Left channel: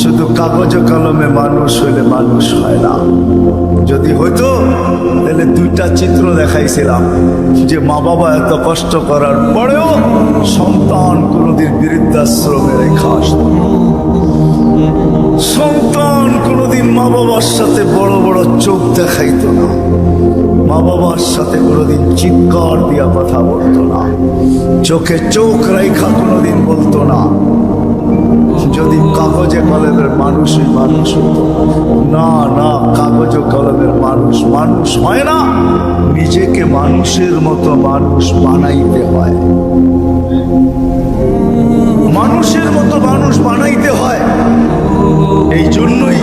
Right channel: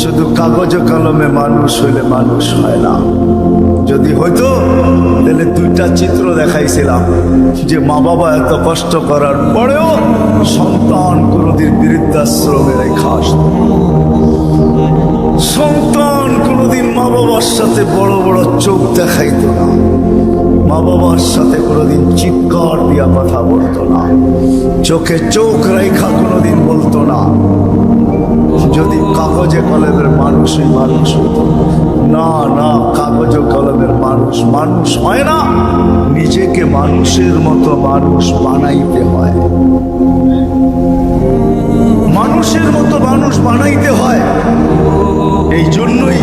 শুধু কাগজ কলমে মানুষ হইলে মানুষ হয় না। যদি হইতো তাহলে দুইটা চিত্র দেখাইছিলাম যে মা বাবা এত কষ্ট করার পরেও সন্তান কোনোদিন বৃদ্ধাশ্রমে রেখে আসত, সন্তান কোনোদিন মা বাবার সাথে বড় বড় চোখ দেখাইতো না, মা বাবার সাথে কোনোদিন চিৎকার দিয়া কথা বলতো না, চোখে চোখ রেখা কোনোদিন বলতো না। যদি কাগজে কলমের মানুষই মানুষ হতো। না না, কাগজ কলমের মানুষ মানুষ হয় না, নিজেকে মানুষের মতো মানুষ বানাইতে হয়, মানুষের মতো মানুষ বানাইতে হয়। এই জন্যই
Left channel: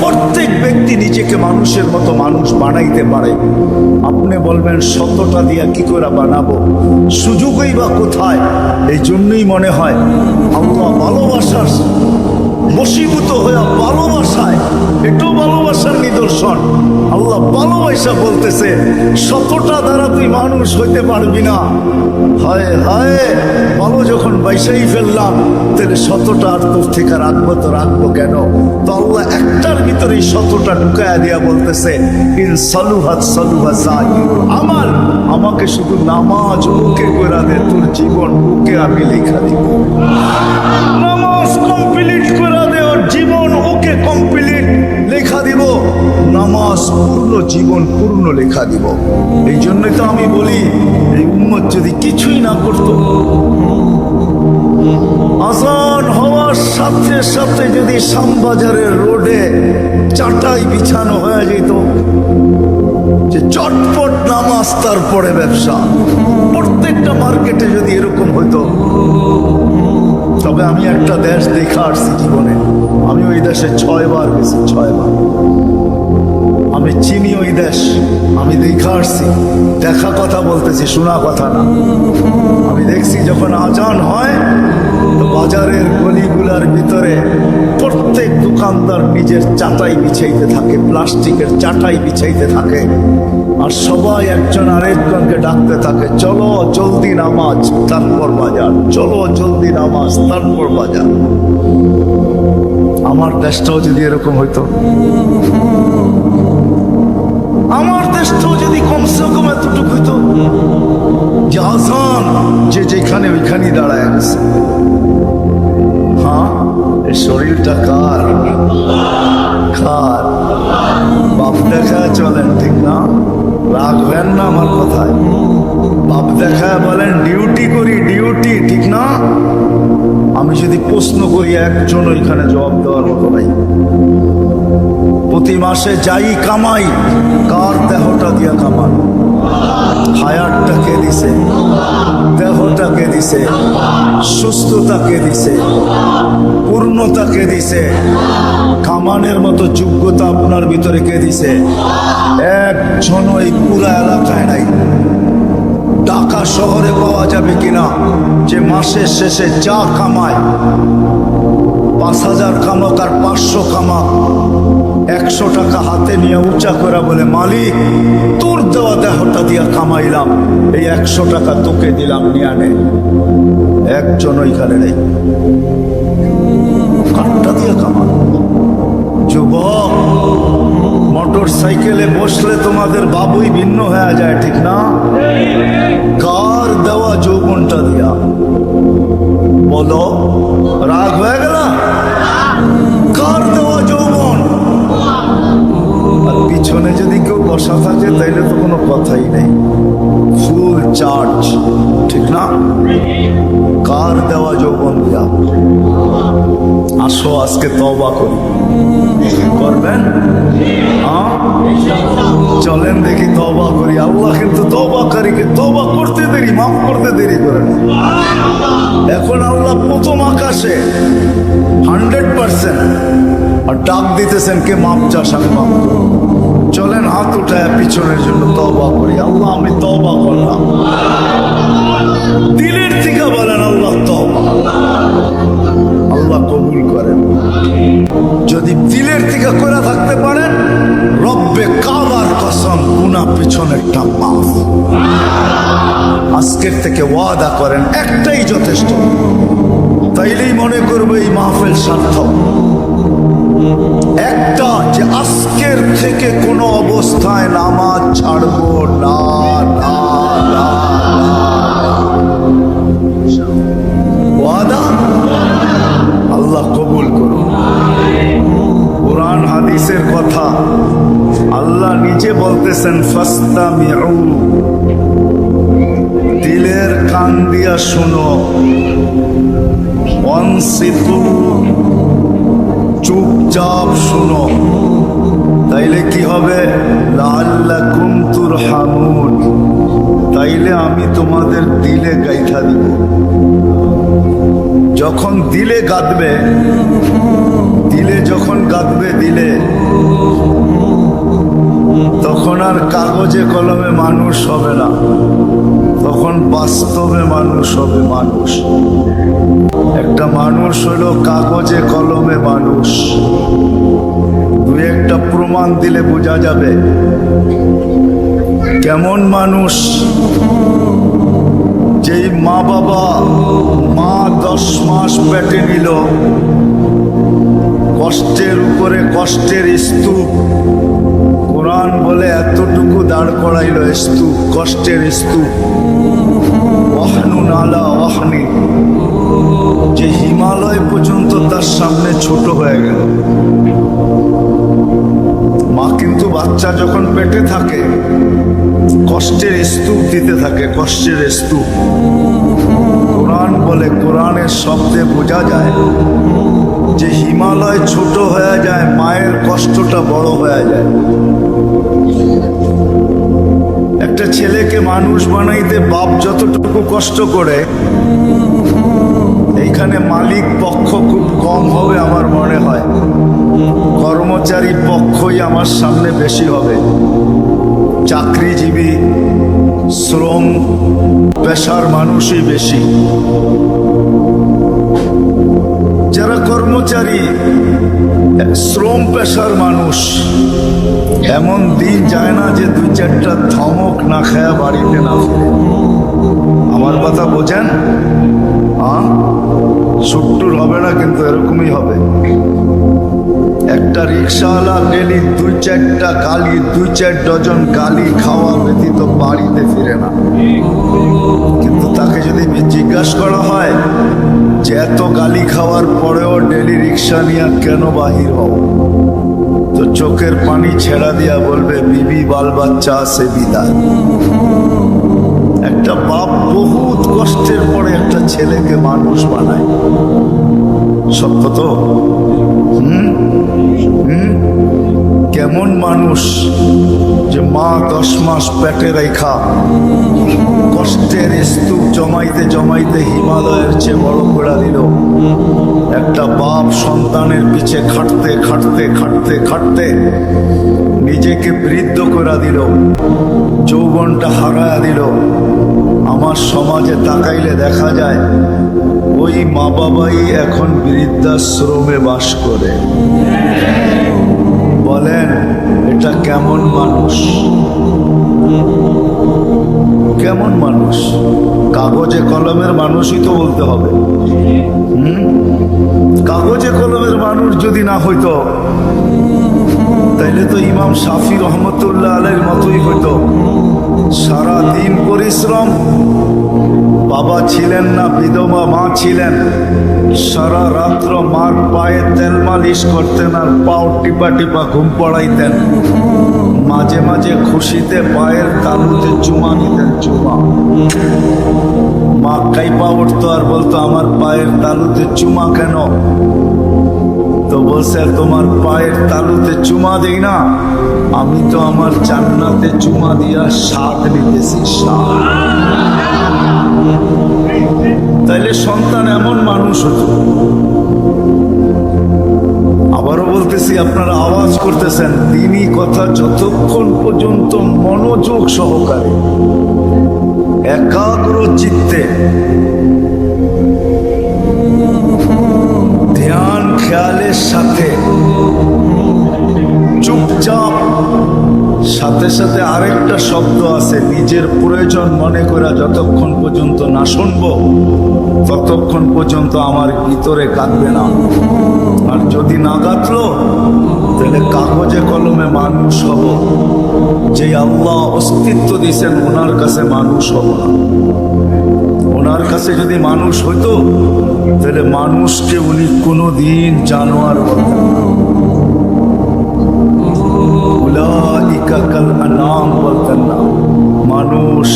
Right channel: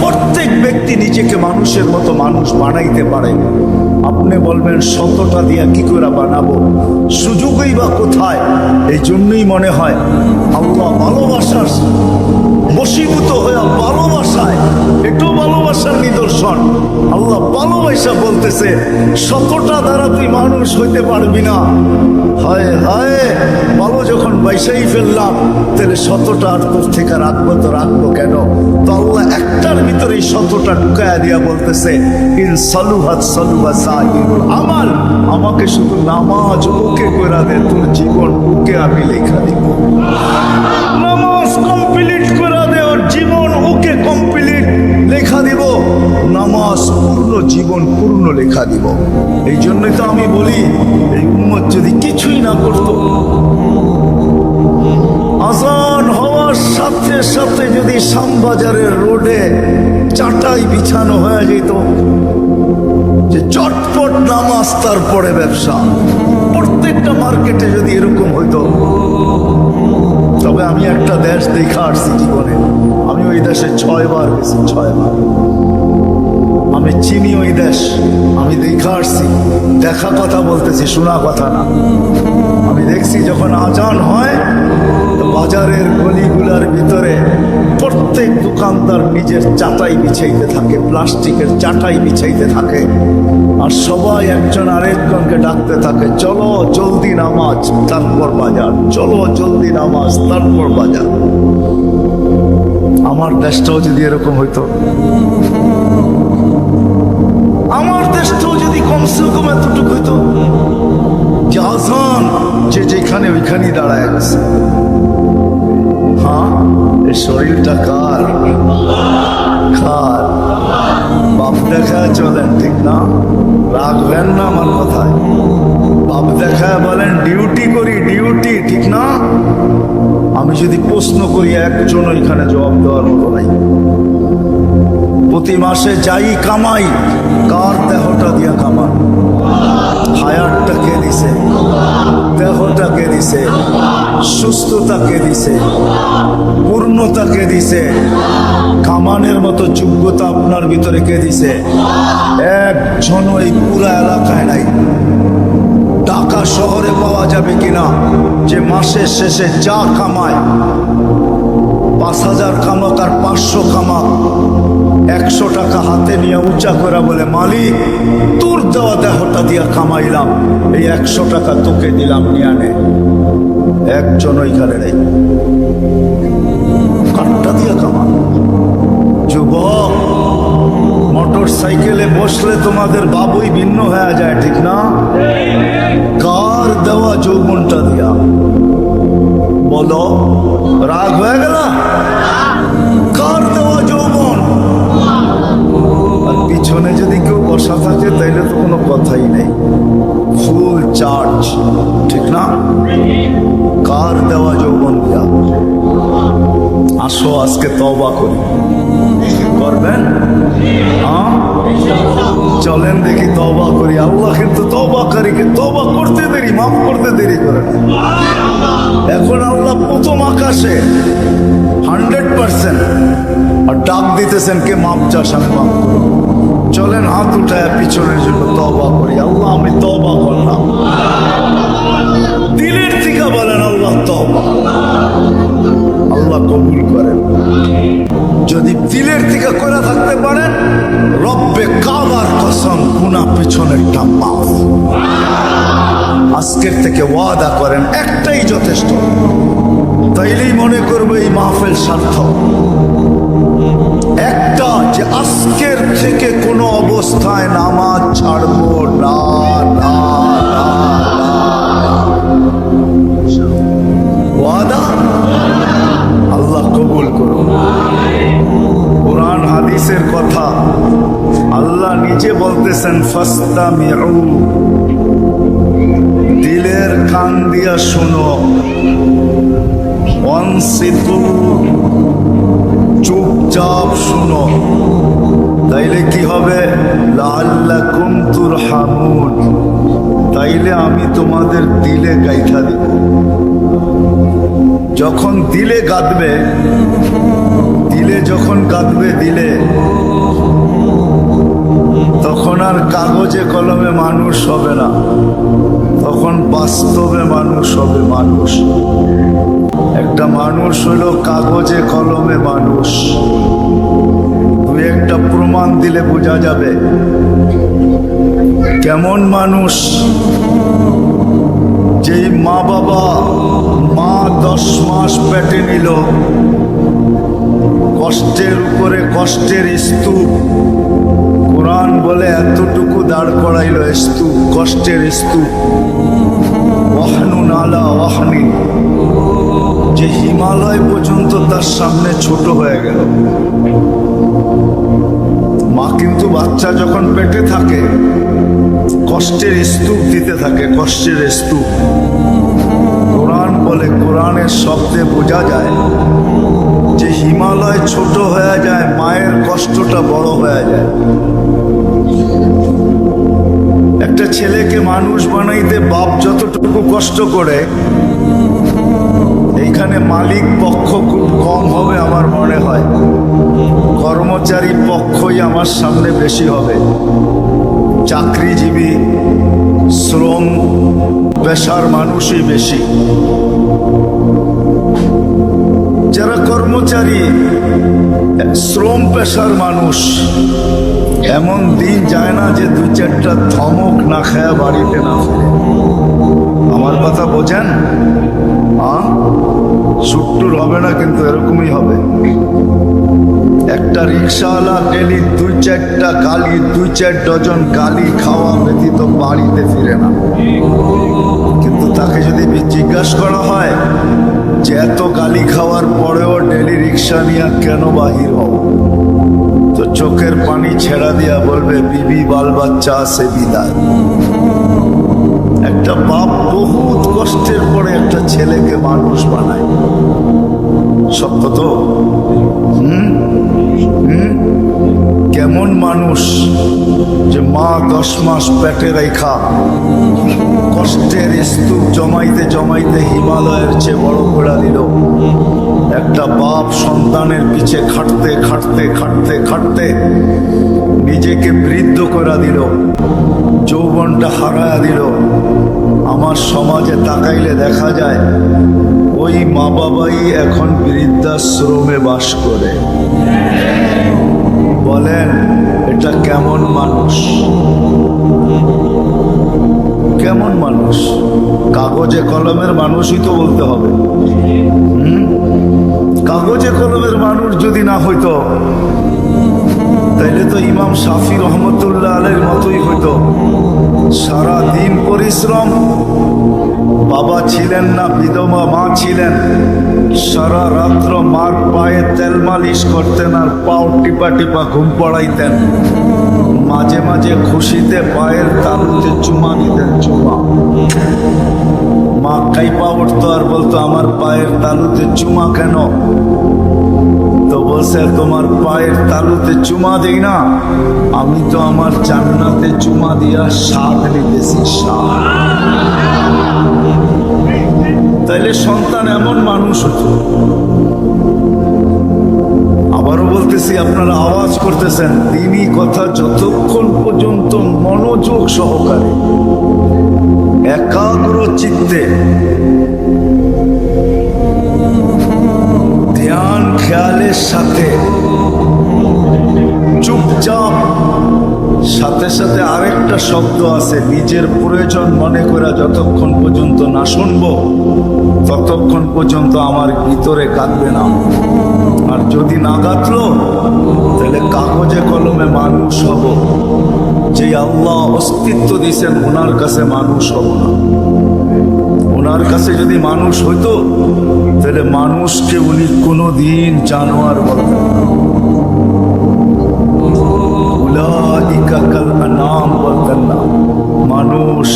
প্রত্যেক ব্যক্তি নিজেকে মানুষের মতো মানুষ বানাইতে পারে। আপনি বলবেন শতটা দিয়া কি করে বানাবো, সুযোগই বা কোথায়? এই জন্যই মনে হয় আল্লাহ ভালোবাসার বশীভূত হয়ে ভালোবাসায়, এটাও ভালোবাসার নিদর্শন। আল্লাহ ভালোবাসা বলতেছে শতটা দ্বারা তুই মানুষ হইতে পারবি না। হায় হায়, ভালো যখন বাইসাই ফেললাম তাহলে শতটা আর তোর থেকে রাখবো তো রাখবো কেন? তো আল্লাহ একটার ভিতরে শতটা ঢুকায়া দিয়া বলতেছে ইন সালুহাত সালুহা সাইরুল আমাল, আমাকে শুধু নামাজ ওকে কইরা দে, তোর জীবন ওকে আমি লেখা দিব। নামাজ কমপ্লিট কইরা দে, ওর জীবন ওকে কমপ্লিট লেখা দিব। নামাজ পূর্ণ, জীবন পূর্ণ লেখা দিব। এই জন্যই তো আমি বলি এই উম্মত যদি কিছুই না করত, আজান হওয়ার সাথে সাথে যদি শ্যামবাজারের রোডে চাটাই বিছানো হয়ে যেত যে চটপট নামাজ তারপরে ব্যবসা, প্রত্যেকটা মার্কেটে যদি এরকম হইতো। তবে আমি একটা দেশ দেখা আসছি জীবনে, আমি ওই দেশে 6 বার গেছি, 6 বার। আমি চিনি ওই দেশ, আমি দেখা আসছি, দেখা কথা বলতেছি, শোনা কথা না। আমি দেখছি যখন আজান হয় তো বাজারের গলিগুলার ভিতরে প্রত্যেক দোকানদার নিজের চাটাই বিছাইতে থাকে, প্লাস্টিকের চাটাই বিছাইতে থাকে, আর সবাই একজন আরেকজনকে ডাকতে থাকে চলো জলদি নামাজ তারপর বাজার, চলো জলদি নামাজ তারপর বাজার। আমার দেশটাও যদি এরকম হইতো, আমার দেশটাও যদি কমসে কম এতটুকু হইতো যে আজান যে যেখানে ওইখানেই দাঁড়ায় গেছে। হ্যাঁ, এই শরীরটা কার? কার? বাপ দেখা চলেন, ঠিক না? রাখবেন না আমার কথায়। বাপ দেখা বলেন ডিউটি করি, ডিউটি, ঠিক না? আমি যদি প্রশ্ন করি একজন ওইখানে জবাব দেওয়ার মতো নাই। প্রতি মাসে যাই কামাই, কার দেহটা দিয়া কামান? হায়াতটা কে দিছে? দেহটা কে দিছে? সুস্থতা কে দিছে? পূর্ণতা কে দিছে? কামানের মতো যোগ্যতা আপনার ভিতরে কে দিছে? একজন এই পুরা এলাকায় নাই। ঢাকা শহরে পাওয়া যাবে কিনা যে মাসের শেষে যা কামায়, 5000 কামাক আর 500 কামাক, 100 টাকা হাতে নিয়ে উঁচা করে বলে মালিক তোর দেওয়া দেহটা দিয়া কামাইলাম, এই 100 টাকা তোকে দিলাম, নিয়ে আনে। একজন ওইখানে নেই। কাঠটা দিয়া কামান। যুবক, মোটর সাইকেলে বসলে তোমাদের বাবুই ভিন্ন হয়ে যায়, ঠিক না? কার দেওয়া যৌবনটা দিয়া? বলো, রাগ হয়ে গেল? কার দেওয়া যৌবন? আর পিছনে যদি কেউ বসা থাকে তাইলে তো কোনো কথাই নেই, ফুল চার্জ, ঠিক না? কার দেওয়া যৌবন দিয়া? আসো আজকে তওবা করি। করবেন? হ্যাঁ, চলেন দেখি তওবা করি। আল্লাহ কিন্তু তওবাকারীকে তওবা করতে দেরি, মাফ করতে দেরি করে না। এখন আল্লাহ প্রথম আকাশে 100% আর ডাক দিতেছেন কে মাপ চাস, আমি মাফ করব। চলেন হাত উঠায় পিছনের জন্য তওবা করি। আল্লাহ আমি তওবা করলাম। দিলের থেকে বলেন আল্লাহ তওবা। আল্লাহ কবুল করেন। যদি দিলের থেকে করে থাকতে পারেন, রব্বে কাবার কসম গুনাহ পিছনেরটা মাফ। আজকের থেকে ওয়াদা করেন, একটাই যথেষ্ট। তাইলেই মনে করবে এই মাহফিল সার্থক। একটা যে আজকের থেকে কোনো অবস্থায় নামাজ ছাড়বো না, না, না, না। ওয়াদা আল্লাহ কবুল করুন। কোরআন হাদিসের কথা আল্লাহ নিজে বলতেছেন, ফাস্তামিউ, দিলের কান দিয়া শোনো, ওয়ানসিতু, চুপচাপ শুনো, তাইলে কি হবে? লাআল্লাকুম তুরহামুন, তাইলে আমি তোমাদের দিলে গাইথা দিব। যখন দিলে গাঁদবে, দিলে যখন গাঁদবে দিলে, তখন আর কাগজে কলমে মানুষ হবে না, তখন বাস্তবে মানুষ হবে। মানুষ একটা মানুষ হলো কাগজে কলমে মানুষ। দু একটা প্রমাণ দিলে বোঝা যাবে কেমন মানুষ। যেই মা বাবা, মা 10 মাস পেটে নিল, কষ্টের উপরে কষ্টের স্তূপ, কোরআন বলে এতটুকু দাঁড় করাইল স্তূপ, কষ্টের স্তূপ, ওয়াহনুন আলা ওয়াহনি, যে হিমালয় পর্যন্ত তার সামনে ছোট হয়ে গেল। মা কিন্তু বাচ্চা যখন পেটে থাকে কষ্টের স্তূপ দিতে থাকে, কষ্টের স্তূপ। কোরআন বলে, কোরআনের শব্দে বোঝা যায় যে হিমালয় ছোট হয়ে যায়, মায়ের কষ্টটা বড় হয়ে যায়। একটা ছেলেকে মানুষ বানাইতে বাপ যতটুকু কষ্ট করে, এইখানে মালিক পক্ষ খুব কম হবে আমার মনে হয়, কর্মচারী পক্ষই আমার সামনে বেশি হবে। চাকরিজীবী, শ্রম পেশার মানুষই বেশি। যারা কর্মচারী, শ্রম পেশার মানুষ, এমন দিন যায় না যে 2-4টা ধমক না খায়া বাড়িতে না ফিরে। আমার কথা বোঝেন? সুট্টুর হবে না, কিন্তু এরকমই হবে। একটা রিক্সাওয়ালা ডেলি 2-4টা গালি, 2-4 ডজন গালি খাওয়া ব্যতীত বাড়িতে ফিরে না। কিন্তু তাকে যদি জিজ্ঞাসা করা হয় যে এত গালি খাওয়ার পরেও ডেলি রিক্সা নিয়ে কেন বাহির হও, তো চোখের পানি ছেড়া দিয়া বলবে, বিবি বাল বাচ্চা আছে বিদায়। একটা বাপ বহুত কষ্টের পরে একটা ছেলেকে মানুষ বানায়। সত্য তো? কেমন মানুষ যে মা 10 মাস পেটে রেখা কষ্টের স্তূপ জমাইতে জমাইতে হিমালয়ের চেয়ে বড় করে দিল। একটা বাপ সন্তানের পিছে খাটতে খাটতে খাটতে খাটতে নিজেকে বৃদ্ধ করে দিল, যৌবনটা হারায়া দিল। আমার সমাজে তাকাইলে দেখা যায় ওই মা বাবাই এখন বৃদ্ধাশ্রমে বাস করে। বলেন এটা কেমন মানুষ? কেমন মানুষ? কাগজে কলমের মানুষই তো বলতে হবে। কাগজে কলমের মানুষ যদি না হইতো তাইলে তো ইমাম শাফি রহমতুল্লাহ আলাইহির মতোই হইতো। সারা দিন পরিশ্রম, বাবা ছিলেন না, বিধবা মা ছিলেন, সারা রাত্র মার পায়ে তেল মালিশ করতেন আর পাও টিপা টিপা ঘুম পড়াইতেন। মাঝে মাঝে খুশিতে পায়ের তালুতে চুমা দিতেন, চুমা। মা কাইপা উঠতো আর বলতো, আমার পায়ের তালুতে চুমা কেন? তো বলছে, তোমার পায়ের তালুতে চুমা দেই না, আমি তো আমার জান্নাতে চুমা দিয়া স্বাদ নিতেছি, স্বাদ। তাইলে সন্তান এমন মানুষ হতো। আবারও বলতেছি, আপনারা আওয়াজ করতেছেন, দিনই কথা যতক্ষণ পর্যন্ত মনোযোগ সহকারে একাগ্র চিত্তে ধ্যান খেয়ালের সাথে চুপচাপ সাথে সাথে আরেকটা শব্দ আছে, নিজের প্রয়োজন মনে করে যতক্ষণ পর্যন্ত না শুনবো ততক্ষণ পর্যন্ত আমার ভিতরে কাঁদবে না। আর যদি না কাঁদলো তাহলে কাগজে কলমে মানুষ হব, যে আল্লাহ অস্তিত্ব দিয়েছেন ওনার কাছে মানুষ হব না। ওনার কাছে যদি মানুষ হইতো তাহলে মানুষকে উনি কোনোদিন জানোয়ার বলতেন না, উলাইকা কাল আনাম বলতেন না, মানুষ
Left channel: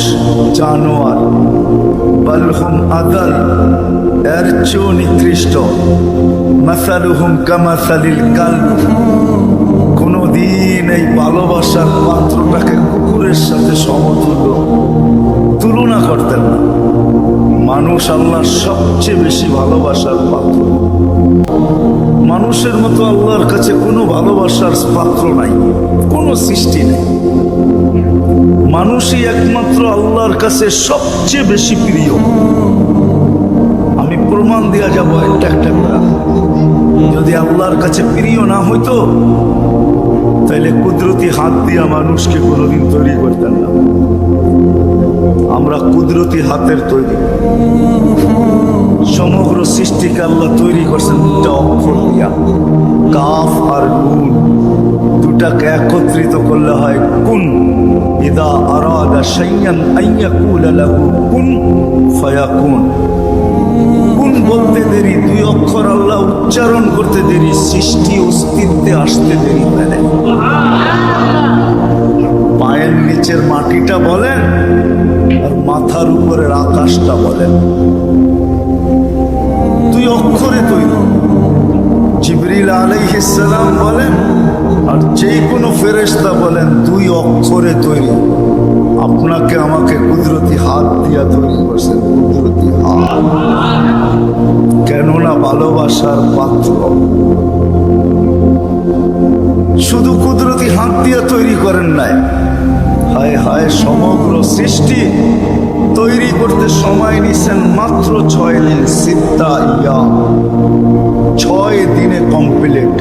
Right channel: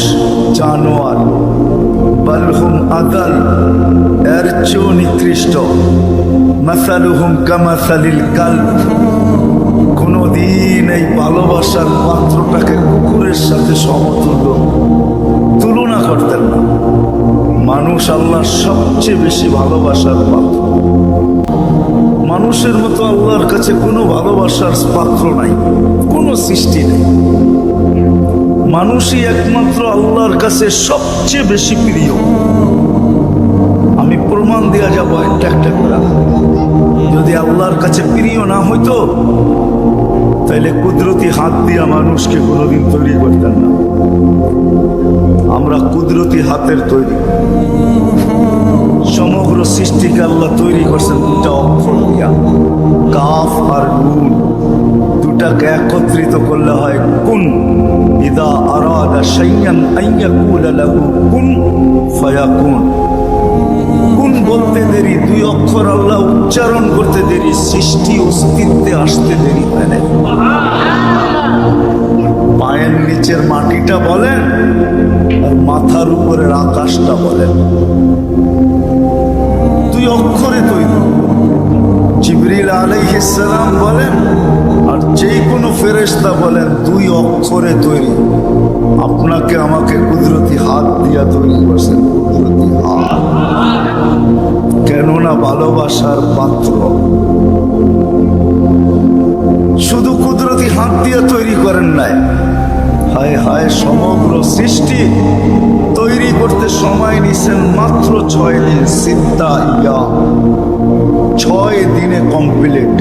জানোয়ার, বালহুম আদাল, এর চেয়েও নিকৃষ্ট, মাসালুহুম কামাসালিল কালব। কোনদিন এই ভালোবাসার পাত্রটাকে কুকুরের সাথে সমতুল্য তুলনা করতেন না। মানুষ আল্লাহর সবচেয়ে বেশি ভালোবাসার পাত্র। মানুষের মতো আল্লাহর কাছে কোনো ভালোবাসার পাত্র নাই, কোনো সৃষ্টি নেই। মানুষই একমাত্র আল্লাহর কাছে সবচেয়ে বেশি প্রিয়। আমি প্রমাণ দেয়া যাব একটা একটা করে। যদি আল্লাহর কাছে প্রিয় না হইতো তাহলে কুদরতি হাত দিয়া মানুষকে কোনোদিন তৈরি করতেন না। আমরা কুদরতি হাতের তৈরি। সমগ্র সৃষ্টিকে আল্লাহ তৈরি করছেন দুটা অক্ষর দিয়া, কাফ আর নুন। দুটাকে একত্রিত করলে হয় কুন। ইদা আরাদা শাইআন আন ইয়াকুলা লাহু কুন ফায়াকুন। কুন বলতে দেরি, দুই অক্ষর আল্লাহ উচ্চারণ করতে দেরি, সৃষ্টি অস্তিত্বে আসতে দেরি হয় না। পায়ের নিচের মাটিটা বলেন আর মাথার উপরের আকাশটা বলেন, দুই অক্ষরে তৈরি। জিবরিল আলাইহিস সালাম বলেন আর যে কোনো ফেরেশতা বলেন দুই অক্ষরে তৈরি। আপনাকে আমাকে কুদরতি হাত দিয়া তৈরি করছেন, কুদরতি হাত। কেননা ভালোবাসার পাত্র। শুধু কুদরতি হাত দিয়া তৈরি করেন নাই, হায় হায় সমগ্র সৃষ্টি তৈরি করতে সময় নিছেন মাত্র 6 দিন। সিত্তা ইয়াম, 6 দিনে কমপ্লিট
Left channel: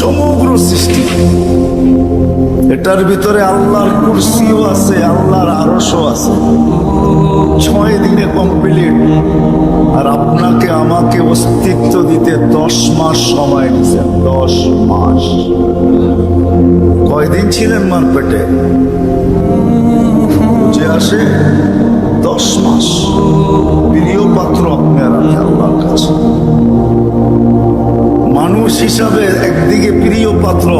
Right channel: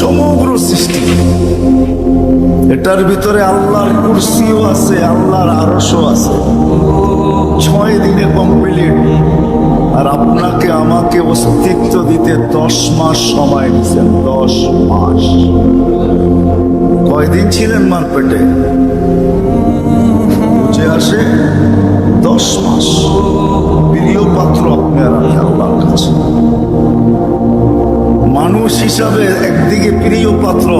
সমগ্র সৃষ্টি। এটার ভিতরে আল্লাহর কুরসিও আছে, আল্লাহর আরশও আছে। 6 দিনে কমপ্লিট। আর আপনাকে আমাকে অস্তিত্ব দিতে 10 মাস সময় নিছেন। 10 মাস। কয়দিন ছিলেন মার পেটে? বুঝে আসে 10 মাস। প্রিয় পাত্র আপনি আর আমি আল্লাহর কাছে। মানুষ হিসাবে একদিকে প্রিয় পাত্র,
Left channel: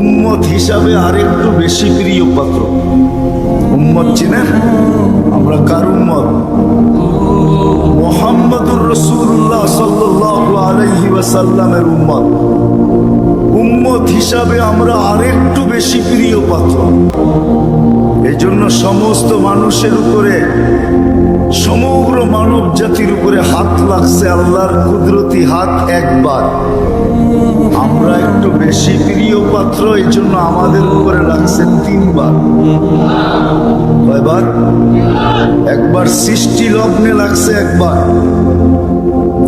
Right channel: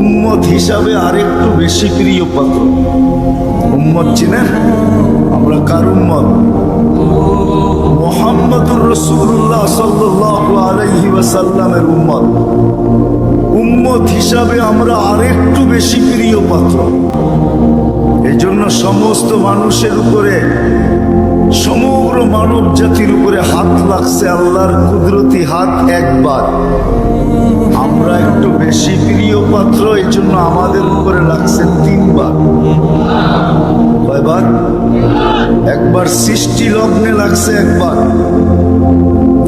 উম্মত হিসাবে আরেকটু বেশি প্রিয় পাত্র। উম্মত চিনেন? আমরা কার উম্মত? মুহাম্মদুর রাসূলুল্লাহ সাল্লাল্লাহু আলাইহি ওয়াসাল্লামের উম্মত। উম্মত হিসাবে আমরা আরেকটু বেশি প্রিয় পাত্র। এই জন্য সমস্ত মানুষের উপরে, সমগ্র মানব জাতির উপরে হাত লাগছে আল্লাহর কুদরতি হাত একবার। আমরা একটু বেশি প্রিয় পাত্র, এই জন্য আমাদের উপরে লাগছে 3 বার। কয়বার? একবার সৃষ্টি লগ্নে লাগছে একবার,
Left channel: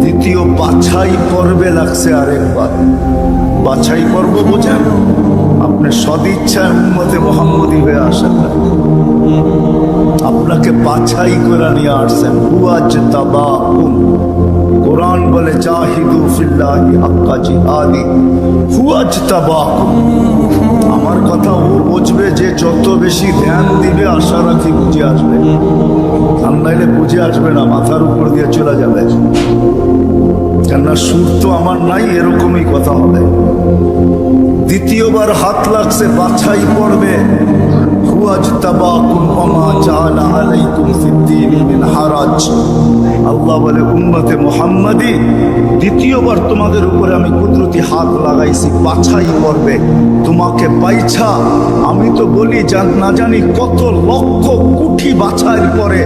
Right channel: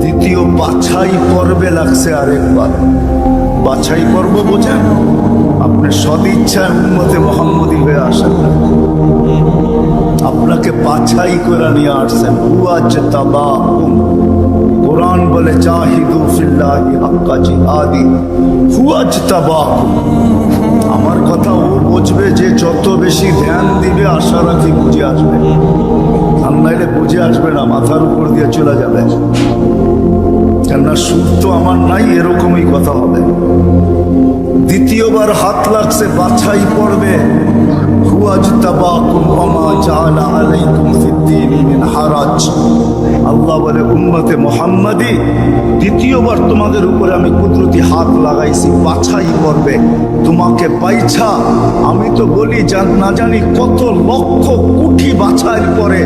দ্বিতীয় বাছাই পর্বে লাগছে আরেকবার। বাছাই পর্ব বোঝেন? আপনি সদিচ্ছায় উম্মতে মুহাম্মদী হয়ে আসেন না, আপনাকে বাছাই করে নিয়ে আসছেন। হুয়াজতাবাকুম, কোরআন বলে জাহিদু ফিল্লাহি হাক্কা জিহাদি, হুয়াজতাবাকুম। আমার কথা ও বুঝবে যে যত বেশি ধ্যান দিবে, আশা রাখি বুঝে আসবে। আর নাইলে বুঝে আসবে না, মাথার উপর দিয়ে চলে যাবে। কেননা সুর তো আমার নাই, এরকমই কথা হবে। দ্বিতীয়বার হাত লাগছে বাছাই পড়বে। হুয়াজতাবাকুম ওমা জাআলা আলাইকুম ফিদ্দীনি মিন হারাজ। আল্লাহ বলে উম্মতে মুহাম্মাদি, দ্বিতীয়বার তোমাদের উপরে আমি কুদরতি হাত লাগাইছি বাছাই পড়বে। তোমাকে পাইছা আমি তো বলি না জানি কত লক্ষ কোটি বাছাইয়ের পরে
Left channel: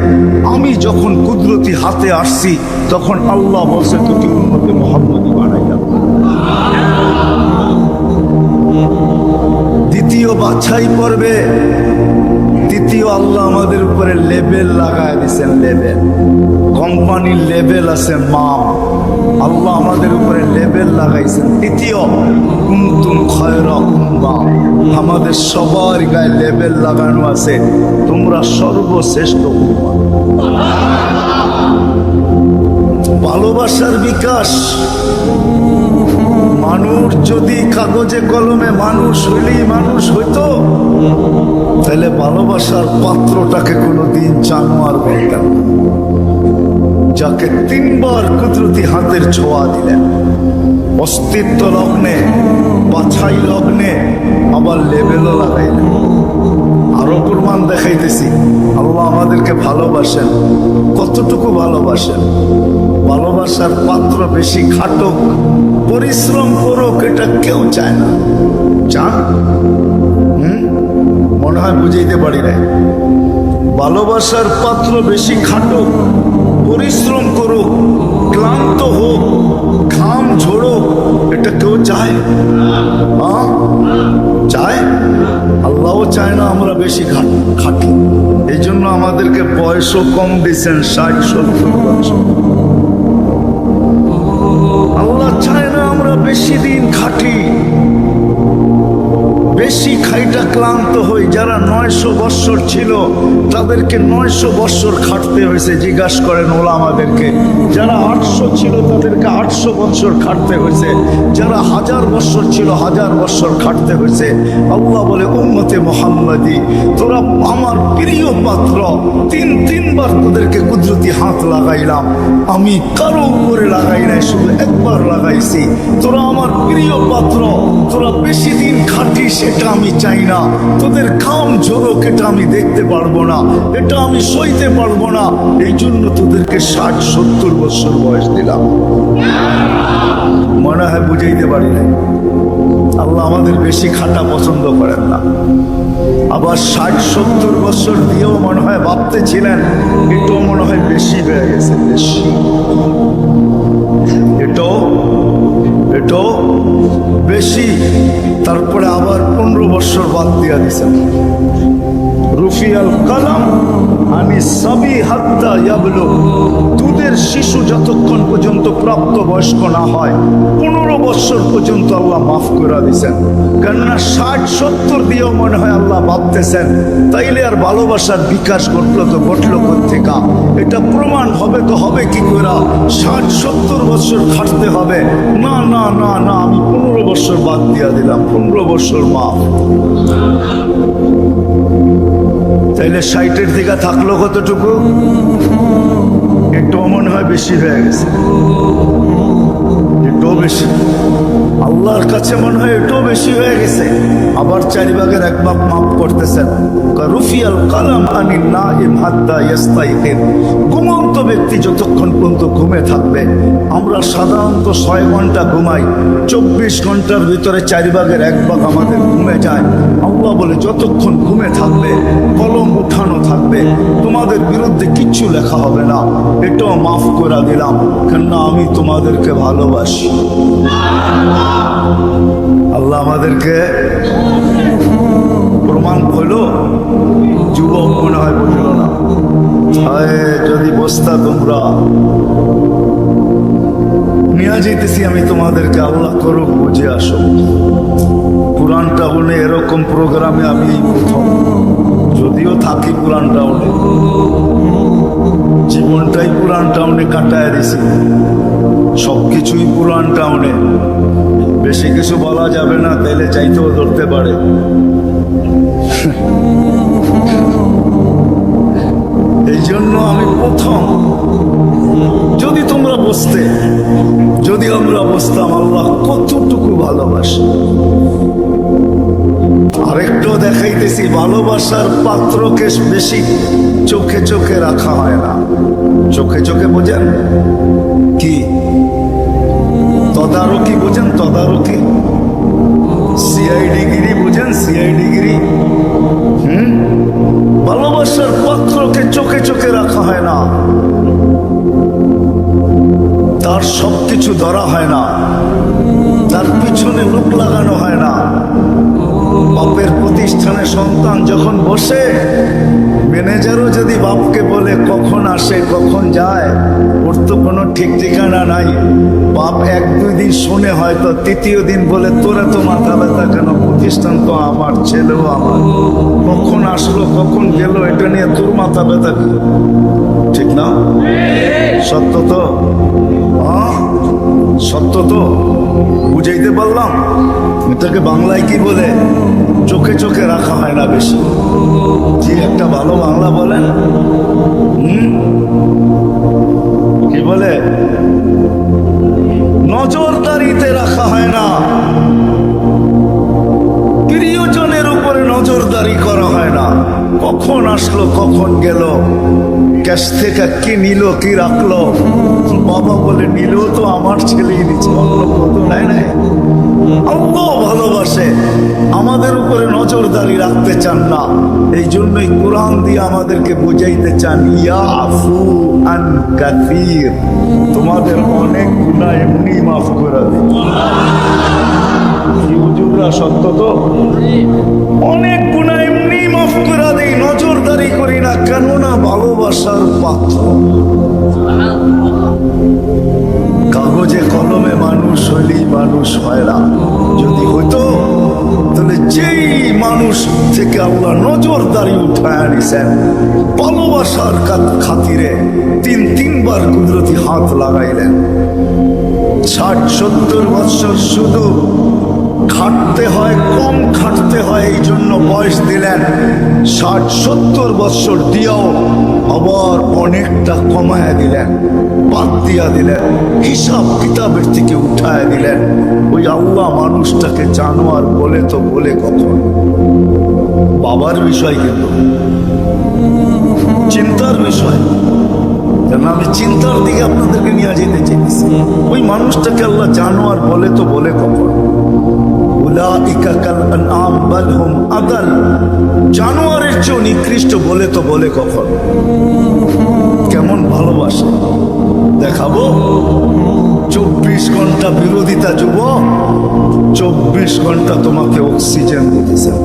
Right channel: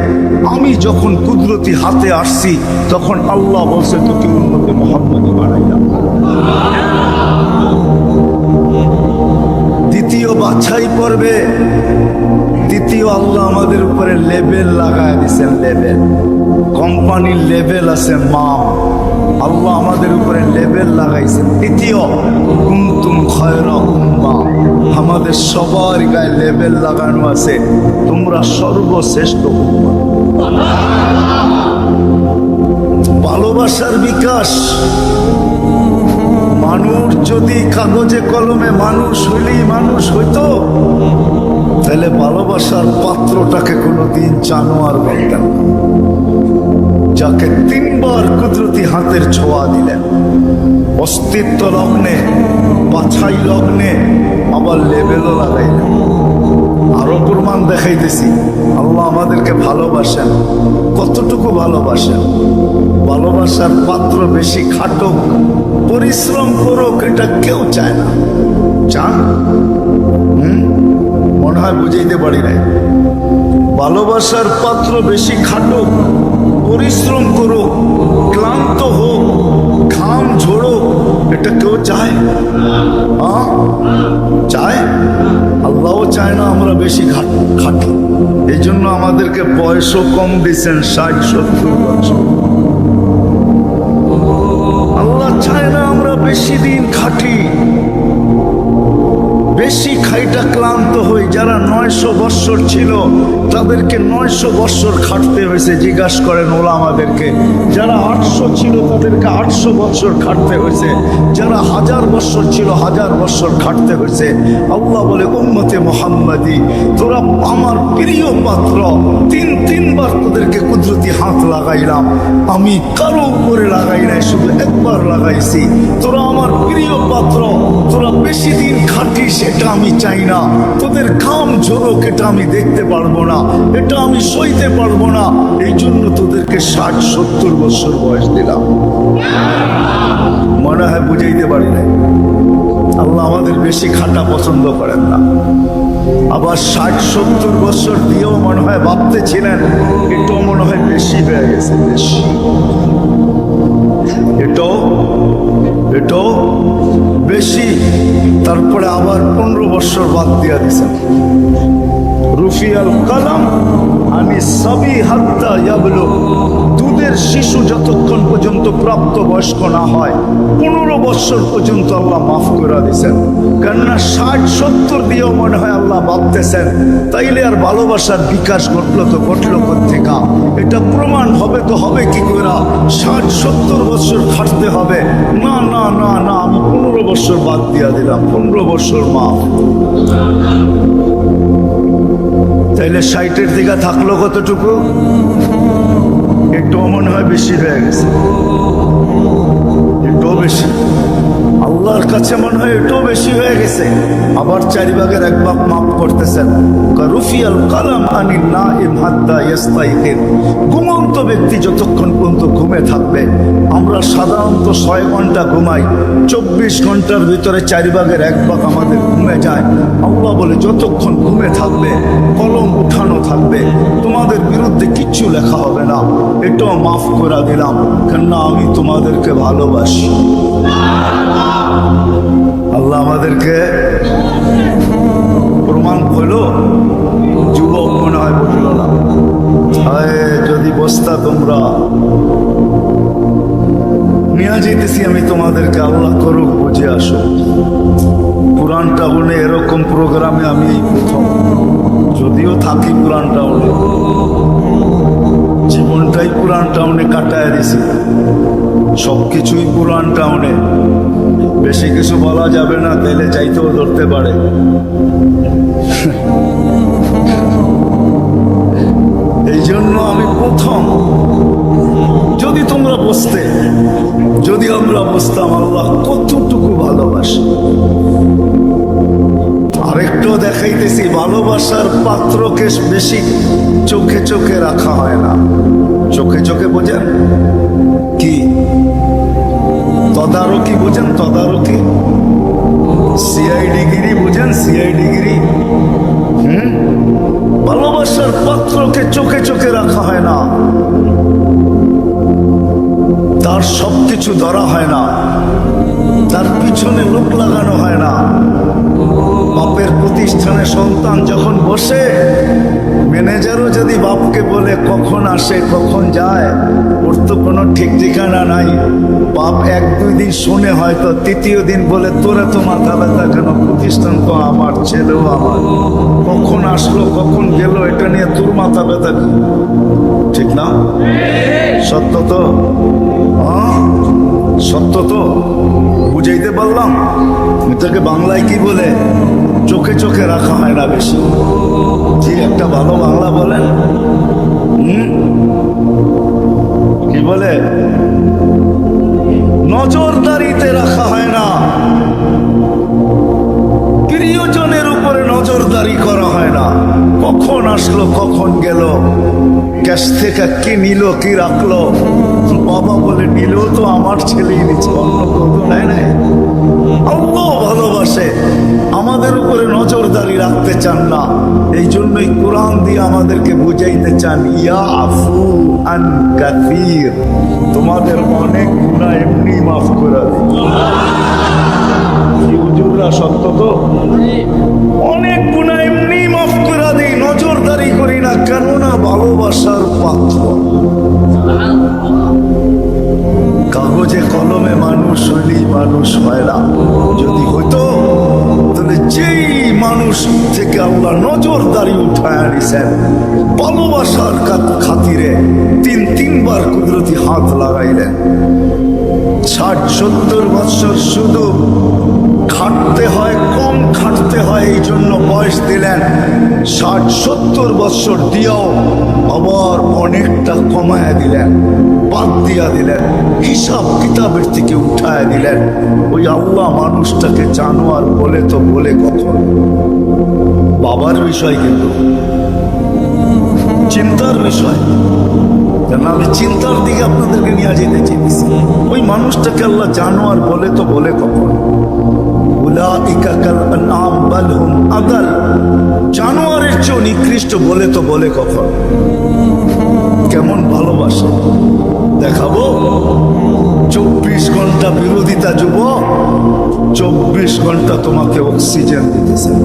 আমি যখন কুদরতি হাতে আসছি, তখন আল্লাহ বলছে তোকে উম্মতে মুহাম্মাদি বানাইলাম। দ্বিতীয় বাছাই পর্বে তৃতীয় আল্লাহ আমাদের উপরে লেবেল লাগায় দিয়েছেন, লেবেল। কোম্পানির লেবেল আছে মাম, আল্লাহ আমাদের উপরে লেবেল লাগাইছেন তৃতীয়। কুনতুম খায়রা উম্মাহ, আমাদের সবার গায়ে লেবেল লাগানো আছে, তোমরা সর্বশ্রেষ্ঠ উম্মাহ। ভালোবাসার বিকাশ। মানুষ যদি কাগজে কলমে মানুষ হইলেই মানুষ হইতো, তাহলে ভালোবাসার পাত্রটাকে কোনোদিন জানোয়ার বলতেন না, যাকে তিনবার কুদরতি হাতের ছোঁয়া দিলেন, অস্তিত্ব লগ্নে, বাছাই লগ্নে, আবার লেবেলও লাগাইলেন। আরো প্রমাণ দেখাইতেছি আল্লাহ আমাদেরকে ভালোবাসেন। কতটুকু ভালোবাসেন? ভালোবাসার পাত্র বেশি খাটুক, পরিশ্রম করুক, এটা কেউ চায় না। চান? মনে হয় বুঝাইতে পারি নাই। ভালোবাসার পাত্র বেশি খাটুক, পরিশ্রম করুক, ক্লান্ত হোক, ঘাম ঝোড়ুক, এটা কেউ চায়? চায়? আল্লাহও চায় না আমরা বেশি খাটি। এই জন্য আমাদেরকে বয়সও কম দিয়েছেন, 60-70 বছর। আল্লাহ চায় না আমরা বেশি দিন খাটি, বেশি খাইটা ক্লান্ত হই। যারা 900 বৎসর ছিল তাদেরকে 900 বৎসর খাটতে হয়েছে, জিজ্ঞাসা করেন ওলামাদেরকে। যারা 800 ছিল তাদেরকে 800 বৎসর খাটতে হয়েছে। যারা 1000 বৎসর ছিল 1000 বৎসর খাটতে হয়েছে। আল্লাহ বলে, উম্মতে মুহাম্মাদি, তোরা আমার প্রিয় পাত্র, তিনবার তোদেরকে কুদরতি হাত লাগাইলাম, আমি কারো উপরে লাগাই নাই, শুধু একবার লাগাইছি। তোরা আমার প্রিয় পাত্র, তোরা বেশি দিন খাটিস এটা আমি চাই না, তোদের ঘাম ঝরুক এটা আমি দেখতে পারবো না, এটা আমি সইতে পারবো না। এই জন্য তোদেরকে 60-70 বছর বয়স দিলাম। মনে হয় বুঝাইতে পারি নাই। আল্লাহ আমাদের বেশি খাটা পছন্দ করেন না। আবার 60-70 বছর দিয়েও মনে হয় ভাবতেছিলেন এটাও মনে হয় বেশি হয়ে গেছে, বেশি। এটাও বেশি। তারপরে আবার 15 বছর বাদ দিয়া দিছেন। রুফিয়াল কালাম আনি সাবি হাত্তা ইয়াবলুগ, দুধের শিশু যতক্ষণ পর্যন্ত প্রাপ্ত বয়স্ক না হয় 15 বছর পর্যন্ত আল্লাহ মাফ করে দিয়েছেন। কেননা 60-70 দিয়েও মনে হয় আল্লাহ ভাবতেছেন তাইলে আর ভালোবাসার বিকাশ ঘটলো তো ঘটলো কোত্থেকা? এটা প্রমাণ হবে তো হবে কি করে? 60-70 বছর খাটতে হবে না, না না না, আমি 15 বছর বাদ দিয়া দিলাম, 15 বছর মাফ। তাইলে 60-এর দিকে থাকলো কতটুকু? একটু মনে হয় বেশি হয়ে গেছে, একটু বেশি। আল্লাহর কাছে মনে হয় এটাও বেশি হয়ে গেছে। আবার 4 ভাগের 1 ভাগ মাফ করতেছেন। রুফিয়াল কালাম আনিন নাইম হাত্তা ইয়াস্তাইকিন, ঘুমন্ত ব্যক্তি যতক্ষণ পর্যন্ত ঘুমে থাকবে। আমরা সাধারণত 6 ঘন্টা ঘুমাই, 24 ঘন্টার ভিতরে 4 ভাগের 1 ভাগ আমাদের ঘুমে যায়। আল্লাহ বলে যতক্ষণ ঘুমে থাকবে কলম উঠানো থাকবে, তোমাদের বিরুদ্ধে কিচ্ছু লেখা হবে না, এটাও মাফ করে দিলাম, কেননা আমি তোমাদেরকে ভালোবাসি। আল্লাহ আমাদেরকে প্রমাণ হইল। যুবক মনে হয় বুঝল না। যদি বসতা তোমরা নিয়ে যেতেছি আমি তোমাদেরকে, আল্লাহ করুক বুঝে আসো। পুরান টাউনে এরকম প্রোগ্রামে আমি এই প্রথম, যদিও থাকি পুরান টাউনে, জীবনটাই পুরান টাউনে কাটায় দিছি, সবকিছুই পুরান টাউনে। বেশি কিছু বলা যাবে না, তাইলে চাইতেও ধরতে পারে। এই জন্য আমি প্রথম, যদি তোমরা বসতে, যদি আমরা বসতাম, আল্লাহ কতটুকু ভালোবাসে। আরেকটাও দেখাইতেছি, ভালোবাসার পাত্রকে বেশি চোখে চোখে রাখা হয় না। চোখে চোখে বোঝেন কি? তদারকি বোঝেন? তদারকি, সিআইডিগিরি বোঝেন? সিআইডিগিরি। ভালোবাসার পাত্রকে চোখে চোখে রাখা হয় না, তার সবকিছু ধরা হয় না, তার পিছনে লোক লাগানো হয় না। বাপের প্রতিষ্ঠানে সন্তান যখন বসে ম্যানেজারও যদি বাপকে বলে কখন আসে কখন যায়, ওর তো কোনো ঠিক ঠিকানা নাই। বাপ এক দুই দিন শুনে হয়তো তৃতীয় দিন বলে তোরা তো মাথা ব্যথা কেন, প্রতিষ্ঠান তো আমার, ছেলেও আমার, কখন আসলো কখন গেল এটা নিয়ে তোর মাথা ব্যথা কি? ঠিক না? সত্য তো? হ্যাঁ সত্য তো, বুঝাইতে পারলাম? এটাকে বাংলায় কি বলে? চোখে চোখে রাখা হয় না বেশি। জি একটা ভালো বাংলা বলেন। কি বলে? নজরদারিতে রাখা হয় না, প্রিয়জনের উপরে নজরদারি করা হয় না। কখন আসলো কখন গেল, ক্যাশ থেকে কি নিল কি রাখলো, বাবা বলে নিলেও তো আমার ছেলেই নিচ্ছে, অন্য কেউ তো নেয় নাই। আল্লাহ ভালোবাসে, আমাদের উপরে নজরদারি রাখতে চান না। এই জন্যই কোরআন দিয়ে আমাদেরকে বুঝাইতে চান, ইয়া আফু আন কাসীর, তোমাদের অনেক গুনাহ এমনি মাফ করে দিই। হুজুররা সত্য তো? অনেক গুনাহ এমনি মাফ করে দিই, নজরদারি করি না, কেননা ভালোবাসার পাত্র। কাগজে কলমে মানুষ হইলেই মানুষ হয় না। যদি হইতো তাহলে যেই মানুষ থেকে আল্লাহ নজরদারি উঠায় আনিছেন, ভালোবাসার খাতিরে তিনবার কুদরতি হাত লাগাইলেন। 60-70 বছর শুধু খাটতে হয়, কম খাটতে হয়, এই জন্য বয়স দিলেন। 60-70 বছর দিয়েও আবার অনেকটা কমায় দিলেন, বাদ দিয়া দিলেন, হিসাব কিতাবের থেকে উঠায় দিলেন। ওই আল্লাহ মানুষটাকে জানোয়ার বলে তো বলে কখন? বাবার বিষয়, কিন্তু চিন্তার বিষয়। কেন আমি চিন্তার দিকে আপনাদেরকে নিয়ে যেতে চেয়েছি। ওই মানুষটাকে আল্লাহ জানোয়ার বলে তো বলে কখন? উলাইকা কাল আনআম বাল হুম আদাল, জানোয়ারের চেয়ে নিকৃষ্ট বলে তো বলে কখন? কেমন ভালোবাসে দেখাবো। 24 ঘন্টা বিরোধিতা যুবক, 24 ঘন্টা তোমাকে অক্সিজেন দিতেছেন।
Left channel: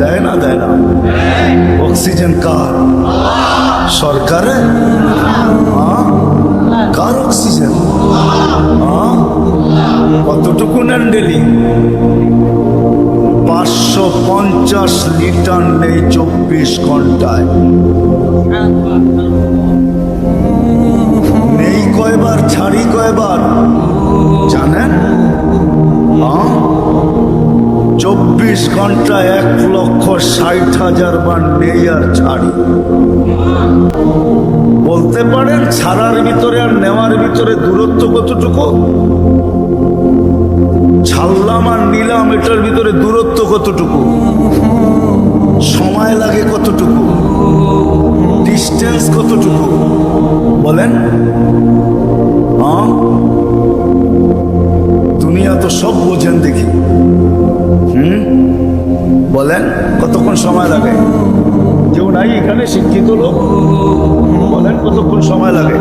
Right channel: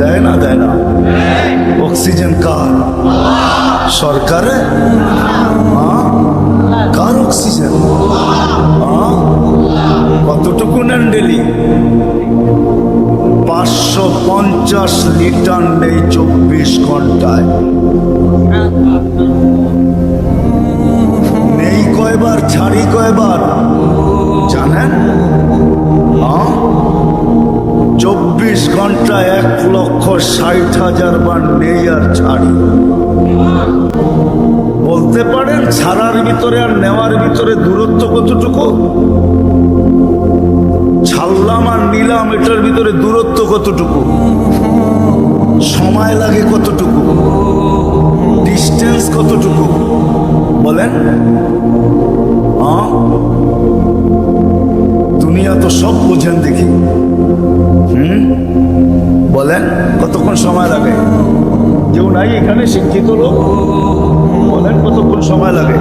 দেয় না? দেয় না? অক্সিজেন কার? সরকারে? কার অক্সিজেন? কতটুকু নেন ডেলি? 550 লিটার নেই 24 ঘন্টায়। নেই কয়বার, ছাড়ি কয়বার জানেন? 24 ঘন্টায় 1,60,000 বার নেই আর ছাড়ি। বলতে পারেন ছাড়ার ভিতরে আর নেওয়ার ভিতরে দূরত্ব কতটুকু? ছাড়লাম আর নিলাম, এটার ভিতরে দূরত্ব কতটুকু? সময় লাগে কতটুকু? ডিস্টেন্স কতটুকু বলেন? দুনিয়া তো সব বোঝেন দেখি। বলেন কতক্ষণ সময় লাগে? কেউ নাই এখানে শিক্ষিত লোক? বলেন কতক্ষণ সময় লাগে?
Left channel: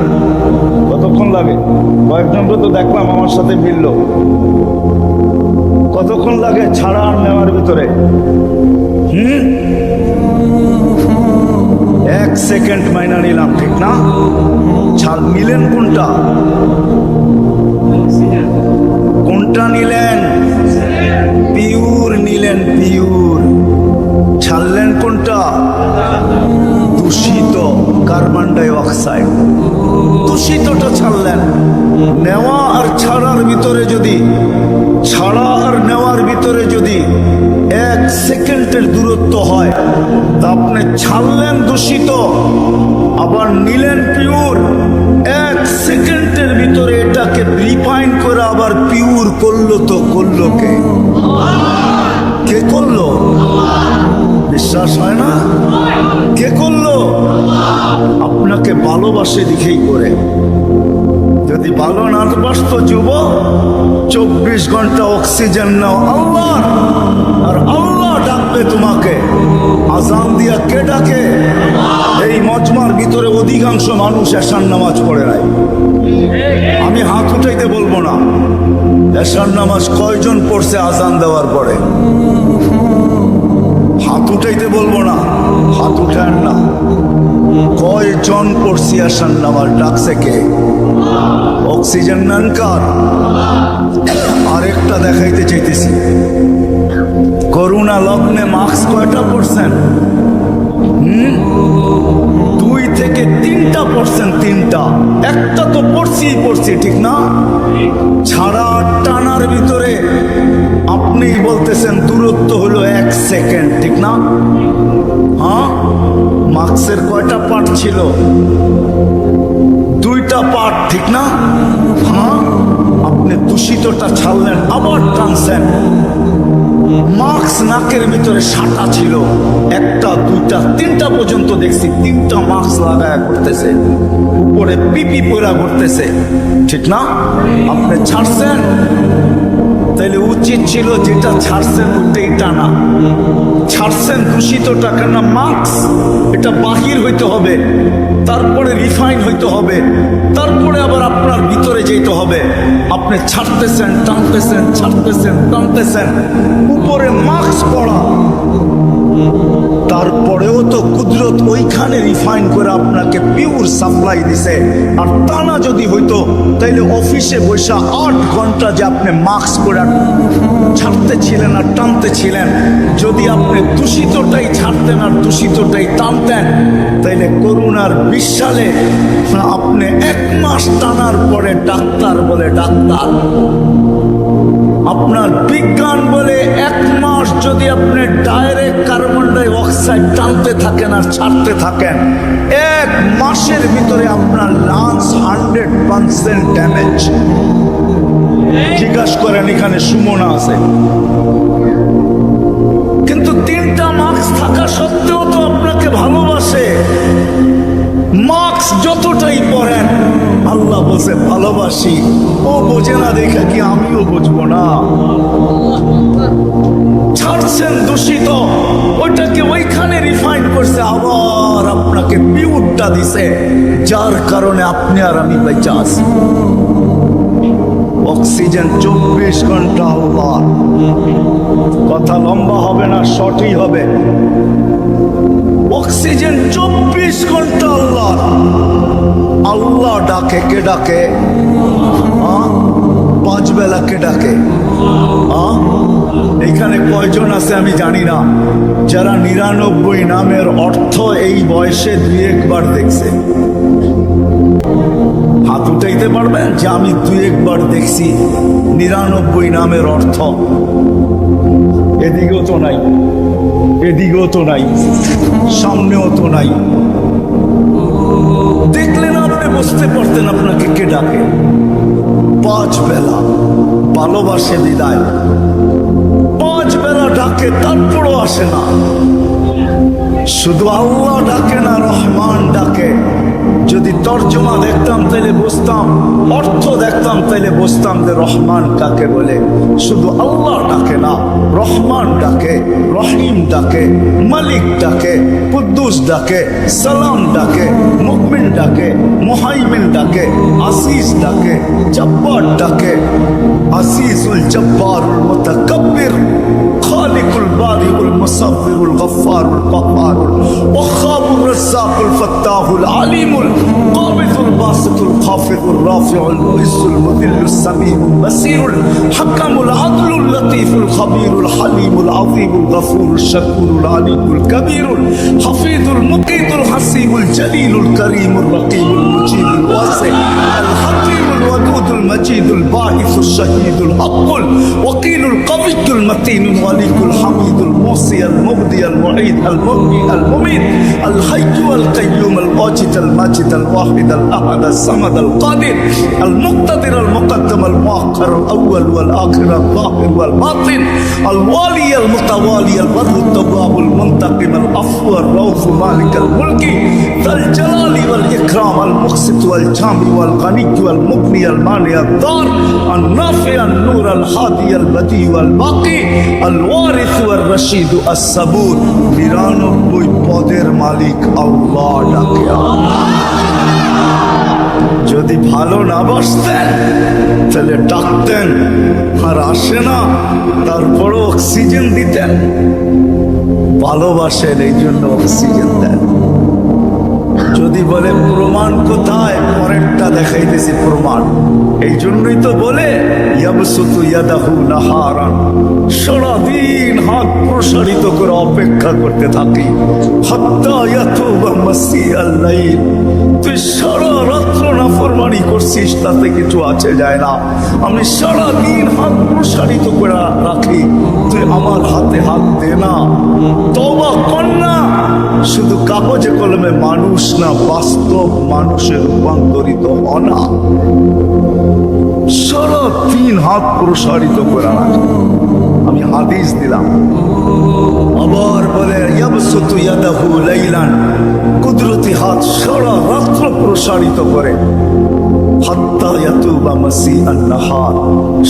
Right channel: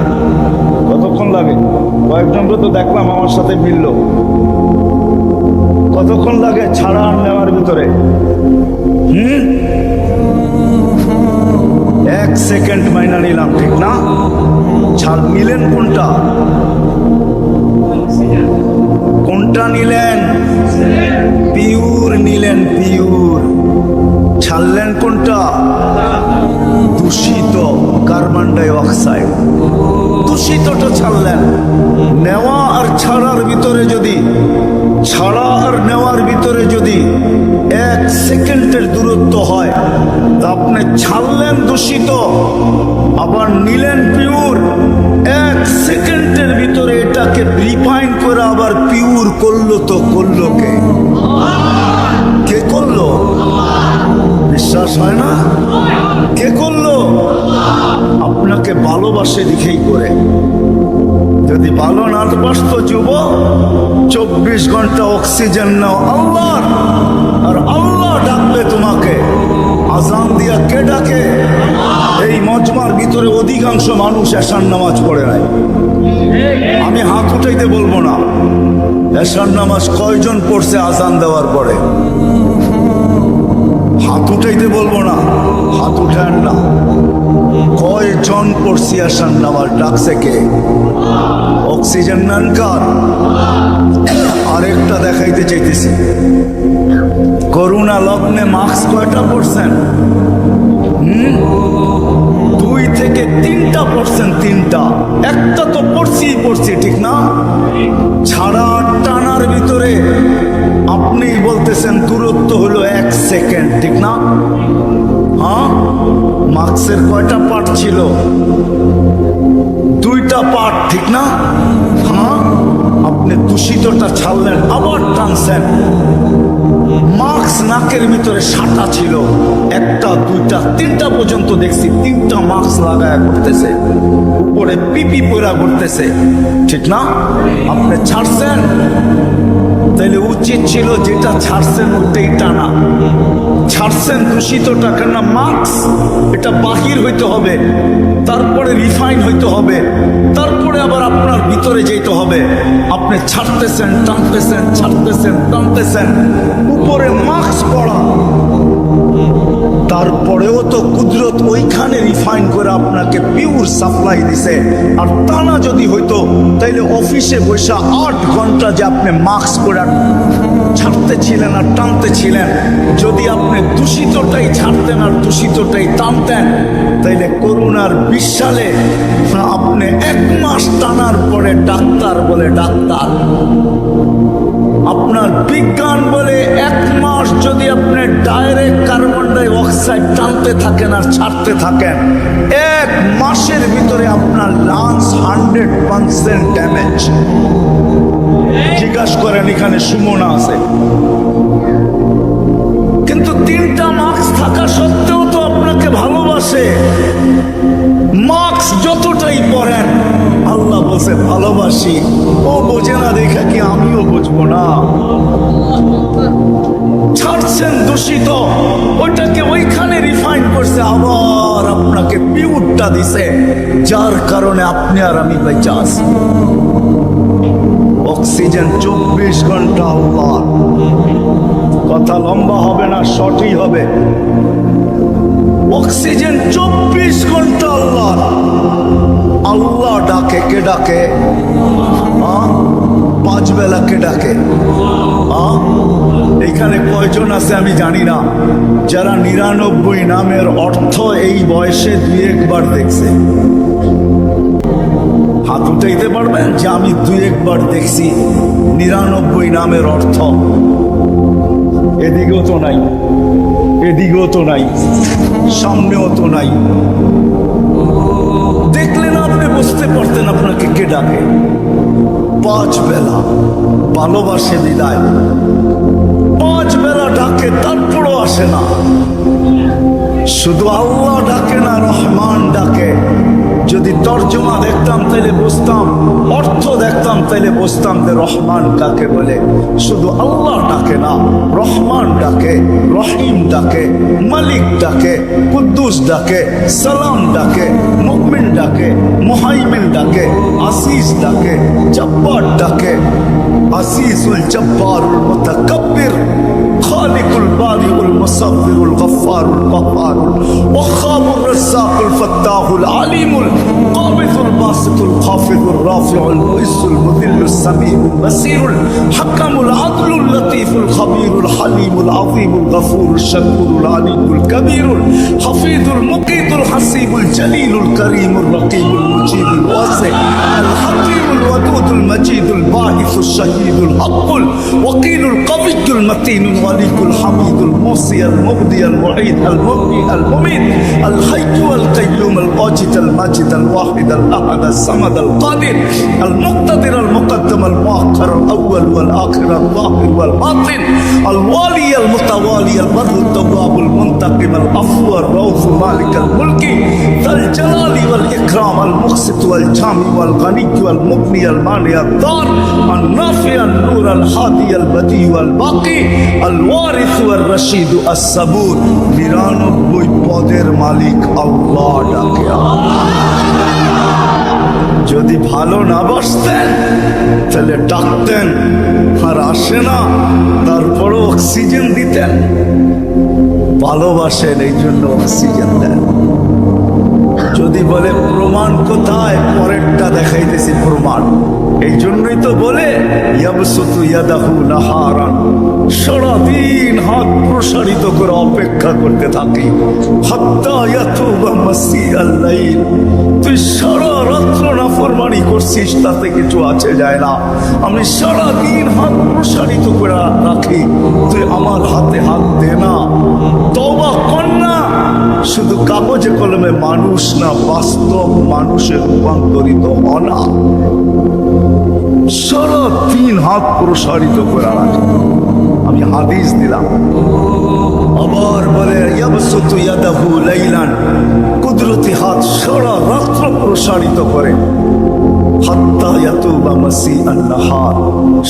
কতক্ষণ লাগে? কয়েকজনকে তো দেখলাম আমার সাথে মিলল। কতক্ষণ লাগে ছাড়া আর নেওয়ার ভিতরে? 1 সেকেন্ড মাইনা নিলাম, ঠিক না? ছাড় নিলেন কোনটা? কোনটা নিলেন? পিওর নিলেন, পিওর। ছাড়লেন কোনটা? দূষিত কার্বন ডাই অক্সাইড, দূষিতটা ছাড়লেন। নেওয়া আর ছাড়ার ভিতরে যদি, ছাড়া আর নেওয়ার ভিতরে যদি 1 সেকেন্ডের দূরত্ব হয়, তা আপনি ছাড়লেন দূষিত, আবার নিলেন পিওর। 1 সেকেন্ডের ভিতরে এটাকে রিফাইন করে আবার পিওর করলো, তো করলো কে? কে করলো? বিশ্বাস হয় না? কে করলো? আপনাকে ভালোবাসে দেখেই করে। যদি ভালো না বাসতো যুবক, 24 ঘন্টা অক্সিজেন নাও আল্লাহর, আর আল্লাহ ডাকবে তোমাকে। আজান দিয়া কে ডাকে? এই মজমার ভিতরে অধিকাংশ মানুষ এশার নামাজ পড়ে নাই। আমি হাত উঠাইতে বলবো না, এশার নামাজ কয়জন পড়ছে আজান দেওয়ার পরে? হাত উঠাইতে বলবো না, হাত উঠান না। কয়জন পড়ছি আসান নামার ডাকছে কে? অক্সিজেন নেন কার? আরেকটা দেখাইতে চাইতেছি, করোনা লগ্নে মাস্ক কয়টা পড়ছেন? 2 থেকে 3টা পড়ছেন, 3টা। একটা তো পড়ছি, ঠিক না? ছাড়া টানার ভিতরে আপনিই বলতেছেন দূরত্ব হলো 1 সেকেন্ড, ঠিক না? হ্যাঁ, মাস্কের কয়টা পার্ট ছিল? 2টা পার্ট, ঠিক না? হ্যাঁ, আপনি দূষিতটা ছাড়লেন, আবার টানছেন। মাস্ক নাকের ভিতরে সাটা ছিল, 1টা 2টা 3টা পর্যন্ত দেখছি, 3টা মাস্ক লাগায়া করতেছে, উপরে পিপি পরা করতেছে, ঠিক না? আপনি ছাড়ছেন, তাইলে উচিত ছিল যেটা ছাড়ছেন ওইটাই টানা। ছাড়ছেন দূষিতটা, কেন মাস্ক এটা বাহির হইতে হবে, তারপরে রিফাইন হইতে হবে, তারপরে আবার আপনার ভিতরে যেতে হবে। আপনি ছাড়তেছেন, টানতেছেন, ছাড়তেছেন, টানতেছেন, উপরে মাস্ক পড়া, তারপরেও তো কুদরত ওইখানে রিফাইন করে আপনাকে পিওর সাপ্লাই দিছে। আর টানা যদি হইতো তাইলে অফিসে বসে 8 ঘন্টা যে আপনি মাস্ক পরে ছাড়তে ছিলেন আর টানতে ছিলেন, যদি আপনি দূষিতটাই ছাড়তেন আর দূষিতটাই টানতেন, তাইলে করোনার 20 সালে আপনি 1 মাস টানার পরে ডাক্তার বলে ডাক্তার, আপনার বিজ্ঞান বলে 1 মাস যদি আপনি ডাইরেক্ট কার্বন ডাই অক্সাইড টানতে থাকেন আর ছাড়তে থাকেন, 1 মাসের ভিতরে আপনার লাংস 100% ড্যামেজ। জিজ্ঞাসা করেন, এখানে সুমনা আছে, কিন্তু 3টা মাস্ক থাকা সত্ত্বেও তো আপনাকে ভালোবাসে। মাস্ক যতটাই পরেন, আল্লাহ বলছে ভালোবাসি, ও বোঝে না দেখা কি আমিও বুঝবো না? ছাড়ছেন দূষিত, ওইটাকে ওইখানে রিফাইন করছে, আবার আপনাকে পিউরটা দিছে, যার কারণে আপনি আর আমি বেঁচে আছি। অক্সিজেন 24 ঘন্টা আল্লাহ। কথা লম্বা হবে না, শর্টই হবে। অক্সিজেন 24 ঘন্টা আল্লাহ। আল্লাহ ডাকে, কে ডাকে? 5 বেলা কে ডাকে? এখানে কয়জন আছে আমি জানি না, যারা 99 নামের অর্থ এই বয়সে 2-1 বার দেখছে? হাত উঠাইতে পারবেন যে আমি 2-1 বার দেখছি 99 নামের অর্থ? এদিকেও তো নাই, এদিকেও তো নাই, সামনেও তো নাই। দেখলে না আপনি বুঝতে পারতেন আপনাকে কে ডাকে। 5 বেলা ভালোবাসে বিদায়, 5 বেলা ডাকে, তারপরও আসে না। শুধু আল্লাহ ডাকে না, রহমান ডাকে। যদি তর্জমা দেখতাম তাইলে বুঝতাম, অর্থ দেখতাম তাইলে বুঝতাম যে রহমান কাকে বলে। শুধু আল্লাহ ডাকে না, রহমান ডাকে, রহিম ডাকে, মালিক ডাকে, কুদ্দুস ডাকে, সালাম ডাকে, মুমিন ডাকে, মুহাইমিন ডাকে, আসিস ডাকে, জব্বার ডাকে। আসিসুল জব্বারুল মুতাকাব্বির, খালিকুল বারিউল মুসাব্বিরুল গফফারুল কহ্হারুল ওয়াহাবুর রাজ্জাকুল ফাত্তাহুল আলিমুল কাবিদুল বাসিতুল খাফিদুর রাফিউল মুইজ্জুল মুযিল্লুস সামিউল বাসীরুল হাকামুল আদলুল লতীফুল খবীরুল হালিমুল আযীমুল গফুরুল শাকুরুল আলিকুল কবীরুল হাফিজুল মুকিতুল হাসিবুল জলিলুল করিমুল রকিবুল মুজিবুল ওয়াসি আল হাকিমুল ওয়াদুদুল মজিদুল বাঈসুল শাহীদুল হকুল ওয়াকিলুল কবিয়্যুল মতিনুল ওয়ালিকুল হামিদুল মুসি আল মুবদি আল মুঈদ আল মুবনি আল মুমিত আল হাইয়্যু আল কাইয়্যুম আল ওয়াজিদ আল মাজিদ আল ওয়াহিদ আল আহাদ আল সামাদ আল কাদির আল মুক্তাদির আল মুকদ্দম আল মুআখ্খার আল আউয়াল ওয়াল আখির আল যাহির ওয়াল বাতিন আল ওয়ালি আল মুতাওয়ালি আল বাররু আত তাওয়াব আল মুনতাকিম আল আফু আর রাউফ মালিক আল মুলকি যাল জালালি ওয়াল ইকরাম আল মুকসিত ওয়াল জামি ওয়াল গনি ওয়াল মুগনি আল মানি আল দার আল নাফি আল নূর আল হাদি আল বদি ওয়াল বাকি আল ওয়ারিস ওয়াল রশিদ আস সাবুর। 99 পদের মালিক আল্লাহ ডাকে। যদি ভালো না বাসতেন তাহলে ডাকতেন, আর আসে না, তারপরও অক্সিজেন দিতেন। ভালোবাসেন এই জন্য অক্সিজেন দেন। যদি বলে প্রমাণ কোথায়, পরেরটা দেখাইতেছি প্রমাণ। এই জন্যই তো বলে ইয়াবসুতু ইয়াদাহু নাহারান, সারাদিন হাত প্রসারিত করে অপেক্ষা করতে থাকি, হাত্তা ইয়াতুবা মাসিআল লাইল। তুই সারা রাত্র নাফরমানি করছিস, তাতে কিছু আছে যায় না। আমি সারাদিন হাত প্রসারিত করে রাখি, তুই আমার হাতে হাত দে না, তওবা কর না। শুধু কাগজে কলমে মানুষ না, বাস্তব মানুষে রূপান্তরিত হ না। সারাদিন হাত প্রসারিত করে রাখি। আমি হাদিস দিলাম। আবার বলে ইয়াবসুতু ইয়াদাহু লাইলান, কুদরতি হাত সারা রাত্র প্রসারিত করে, হাত্তা ইয়াতুবা মাসিআন নাহার।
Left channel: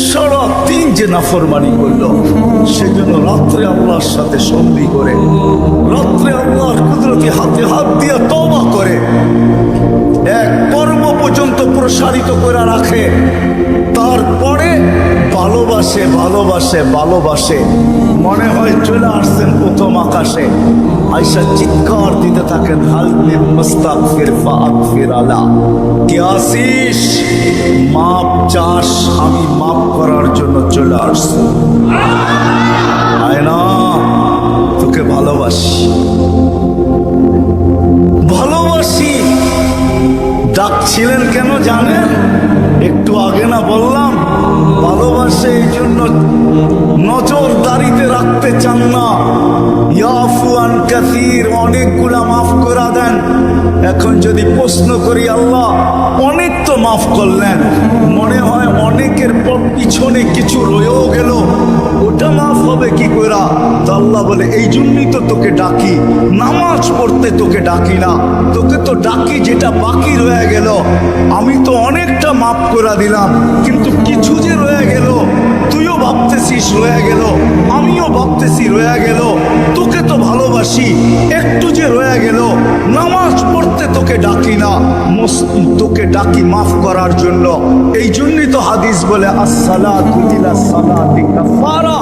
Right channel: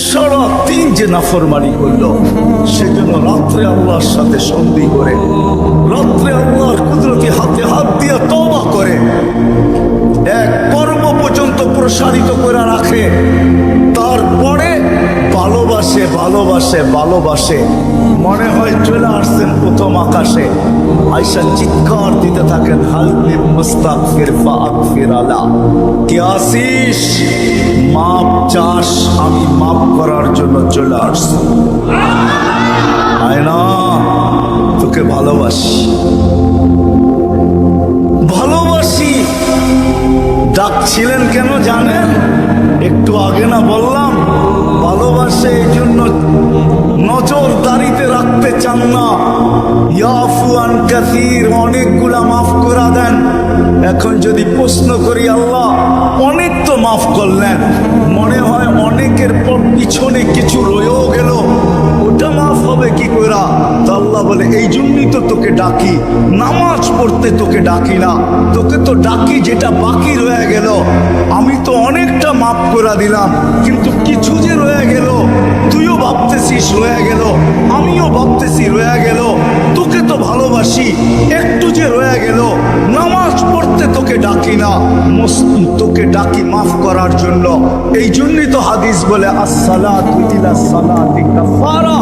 সারা দিন যে নাফরমানি করলো, সেজন্য রাত্রে আল্লাহর সাথে সন্ধি করে, রাত্রে আল্লাহর কুদরতি হাতে হাত দিয়ে তওবা করে, এক পর্ব পর্যন্ত প্রসারিত করে রাখে। তারপরে ভালোবাসে ভালোবাসে ভালোবাসে, মনে হয় চলে আসছেন প্রথম আকাশে। আয়েশা চিৎকার দিতে থাকেন, হালমি মুস্তাগফির ফাগফির আলা। কে আসিস, মাপ চাস, আমি মাপ করার জন্য চলে আসছি। আয় না, তোকে ভালোবাসি ভালোবাসি। ডাকছিলেন কেন জানেন? একটু আগে না বললাম, ভালোবাসে এই জন্য নজরদারিতে রাখতে চান না। ইয়াফু আন কাসীর, অনেকগুলা মাফ করে দেন। এখন যদি প্রশ্ন করি, আল্লাহ অনেক তো মাফ করলেন, মনে হয় অনেকের পর পিছনে কিছু রয়েও গেল, ওটা মাফ হবে কি করে? তো আল্লাহ বলে, এই জন্যই তো তোকে ডাকি, নামাজ পড়তে তোকে ডাকি না, তোকে তো ডাকি যেটা বাকি রয়ে গেল। আমি তো অনেকটা মাফ করে দিলাম, কিন্তু কিছু যে রয়ে গেল, তুইও ভাবতেছিস রয়ে গেল, আমিও ভাবতেছি রয়ে গেল। তোকে তো ভালোবাসি, একটু যে রয়ে গেল, নামাজ পড়তে তোকে ডাকি না, তোকে ডাকি মাফ করার জন্য। এই জন্যই তো হাদিস বলে আসসালাতু ইলা সালাতি কাফারা।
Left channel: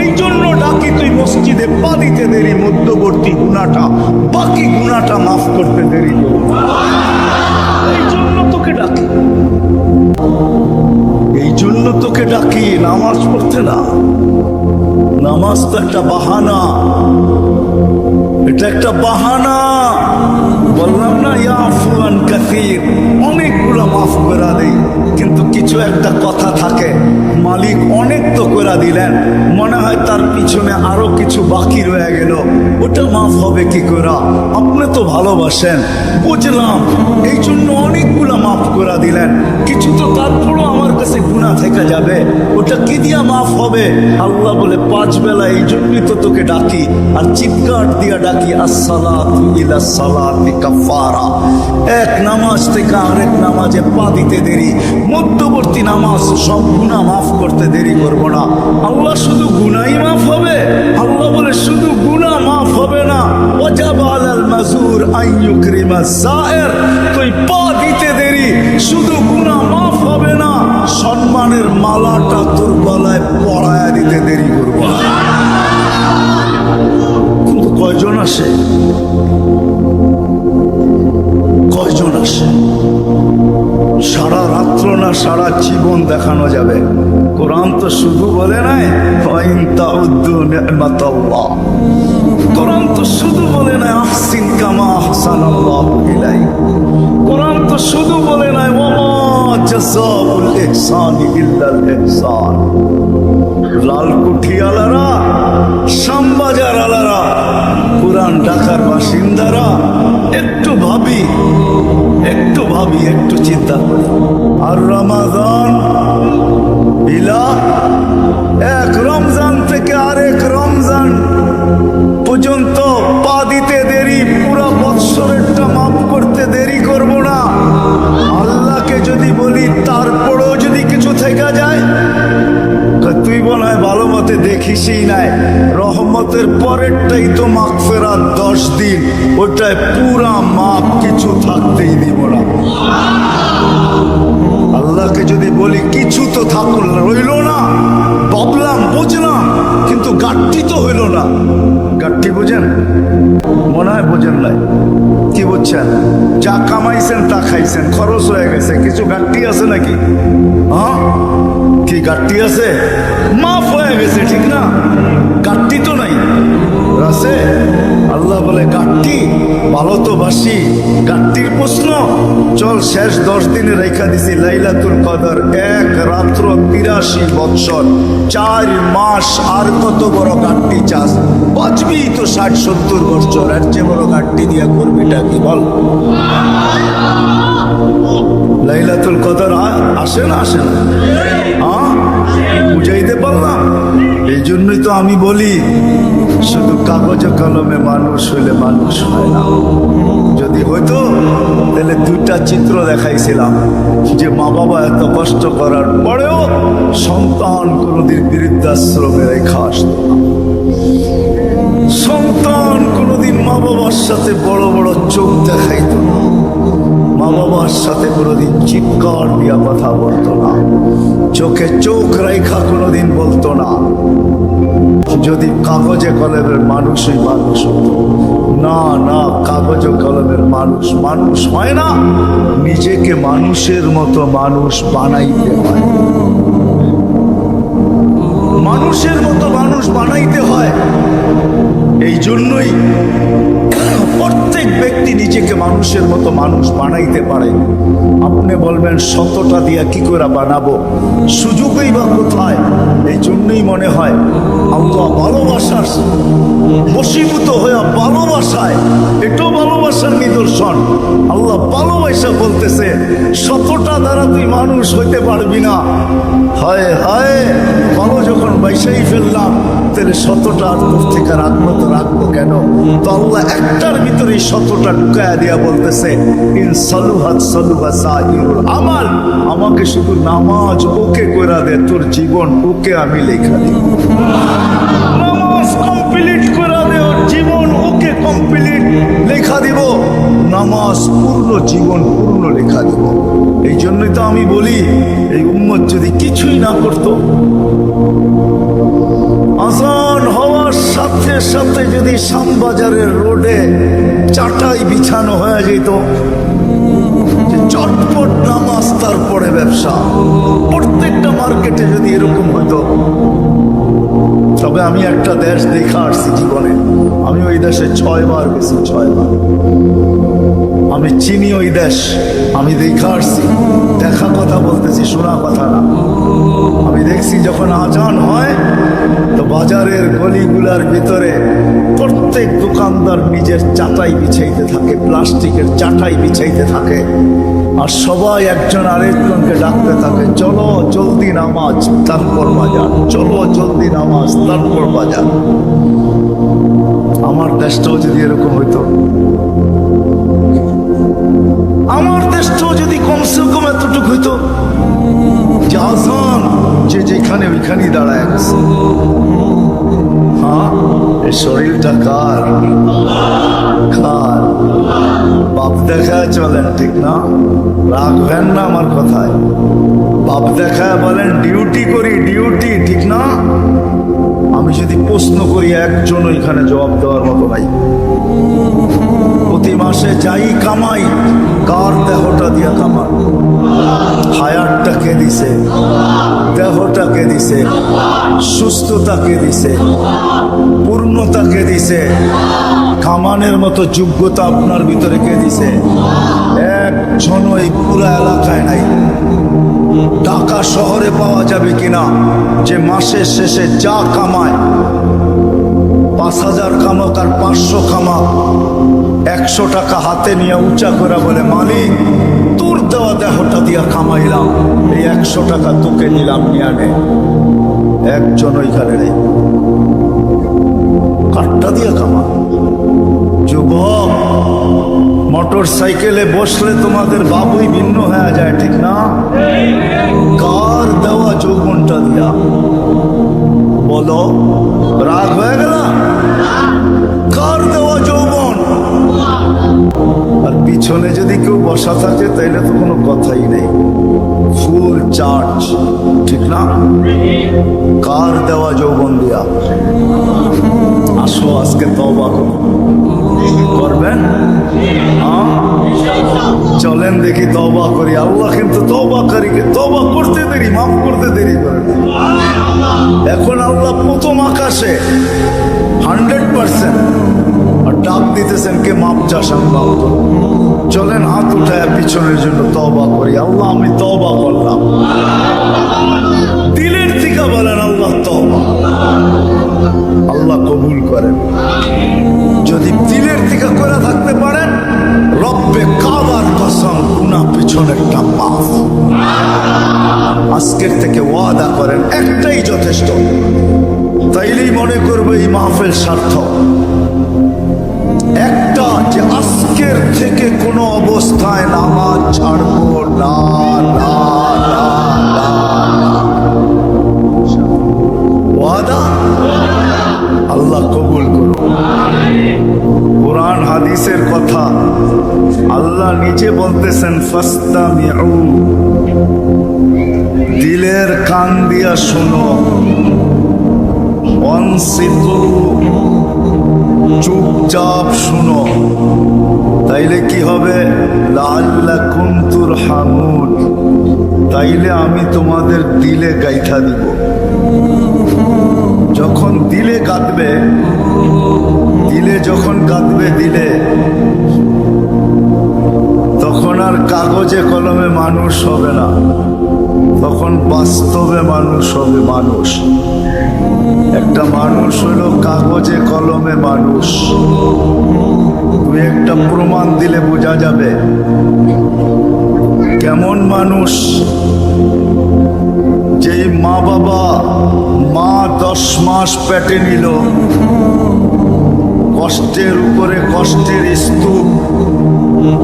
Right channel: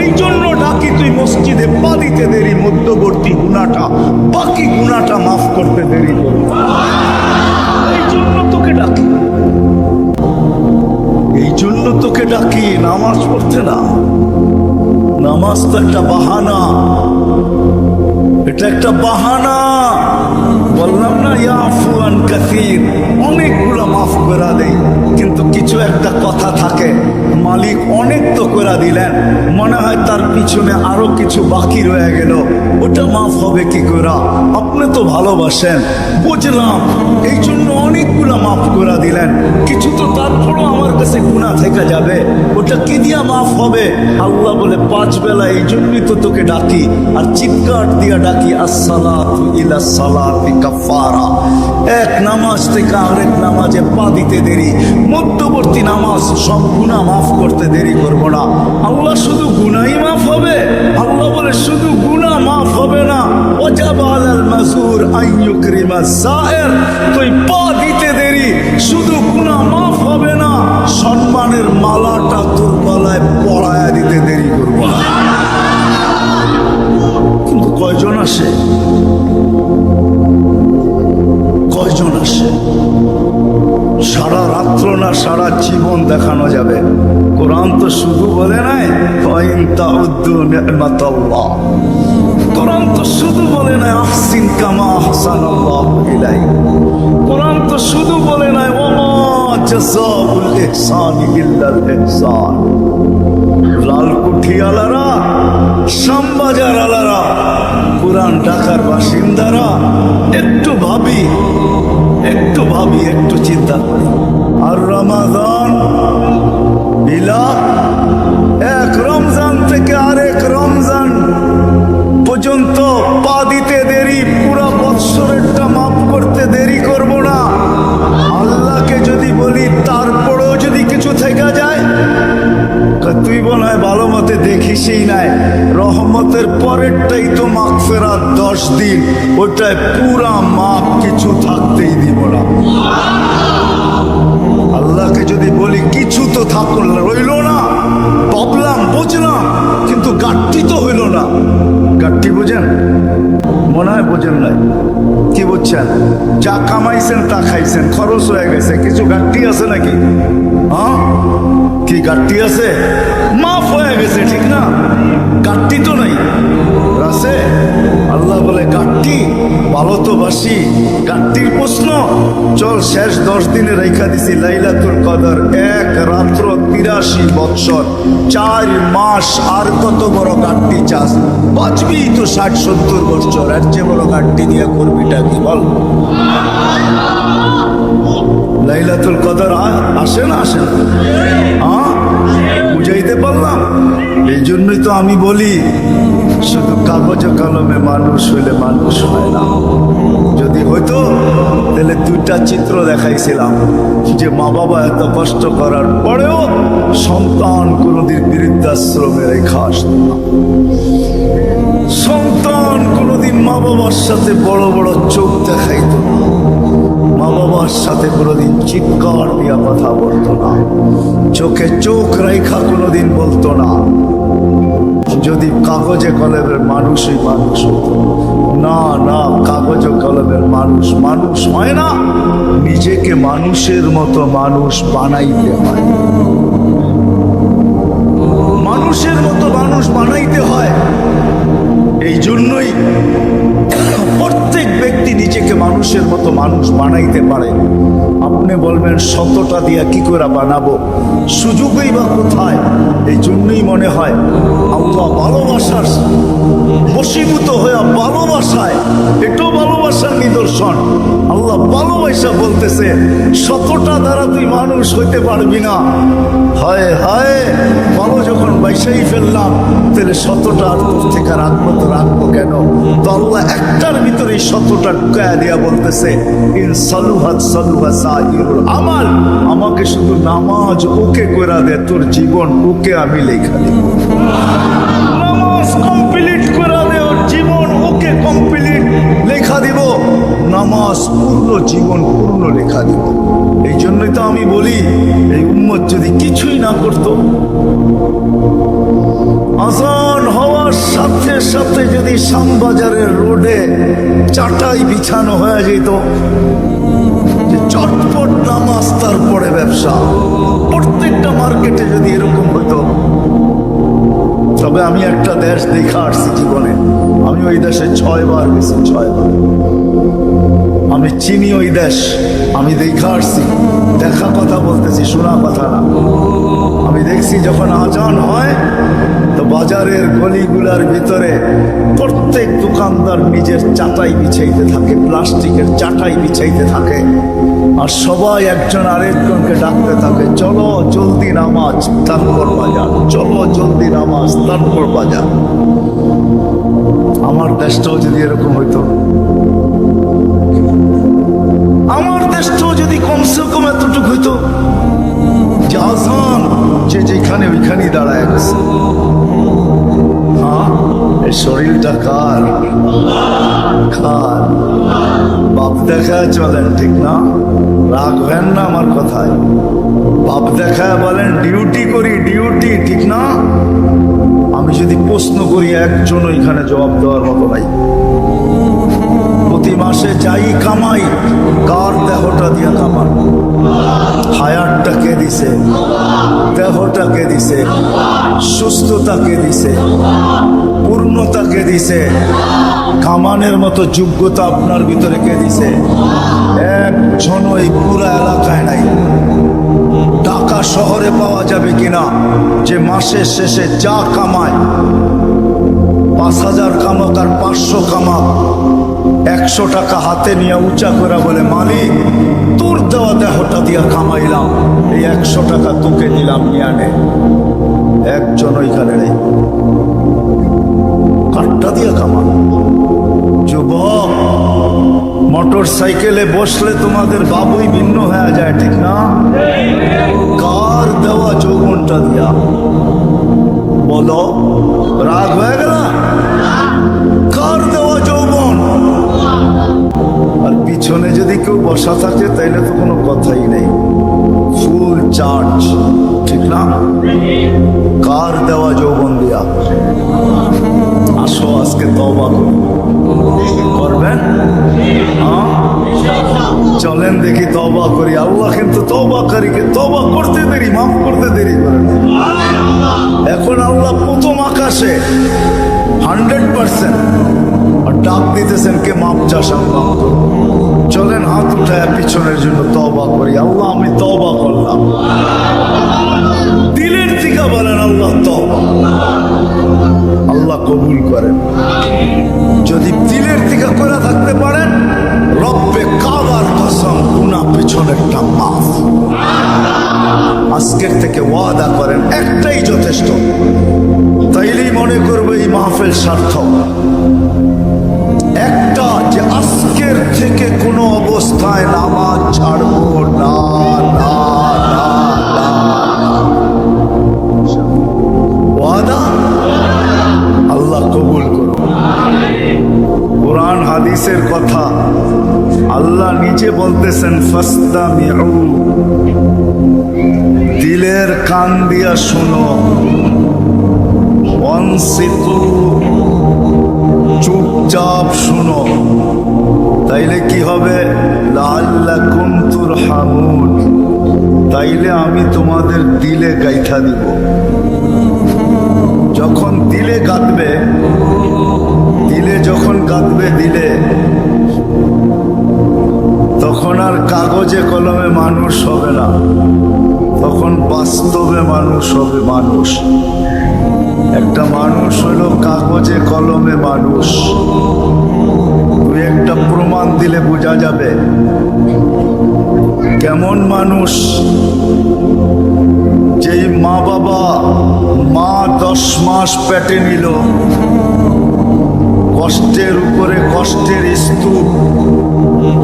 এই জন্য ডাকি, তুই মসজিদে পা দিতে দেরি, মধ্যবর্তী গুনাহটা, বাকি গুনাহটা মাফ করতে দেরি করবে। এই জন্য তোকে ডাকি, এই জন্য তোকে ডাকি, নামাজ পড়তে না। নামাজ তো একটা বাহানা, এটা একটা বাহানা। বললাম না, ইয়াফু আন কাসীর, অনেকগুলো মাফ করে দেই, কিন্তু কিছু একটা কথা থাকে, মালিক অনেক তো করে দিলেন, মনে হয় তার পিছনে আরো কিছু বাকি রয়ে গেল, ওটা মাফ হবে কি করে? আপনি তো ভালোবাসেন, বুঝলাম, এই জন্য অনেকগুলো মাফ করে দিলেন, কিছু তো তারপরও আমার কাছে গুনাহ থেকে যাবে, ওটা কি দিয়া মাফ হবে? আল্লাহ বলে, 5 বেলা এই জন্যই তো তোকে ডাকি, আর চিৎকার দিয়া ডাকি, আসসালাতু ইলা সালাতি কাফারা। এক নামাজ থেকে আরেক নামাজে পা দিতে দেরি, মধ্যবর্তী নামাজ, সব গুনাহ মাফ করতে দেরি করব না। আল্লাহ শুধু গুনাহই মাফ হবে? আল্লাহ বলে, শুধু গুনাহ মাফ হবে না, ওয়াজাবা আলাল মাজুর আন ইউকরিমা যায়ের। তুই পা দিতে দেরি, শুধু গুনাহ মাফ হবে না, সম্মানের মালাটা তোর গলায় পরায়া দিতে দেরি করব না। কিন্তু কয়জন আসে, কয়জন আসে? সারা রাত্র না সারা জীবন দেখানো যাবে। কোরআন তো শুধু বলে নাই ফাইন তাউদ্দু নি'মাতাল্লাহ, কোরআন তো শুধু বলে নাই আহসিন কামা আহসানাল্লাহু ইলাইক, কোরআন তো শুধু বলে নাই ওয়া জাযাউল ইহসানি ইল্লাল ইহসান। লালকুঠি আলারা, শ্যামবাজার আলারা, পুরান ঢাকার বাসিন্দারা, একটু ভাবি, একটু ভাবি, একটু চিন্তা করি। আর রমাদান ইলা, এক রমজান থেকে আরেক রমজান পর্যন্ত পা দিতে দেরি, পুরা বৎসরেরটা মাফ করতে দেরি করব না। আল্লাহকে যদি বলি, তারপরেও যদি কিছু থেকে যায়, তুই মনে হয় ভালো মতে দেখিসই নাই, রহমতের পরেরটাই তো মাগফিরাত 10 দিন, ওটায় পুরা মাপ, কিছু থাকতেই দিব না। আল্লাহকে যদি বলি কিছু তো থাকল রইল না, ভাবলাম বুঝলাম, কিন্তু গাঠটি তো হইল না, গাঠটি বুঝেন? মনে হয় বোঝেন নাই। কি বুঝছেন? যা কামাইছেন তা খাইছেন, খরচ হয়ে গেছে, কিছু গাঠটি আছে নাকি? হ্যাঁ, কি গাঠটি আছে? মাফ হয়ে গেছে, ঠিক না? গাঠটি তো নাই, আছে। আল্লাহ বলে গাঠটি ভালো তো বাসি, গাঠটির প্রশ্ন চল শেষ 10 দিনে রেখা দিছি লাইলাতুল কদর, 1 রাত্র 83 বৎসর 4 মাস, আর কত বড় গাঠটি চাস? বাঁচবি তো 60-70 বৎসর, এর চেয়ে বড় গাঠটি দিয়া করবিটা কি বল? লাইলাতুল কদর আসে না আসে না? হ্যাঁ, বুঝাইতে পারলাম? এই জন্যই তো আমি বলি শুধু কাগজ কলমে মানুষ হইলে মানুষ হয় না। যদি হইতো তাহলে 2টা চিত্র দেখাইছিলাম যে মা বাবা এত কষ্ট করার পরেও সন্তান কোনোদিন বৃদ্ধাশ্রমে রেখা আসতো না। সন্তান কোনোদিন মা বাবার সাথে বড় বড় চোখ দেখাইতো না, মা বাবার সাথে কোনোদিন চিৎকার দিয়া কথা বলতো না, চোখে চোখ রেখা কোনোদিন বলতো না। যদি কাগজে কলমের মানুষই মানুষ হতো। না না, কাগজে কলমের মানুষ মানুষ হয় না, নিজেকে মানুষের মতো মানুষ বানাইতে হয়। মানুষের মতো মানুষ বানাইতে হয়। এই জন্যই প্রত্যেক ব্যক্তি নিজেকে মানুষের মতো মানুষ বানাইতে পারে। আপনি বলবেন 100টা দিয়া কি করে বানাবো, সুযোগই বা কোথায়? এই জন্যই মনে হয় আল্লাহ ভালোবাসার বশীভূত হয়ে ভালোবাসায়, এটাও ভালোবাসার নিদর্শন। আল্লাহ ভালোবাসা বলতেছে 100টা দ্বারা তুই মানুষ হইতে পারবি না। হায় হায়, ভালো যখন বাইসাই ফেললাম তাহলে 100টা আর তোর থেকে রাখবো তো রাখবো কেন? তো আল্লাহ একটার ভিতরে 100টা ঢুকায়া দিয়া বলতেছে ইন সালুহাত সালুহা সাইরুল আমাল, আমাকে শুধু নামাজ ওকে করে দে, তোর জীবন ওকে আমি লেখা দিব। নামাজ কমপ্লিট করে দে, ওর জীবন ওকে কমপ্লিট লেখা দিব। নামাজ পূর্ণ, জীবন পূর্ণ লেখা দিব। এই জন্যই তো আমি বলি এই উম্মত যদি কিছুই না করতো, আজান হওয়ার সাথে সাথে যদি শ্যামবাজারের রোডে চাটাই বিছানো হয়ে যেত, যে চটপট নামাজ তারপরে ব্যবসা, প্রত্যেকটা মার্কেটে যদি এরকম হইতো। তবে আমি একটা দেশ দেখা আসছি জীবনে, আমি ওই দেশে 6 বার গেছি, 6 বার। আমি চিনি ওই দেশ, আমি দেখা আসছি, দেখা কথা বলতেছি, শোনা কথা না। আমি দেখছি যখন আজান হয় তো বাজারের গলিগুলার ভিতরে প্রত্যেক দোকানদার নিজের চাটাই বিছাইতে থাকে, প্লাস্টিকের চাটাই বিছাইতে থাকে, আর সবাই একজন আরেকজনকে ডাকতে থাকে, চলো জলদি নামাজ তারপর বাজার, চলো জলদি নামাজ তারপর বাজার। আমার দেশটাও যদি এরকম হইতো, আমার দেশটাও যদি কমসে কম এতটুকু হইতো যে আজান যে যেখানে ওইখানেই দাঁড়ায় গেছে। হ্যাঁ, এই শরীরটা কার? কার? বাপ দেখায় চলেন, ঠিক না? রাখবেন না আমার কথায়। বাপ দেখায় বলেন ডিউটি করি, ডিউটি, ঠিক না? আমি যদি প্রশ্ন করি একজন ওইখানে জবাব দেওয়ার মতো নাই। প্রতি মাসে যাই কামাই, কার দেহটা দিয়া কামান? হায়াতটা কে দিছে? দেহটা কে দিছে? সুস্থতা কে দিছে? পূর্ণতা কে দিছে? কামানের মতো যোগ্যতা আপনার ভিতরে কে দিছে? একজন এই পুরা এলাকায় নাই। ঢাকা শহরে পাওয়া যাবে কিনা যে মাসের শেষে যা কামায়, 5000 কামাক আর 500 কামাক, 100 টাকা হাতে নিয়ে উঁচা করে বলে মালিক তোর দেওয়া দেহটা দিয়া কামাইলাম, এই 100 টাকা তোকে দিলাম, নিয়ে আনে। একজন ওইখানে নেই। কাঠটা দিয়া কামান। যুবক, মোটর সাইকেলে বসলে তোমাদের বাবুই ভিন্ন হয়ে যায়, ঠিক না? কার দেওয়া যৌবনটা দিয়া? বলো, রাগ হয়ে গেল? কার দেওয়া যৌবন? আর পিছনে যদি কেউ বসা থাকে তাইলে তো কোনো কথাই নেই, ফুল চার্জ, ঠিক না? কার দেওয়া যৌবন দিয়া? আসো আজকে তওবা করি। করবেন? হ্যাঁ, চলেন দেখি তওবা করি। আল্লাহ কিন্তু তওবাকারীকে তওবা করতে দেরি, মাফ করতে দেরি করে না। এখন আল্লাহ প্রথম আকাশে 100% আর ডাক দিতেছেন, কে মাপ চাস আমি মাফ করব। চলেন হাত উঠায় পিছনের জন্য তওবা করি। আল্লাহ আমি তওবা করলাম। দিলের থেকে বলেন আল্লাহ তওবা। আল্লাহ কবুল করেন। যদি দিলের থেকে করে থাকতে পারেন, রব্বে কাবার কসম গুনাহ পিছনেরটা মাফ। আজকের থেকে ওয়াদা করেন, একটাই যথেষ্ট। তাইলেই মনে করবে এই মাহফিল সার্থক। একটা, যে আজকের থেকে কোনো অবস্থায় নামাজ ছাড়বো না, না, না, না, না। ওয়াদা? আল্লাহ কবুল করুন। কোরআন হাদিসের কথা আল্লাহ নিজে বলতেছেন, ফাস্তামিউ, দিলের কান দিয়া শুনো, অনসিতু, চুপচাপ শুনো। তাইলে কি হবে? লাআল্লাকুম তুরহামুন, তাইলে আমি তোমাদের দিলে গাইথা দিব। যখন দিলে গাঁথবে, দিলে যখন গাঁথবে দিলে, তখন আর কাগজে কলমে মানুষ হবে না, তখন বাস্তবে মানুষ হবে। মানুষ একটা মানুষ হলো কাগজে কলমে মানুষ। তুই একটা প্রমাণ দিলে বোঝা যাবে কেমন মানুষ। যেই মা বাবা, মা 10 মাস পেটে নিল, কষ্টের উপরে কষ্টের স্তূপ।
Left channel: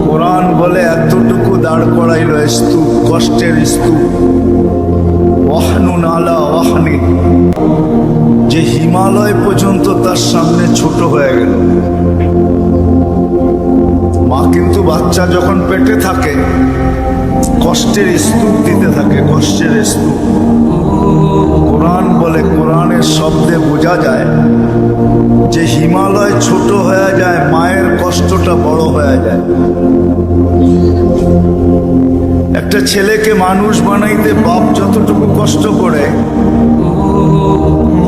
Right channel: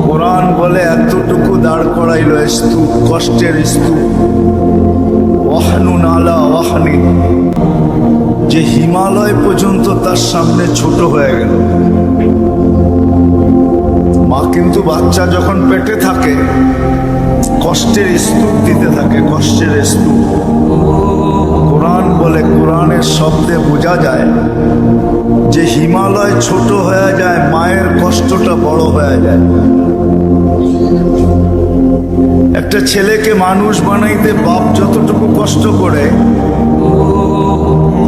কোরআন বলে এতটুকু দাঁড় করাইল স্তূপ, কষ্টের স্তূপ। ওয়াহনুন আলা ওয়াহনিন, যে হিমালয় পর্যন্ত তার সামনে ছোট হয়ে গেল। মা কিন্তু বাচ্চা যখন পেটে থাকে কষ্টের স্তূপ দিতে থাকে, কষ্টের স্তূপ। কোরআন বলে, কোরআনের শব্দে বোঝা যায় যে হিমালয় ছোট হয়ে যায়, মায়ের কষ্টটা বড় হয়ে যায়। একটা ছেলেকে মানুষ বানাইতে বাপ যতটুকু কষ্ট করে,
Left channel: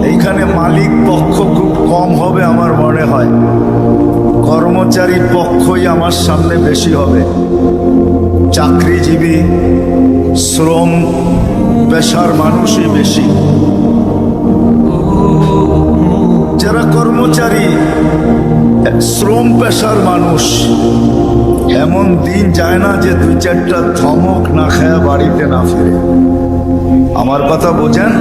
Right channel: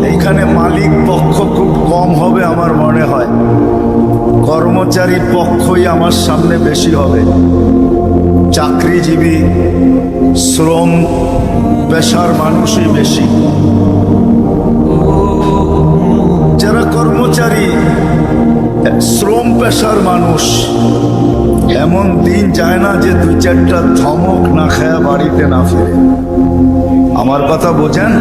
এইখানে মালিক পক্ষ খুব কম হবে আমার মনে হয়, কর্মচারী পক্ষই আমার সামনে বেশি হবে। চাকরিজীবী, শ্রম পেশার মানুষই বেশি। যারা কর্মচারী, শ্রম পেশার মানুষ, এমন দিন যায় না যে 2-4টা ধমক না খায়া বাড়িতে না ফিরে। আমার কথা বোঝেন?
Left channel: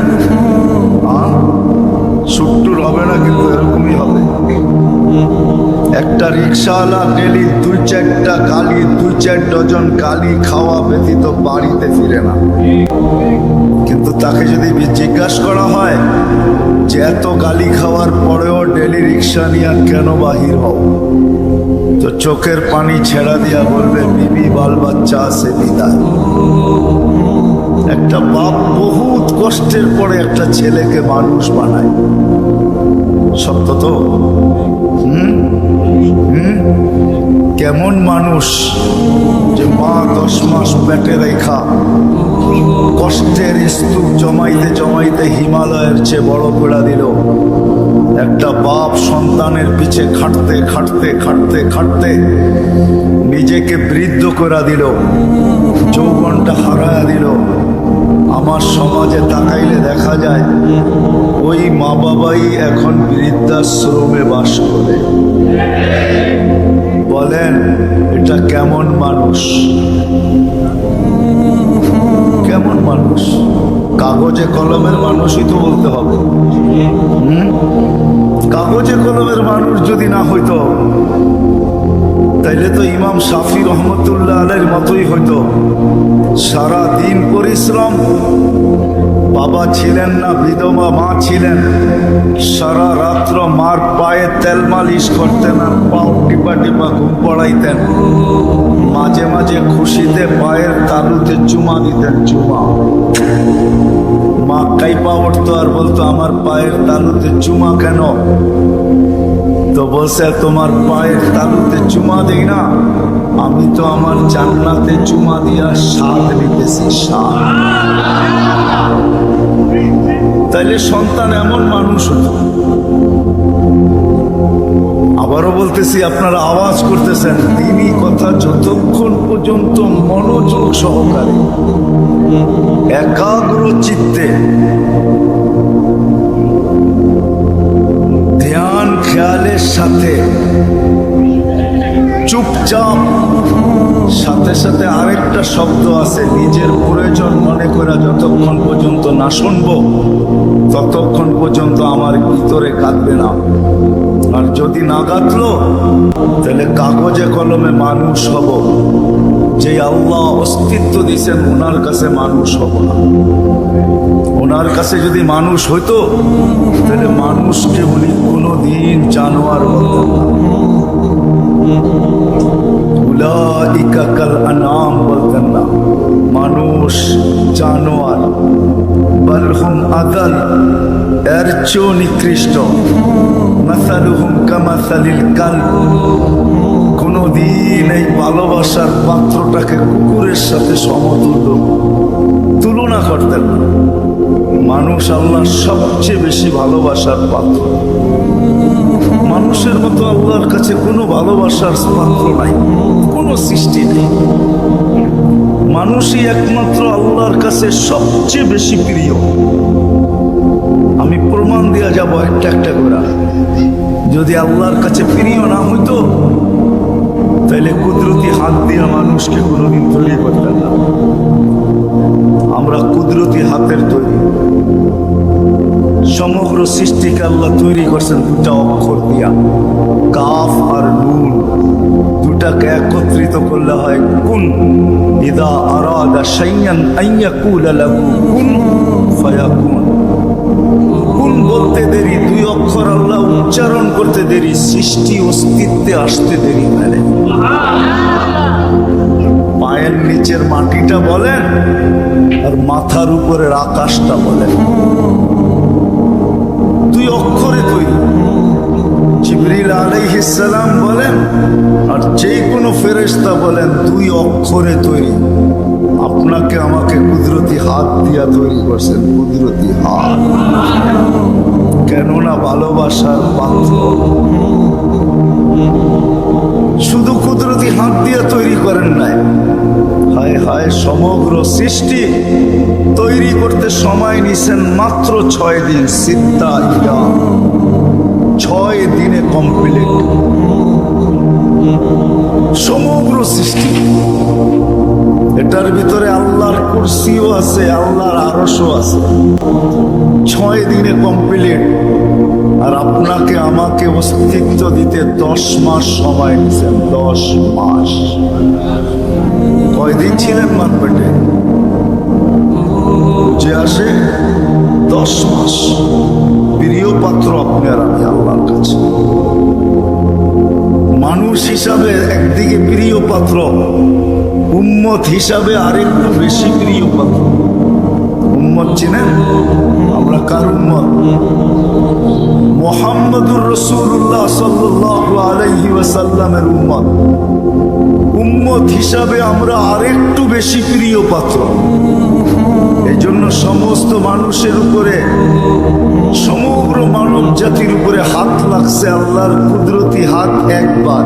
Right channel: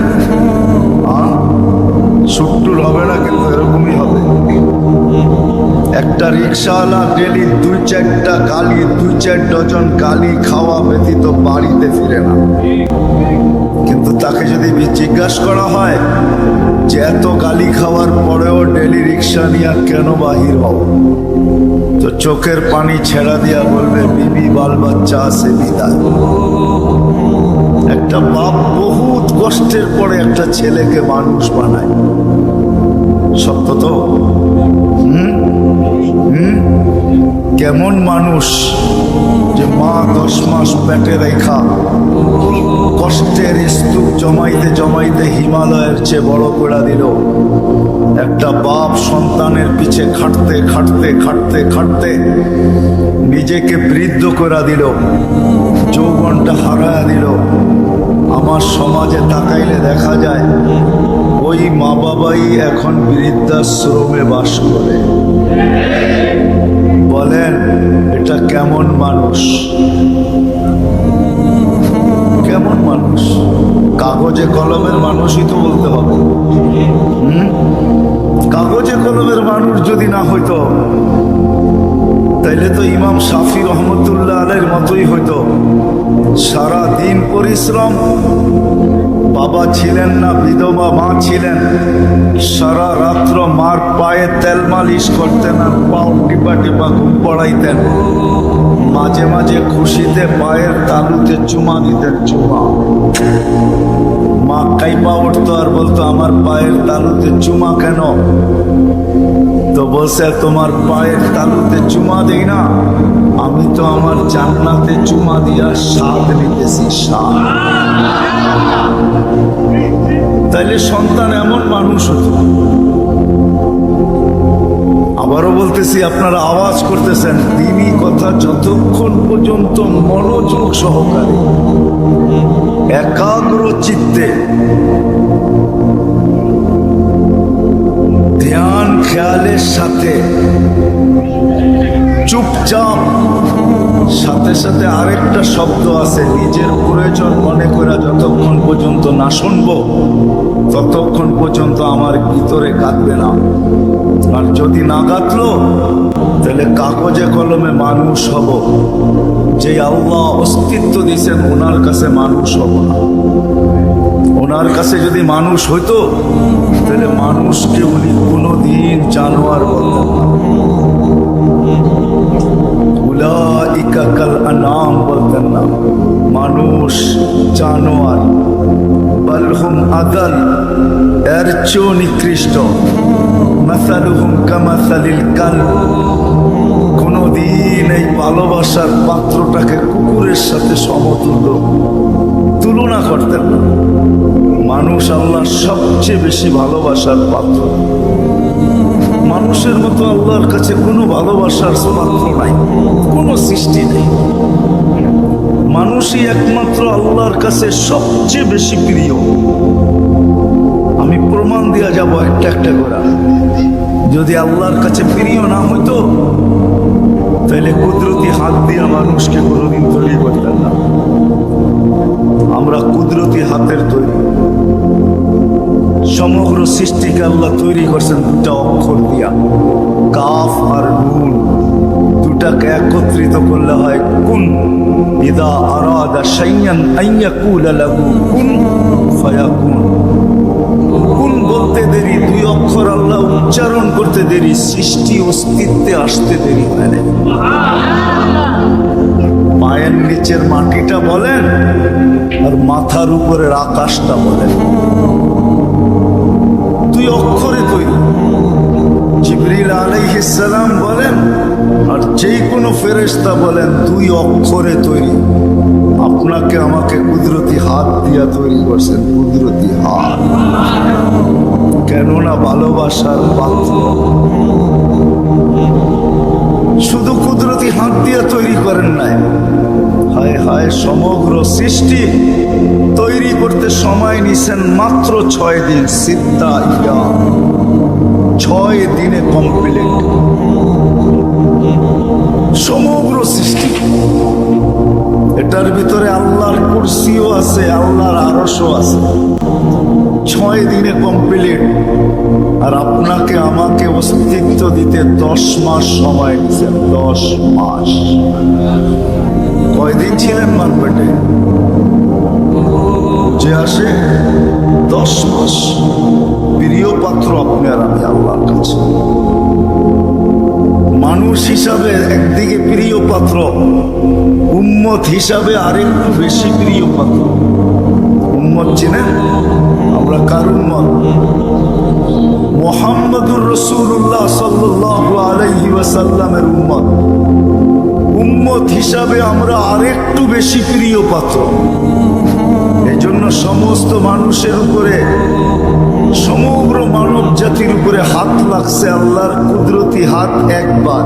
ছুট্টুর হবে না, কিন্তু এরকমই হবে। একটা রিক্সাওয়ালা ডেলি 2-4টা গালি, 2-4 ডজন গালি খাওয়া ব্যতীত বাড়িতে ফিরে না। কিন্তু তাকে যদি জিজ্ঞাসা করা হয় যে এত গালি খাওয়ার পরেও ডেলি রিক্সা নিয়ে কেন বাহির হও, তো চোখের পানি ছেড়া দিয়া বলবে, বিবি বাল বাচ্চা আছে বিদায়। একটা বাপ বহুত কষ্টের পরে একটা ছেলেকে মানুষ বানায়। সত্য তো? কেমন মানুষ যে মা 10 মাস পেটে রেখা কষ্টের স্তূপ জমাইতে জমাইতে হিমালয়ের চেয়ে বড় করে দিল। একটা বাপ সন্তানের পিছে খাটতে খাটতে খাটতে খাটতে নিজেকে বৃদ্ধ করে দিল, যৌবনটা হারায়া দিল। আমার সমাজে তাকাইলে দেখা যায় ওই মা বাবাই এখন বৃদ্ধাশ্রমে বাস করে। বলেন এটা কেমন মানুষ? কেমন মানুষ? কাগজে কলমের মানুষই তো বলতে হবে। কাগজে কলমের মানুষ যদি না হইতো, তাইলে তো ইমাম শাফি রহমতুল্লাহ আলাইহির মতোই হইতো। সারা দিন পরিশ্রম, বাবা ছিলেন না, বিধবা মা ছিলেন, সারা রাত্র মার পায়ে তেল মালিশ করতেন আর পাও টিপা টিপা ঘুম পড়াইতেন। মাঝে মাঝে খুশিতে পায়ের তালুতে চুমা দিতেন, চুমা। মা কাইপা উঠতো আর বলতো আমার পায়ের তালুতে চুমা কেন? তো বলছে তোমার পায়ের তালুতে চুমা দেই না, আমি তো আমার জান্নাতে চুমা দিয়া স্বাদ নিতেছি, স্বাদ। তাইলে সন্তান এমন মানুষ হতো। আবারও বলতেছি, আপনারা আওয়াজ করতেছেন, দিনই কথা যতক্ষণ পর্যন্ত মনোযোগ সহকারে একাগ্র চিত্তে ধ্যান খেয়ালের সাথে চুপচাপ, সাথে সাথে আরেকটা শব্দ আছে, নিজের প্রয়োজন মনে করে যতক্ষণ পর্যন্ত না শুনবো ততক্ষণ পর্যন্ত আমার ভিতরে কাঁদবে না। আর যদি না কাঁদলো তাহলে কাগজে কলমে মানুষ হব, যে আল্লাহ অস্তিত্ব দিয়েছেন ওনার কাছে মানুষ হব না। ওনার কাছে যদি মানুষ হইতো তাহলে মানুষকে উনি কোনোদিন জানোয়ার বলতেন না। উলাইকা কাল আনআম বলতেন না, মানুষ জানোয়ার। বাল হুম আদাল, এর চেয়েও নিকৃষ্ট। মাসালুহুম কামাসালিল কালব, কোনদিন এই ভালোবাসার পাত্রটাকে কুকুরের সাথে সমতুল্য তুলনা করতেন না। মানুষ আল্লাহর সবচেয়ে বেশি ভালোবাসার পাত্র। মানুষের মতো আল্লাহর কাছে কোনো ভালোবাসার পাত্র নাই, কোনো সৃষ্টি নেই। মানুষই একমাত্র আল্লাহর কাছে সবচেয়ে বেশি প্রিয়। আমি প্রমাণ দেওয়া যাব একটা একটা করে। যদি আল্লাহর কাছে প্রিয় না হইতো তাহলে কুদরতি হাত দিয়ে মানুষকে কোনোদিন তৈরি করতেন না। আমরা কুদরতি হাতের তৈরি। সমগ্র সৃষ্টিকে আল্লাহ তৈরি করছেন দুটা অক্ষর দিয়া, কাফ আর নুন। দুটাকে একত্রিত করলে হয় কুন। ইদা আরাদা শাইয়ান আইয়াকুলা লাহু কুন ফায়াকুন। কুন বলতে দেরি, দুই অক্ষর আল্লাহ উচ্চারণ করতে দেরি, সৃষ্টি অস্তিত্বে আসতে দেরি হয় না। পায়ের নিচের মাটিটা বলেন আর মাথার উপরের আকাশটা বলেন, দুই অক্ষরে তৈরি। জিবরিল আলাইহিস সালাম বলেন আর যে কোনো ফেরেশতা বলেন, দুই অক্ষরে তৈরি। আপনাকে আমাকে কুদরতি হাত দিয়া তৈরি করছেন, কুদরতি হাত। কেননা ভালোবাসার পাত্র। শুধু কুদরতি হাত দিয়া তৈরি করেন নাই, হায় হায় সমগ্র সৃষ্টি তৈরি করতে সময় নিছেন মাত্র 6 দিন। সিত্তা ইয়া, 6 দিনে কমপ্লিট সমগ্র সৃষ্টি। এটার ভিতরে আল্লাহর কুরসিও আছে, আল্লাহর আরশও আছে। 6 দিনে কমপ্লিট। আর আপনাকে আমাকে অস্তিত্ব দিতে 10 মাস সময় নিয়েছেন, 10 মাস। কয়দিন ছিলেন মান পেটে? বুঝে আসে 10 মাস। প্রিয় পাত্র আপনি আর আমি আল্লাহর কাছে। মানুষ হিসাবে একদিকে প্রিয় পাত্র, উম্মত হিসাবে আরেকটু বেশি প্রিয় পাত্র। উম্মত চিনেন? আমরা কার উম্মত? মুহাম্মদুর রাসূলুল্লাহ সাল্লাল্লাহু আলাইহি ওয়াসাল্লামের উম্মত। উম্মত হিসাবে আমরা আরেকটু বেশি প্রিয় পাত্র। এই জন্য সমস্ত মানুষের উপরে, সমগ্র মানব জাতির উপরে হাত লাগছে আল্লাহর কুদরতি হাত একবার।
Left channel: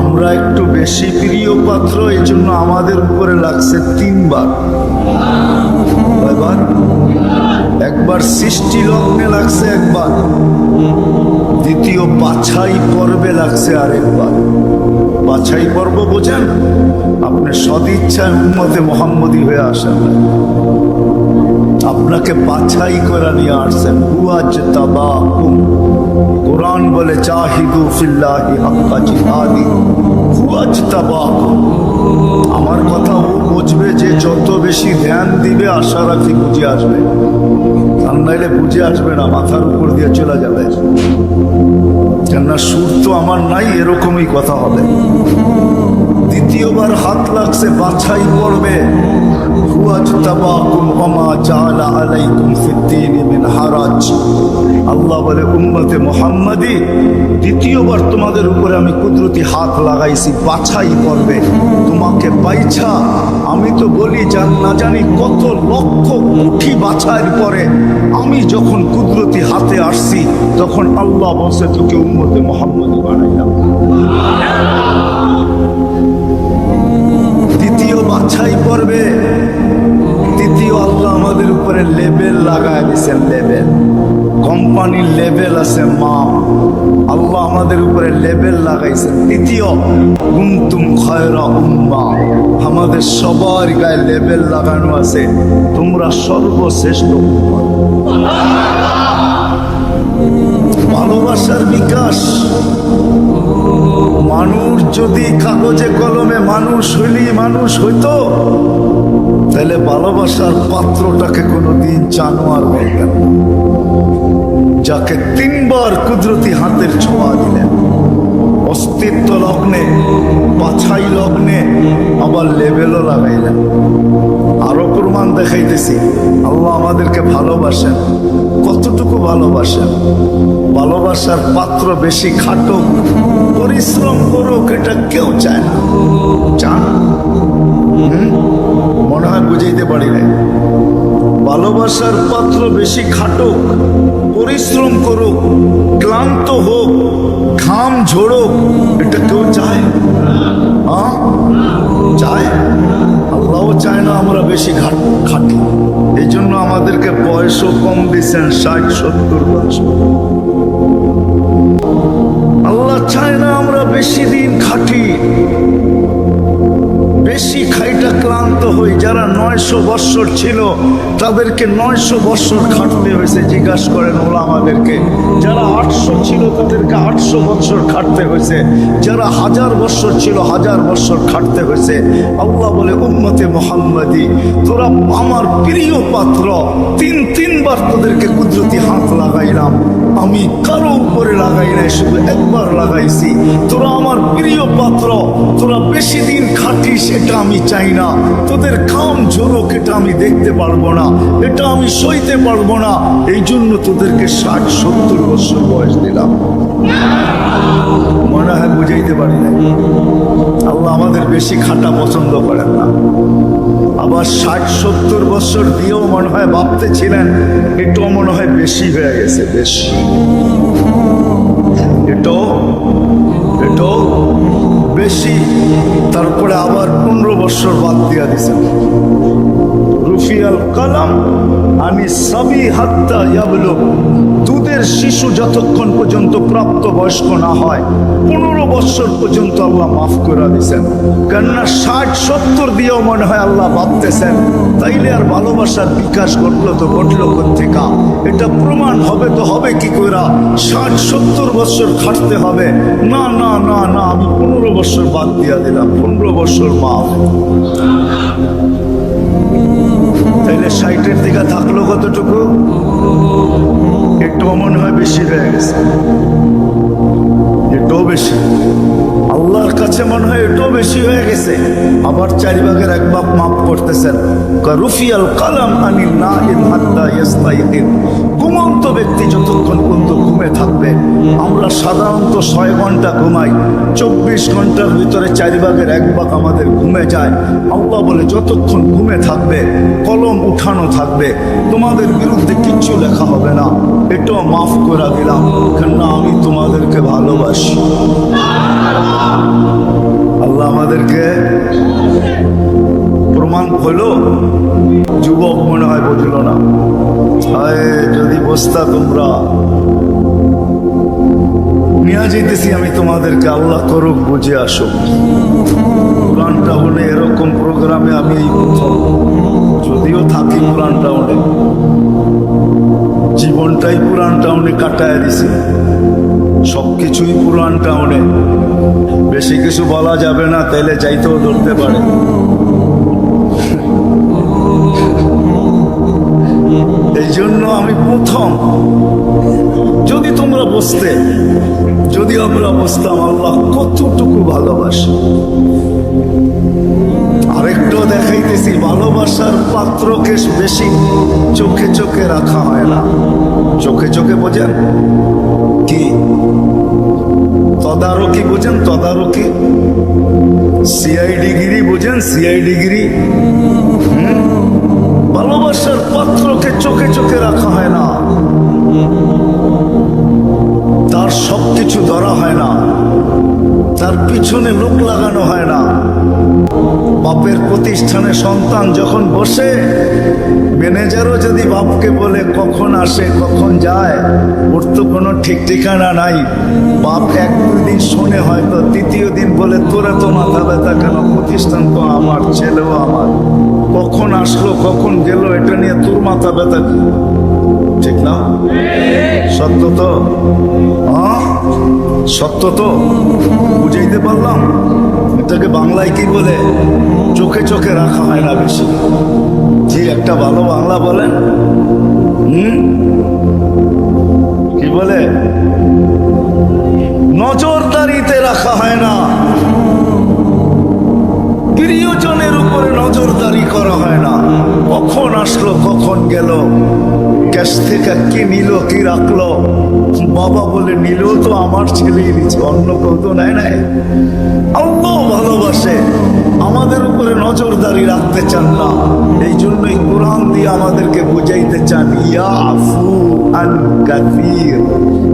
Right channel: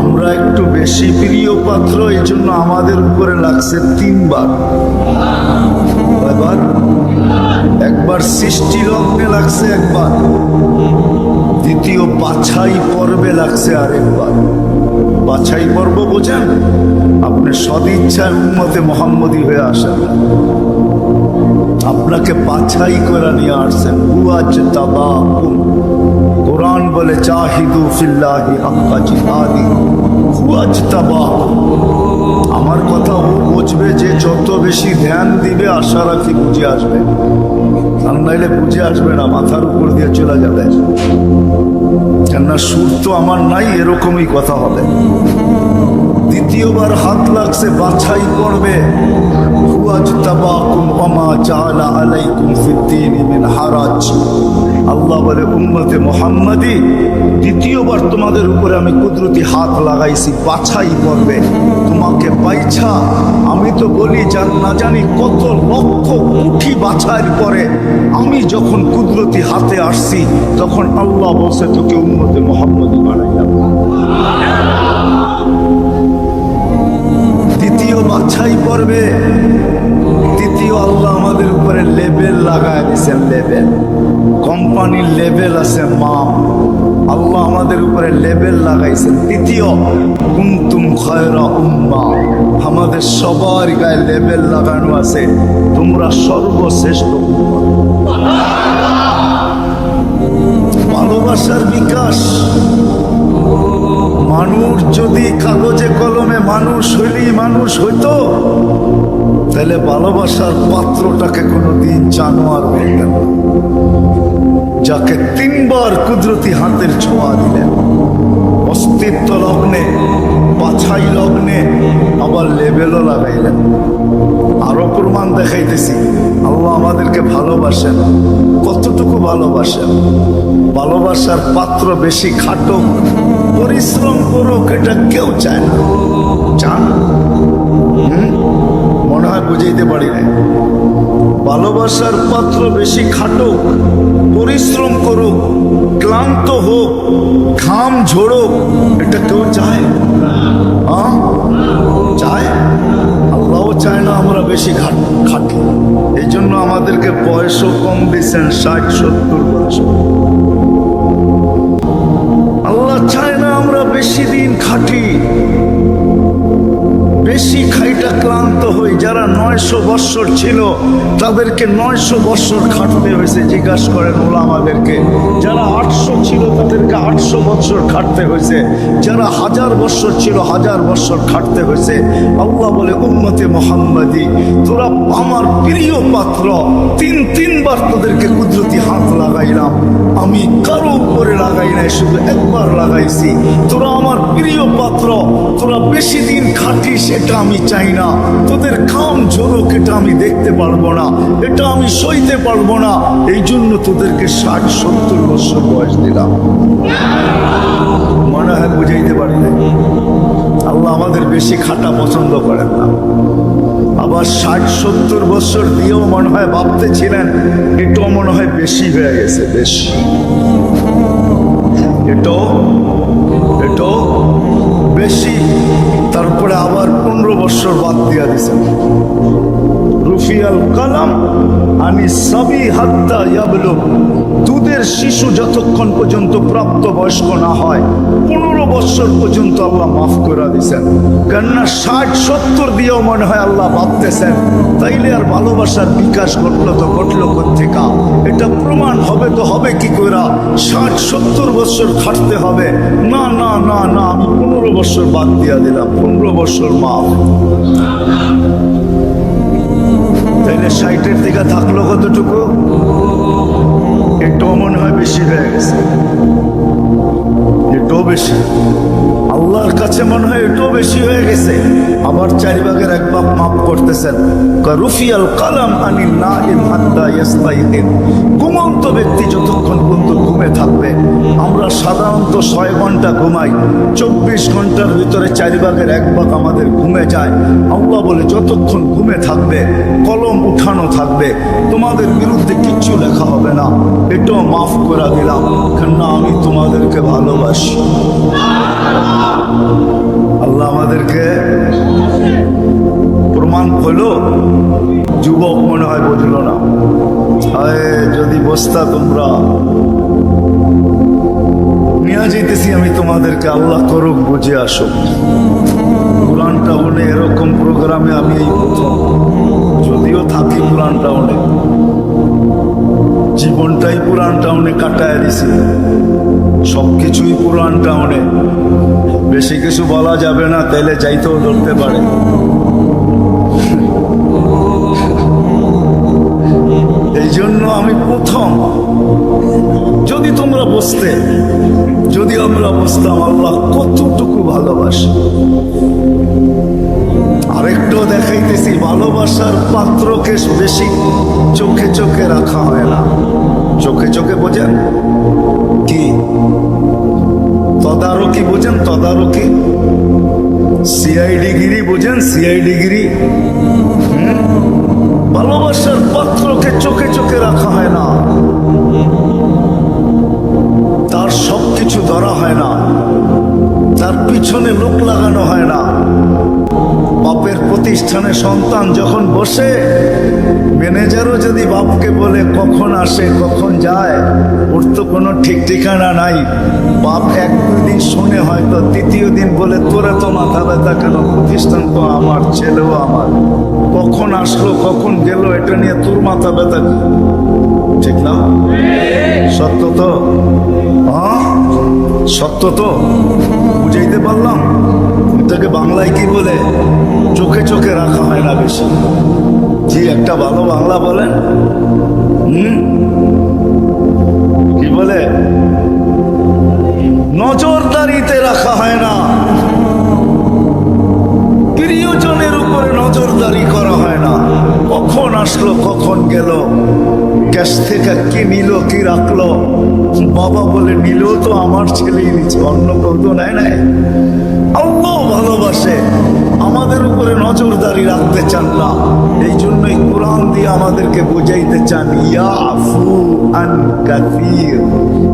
আমরা একটু বেশি প্রিয় পাত্র, এই জন্য আমাদের উপরে লাগছে 3 বার। কয়বার? একবার সৃষ্টি লগ্নে লাগছে একবার, দ্বিতীয় বাছাই পর্বে লাগছে আরেকবার। বাছাই পর্ব বোঝেন? আপনি সদিচ্ছায় উম্মতে মুহাম্মদী হয়ে আসেন না, আপনাকে বাছাই করে নিয়ে আসছেন। হুয়াজতাবাকুম, কোরআন বলে জাহিদু ফিল্লাহি হাক্কা জিহাদি। হুয়াজতাবাকুম, আমার কথা ও বুঝবে যে যত বেশি ধ্যান দিবে, আশা রাখি বুঝে আসবে। আর নাইলে বুঝে আসবে না, মাথার উপর দিয়ে চলে যাবে। কেননা সুর তো আমার নাই, এরকমই কথা হবে। দ্বিতীয়বার হাত লাগছে বাছাই পড়বে। ওয়াজতাবাকুম ওয়া মা জাআলা আলাইকুম ফিদ-দীনি মিন হারাজ। আল্লাহ বলে উম্মতে মুহাম্মাদি, দ্বিতীয়বার তোমাদের উপরে আমি কুদরতি হাত লাগাইছি, বাছাই করবে তোমাকে বাইছা। আমি তো বলি না জানি কত লক্ষ কোটি বাছাইয়ের পরে আমি যখন কুদরতি হাতে আসছি, তখন আল্লাহ বলছে তোকে উম্মতে মুহাম্মাদি বানাইলাম। দ্বিতীয় বাছাই পর্বে তৃতীয় আল্লাহ আমাদের উপরে লেবেল লাগায় দিয়েছেন। লেবেল, কোম্পানির লেবেল আছে মা, আল্লাহ আমাদের উপরে লেবেল লাগাইছেন। তৃতীয় কুনতুম খায়রা উম্মাহ, আমাদের সবার গায়ে লেবেল লাগানো আছে, তোমরা সর্বশ্রেষ্ঠ উম্মাহ। ভালোবাসার বিকাশ। মানুষ যদি কাগজে কলমে মানুষ হইলেই মানুষ হইতো, তাহলে ভালোবাসার পাত্রটাকে কোনোদিন জানোয়ার বলতেন না, যাকে তিনবার কুদরতি হাতের ছোঁয়া দিলেন, অস্তিত্ব লগ্নে, বাছাই লগ্নে, আবার লেবেলও লাগাইলেন। আরো প্রমাণ দেখাইতেছি আল্লাহ আমাদেরকে ভালোবাসেন। কতটুকু ভালোবাসেন? ভালোবাসার পাত্র বেশি খাটুক, পরিশ্রম করুক, এটা কেউ চায় না। চান? মনে হয় বুঝাইতে পারি নাই। ভালোবাসার পাত্র বেশি খাটুক, পরিশ্রম করুক, ক্লান্ত হোক, ঘাম ঝোড়ুক, এটা কেউ চায়? চায়? আল্লাহও চায় না আমরা বেশি খাটি। এই জন্য আমাদেরকে বয়সও কম দিচ্ছেন, 60-70 বছর। আল্লাহ চায় না আমরা বেশি দিন খাটি, বেশি খাইটা ক্লান্ত হই। যারা 900 বৎসর ছিল তাদেরকে 900 বৎসর খাটতে হয়েছে। জিজ্ঞাসা করেন ওলামাদেরকে। যারা 800 ছিল তাদেরকে 800 বৎসর খাটতে হয়েছে। যারা 1000 বৎসর ছিল 1000 বৎসর খাটতে হয়েছে। আল্লাহ বলে উম্মতে মুহাম্মাদি, তোরা আমার প্রিয় পাত্র, তিনবার তোদেরকে কুদরতি হাত লাগাইলাম। আমি কারো উপরে লাগাই নাই, শুধু একবার লাগাইছি। তোরা আমার প্রিয় পাত্র, তোরা বেশি দিন খাটিস এটা আমি চাই না। তোদের ঘাম ঝরুক এটা আমি দেখতে পারবো না, এটা আমি সইতে পারবো না। এই জন্য তোদেরকে 60-70 বছর বয়স দিলাম। মনে হয় বুঝাইতে পারি না। আল্লাহ আমাদের বেশি খাটা পছন্দ করেন না। আবার 60-70 বছর দিয়েও মনে হয় ভাবতেছিলেন এটাও মনে হয় বেশি হয়ে গেছে। বেশি এটাও বেশি। তারপরে আবার 15 বছর বাদ দিয়া দিছেন। রুফিয়াল কালাম আনি সাবি হাত্তা ইয়াবলুগ, দুধের শিশু যতক্ষণ পর্যন্ত প্রাপ্ত বয়স্ক না হয় 15 বছর পর্যন্ত আল্লাহ মাফ করে দিয়েছেন। কেননা 60-70 দিয়েও মনে হয় আল্লাহ ভাবতেছেন তাইলে আর ভালোবাসার বিকাশ ঘটলো তো ঘটলো কোত্থেকা? এটা প্রমাণ হবে তো হবে কি করে? 60-70 বছর খাটতে হবে না। না না না, আমি 15 বছর বাদ দিয়া দিলাম, 15 বছর মাফ। তাইলে 60-এর দিকে থাকলো কতটুকু? একটু মনে হয় বেশি হয়ে গেছে। এটাও বেশি, আল্লাহর কাছে মনে হয় এটাও বেশি হয়ে গেছে। আবার 4 ভাগের 1 ভাগ মাফ করতেছেন। রুফিয়াল কালাম আনিন নাইম হাত্তা ইয়াস্তাইকিন, ঘুমন্ত ব্যক্তি যতক্ষণ পর্যন্ত ঘুমে থাকবে। আমরা সাধারণত 6 ঘন্টা ঘুমাই, 24 ঘন্টার ভিতরে 4 ভাগের 1 ভাগ আমাদের ঘুমে যায়। আল্লাহ বলে যতক্ষণ ঘুমে থাকবে কলম উঠানো থাকবে, তোমাদের বিরুদ্ধে কিচ্ছু লেখা হবে না। এটাও মাফ করে দিলাম, কেননা আমি তোমাদেরকে ভালোবাসি। আল্লাহ আমাদেরকে প্রমাণ হলো। যুবক মনে হয় বুঝলো না। হায় যদি বসতা তোমরা। নিয়ে যেতেছি আমি তোমাদেরকে, আল্লাহ করুক বুঝে আসুক। পুরান টাউনে এরকম প্রোগ্রামে আমি এই প্রথম, যদিও থাকি পুরান টাউনে, জীবনটাই পুরান টাউনে কাটায় দিছি, সবকিছুই পুরান টাউনে। বেশি কিছু বলা যাবে না, তাইলে যাইতেও ধরতে পারে। এই জন্য আমি প্রথম, যদি তোমরা বসতে, যদি আমরা বসতাম, আল্লাহ কতটুকু ভালোবাসে। আর আরেকটু দেখাইতেছি, ভালোবাসার পাত্রকে বেশি চোখে চোখে রাখা হয় না। চোখে চোখে বোঝেন কি? তদারকি বোঝেন? তদারকি, সিআইডি গিরি বোঝেন? সিআইডি গিরি। ভালোবাসার পাত্রকে চোখে চোখে রাখা হয় না, তার সবকিছু ধরা হয় না, তার পিছনে লোক লাগানো হয় না। বাপের প্রতিষ্ঠানে সন্তান যখন বসে, ম্যানেজারও যদি বাপকে বলে কখন আসে কখন যায়, ওর তো কোনো ঠিক ঠিকানা নাই। বাপ এক দুই দিন শুনে হয়তো, তৃতীয় দিন বলে তোরা তো মাথা ব্যথা কেন, প্রতিষ্ঠান তো আমার, ছেলেও আমার, কখন আসলো কখন গেল এটা নিয়ে তোর মাথা ব্যথা কি? ঠিক না? সত্য তো? হ্যাঁ সত্য তো? বুঝাইতে পারলাম? এটাকে বাংলায় কি বলে? চোখে চোখে রাখা হয় না বেশি। জি, একটা ভালো বাংলা বলেন। কি বলে? নজরদারিতে রাখা হয় না, প্রিয়জনের উপরে নজরদারি করা হয় না। কখন আসলো কখন গেল, ক্যাশ থেকে কি নিল কি রাখলো, বাবা বলে নিল তো আমার ছেলেই নিচ্ছে, অন্য কেউ তো নেয় নাই। আল্লাহ ভালোবাসে, আমাদের উপরে নজরদারি রাখতে চান না। এই জন্যই কোরআন দিয়ে আমাদেরকে বুঝাইতে চান, ইয়াফু আন কাসীর,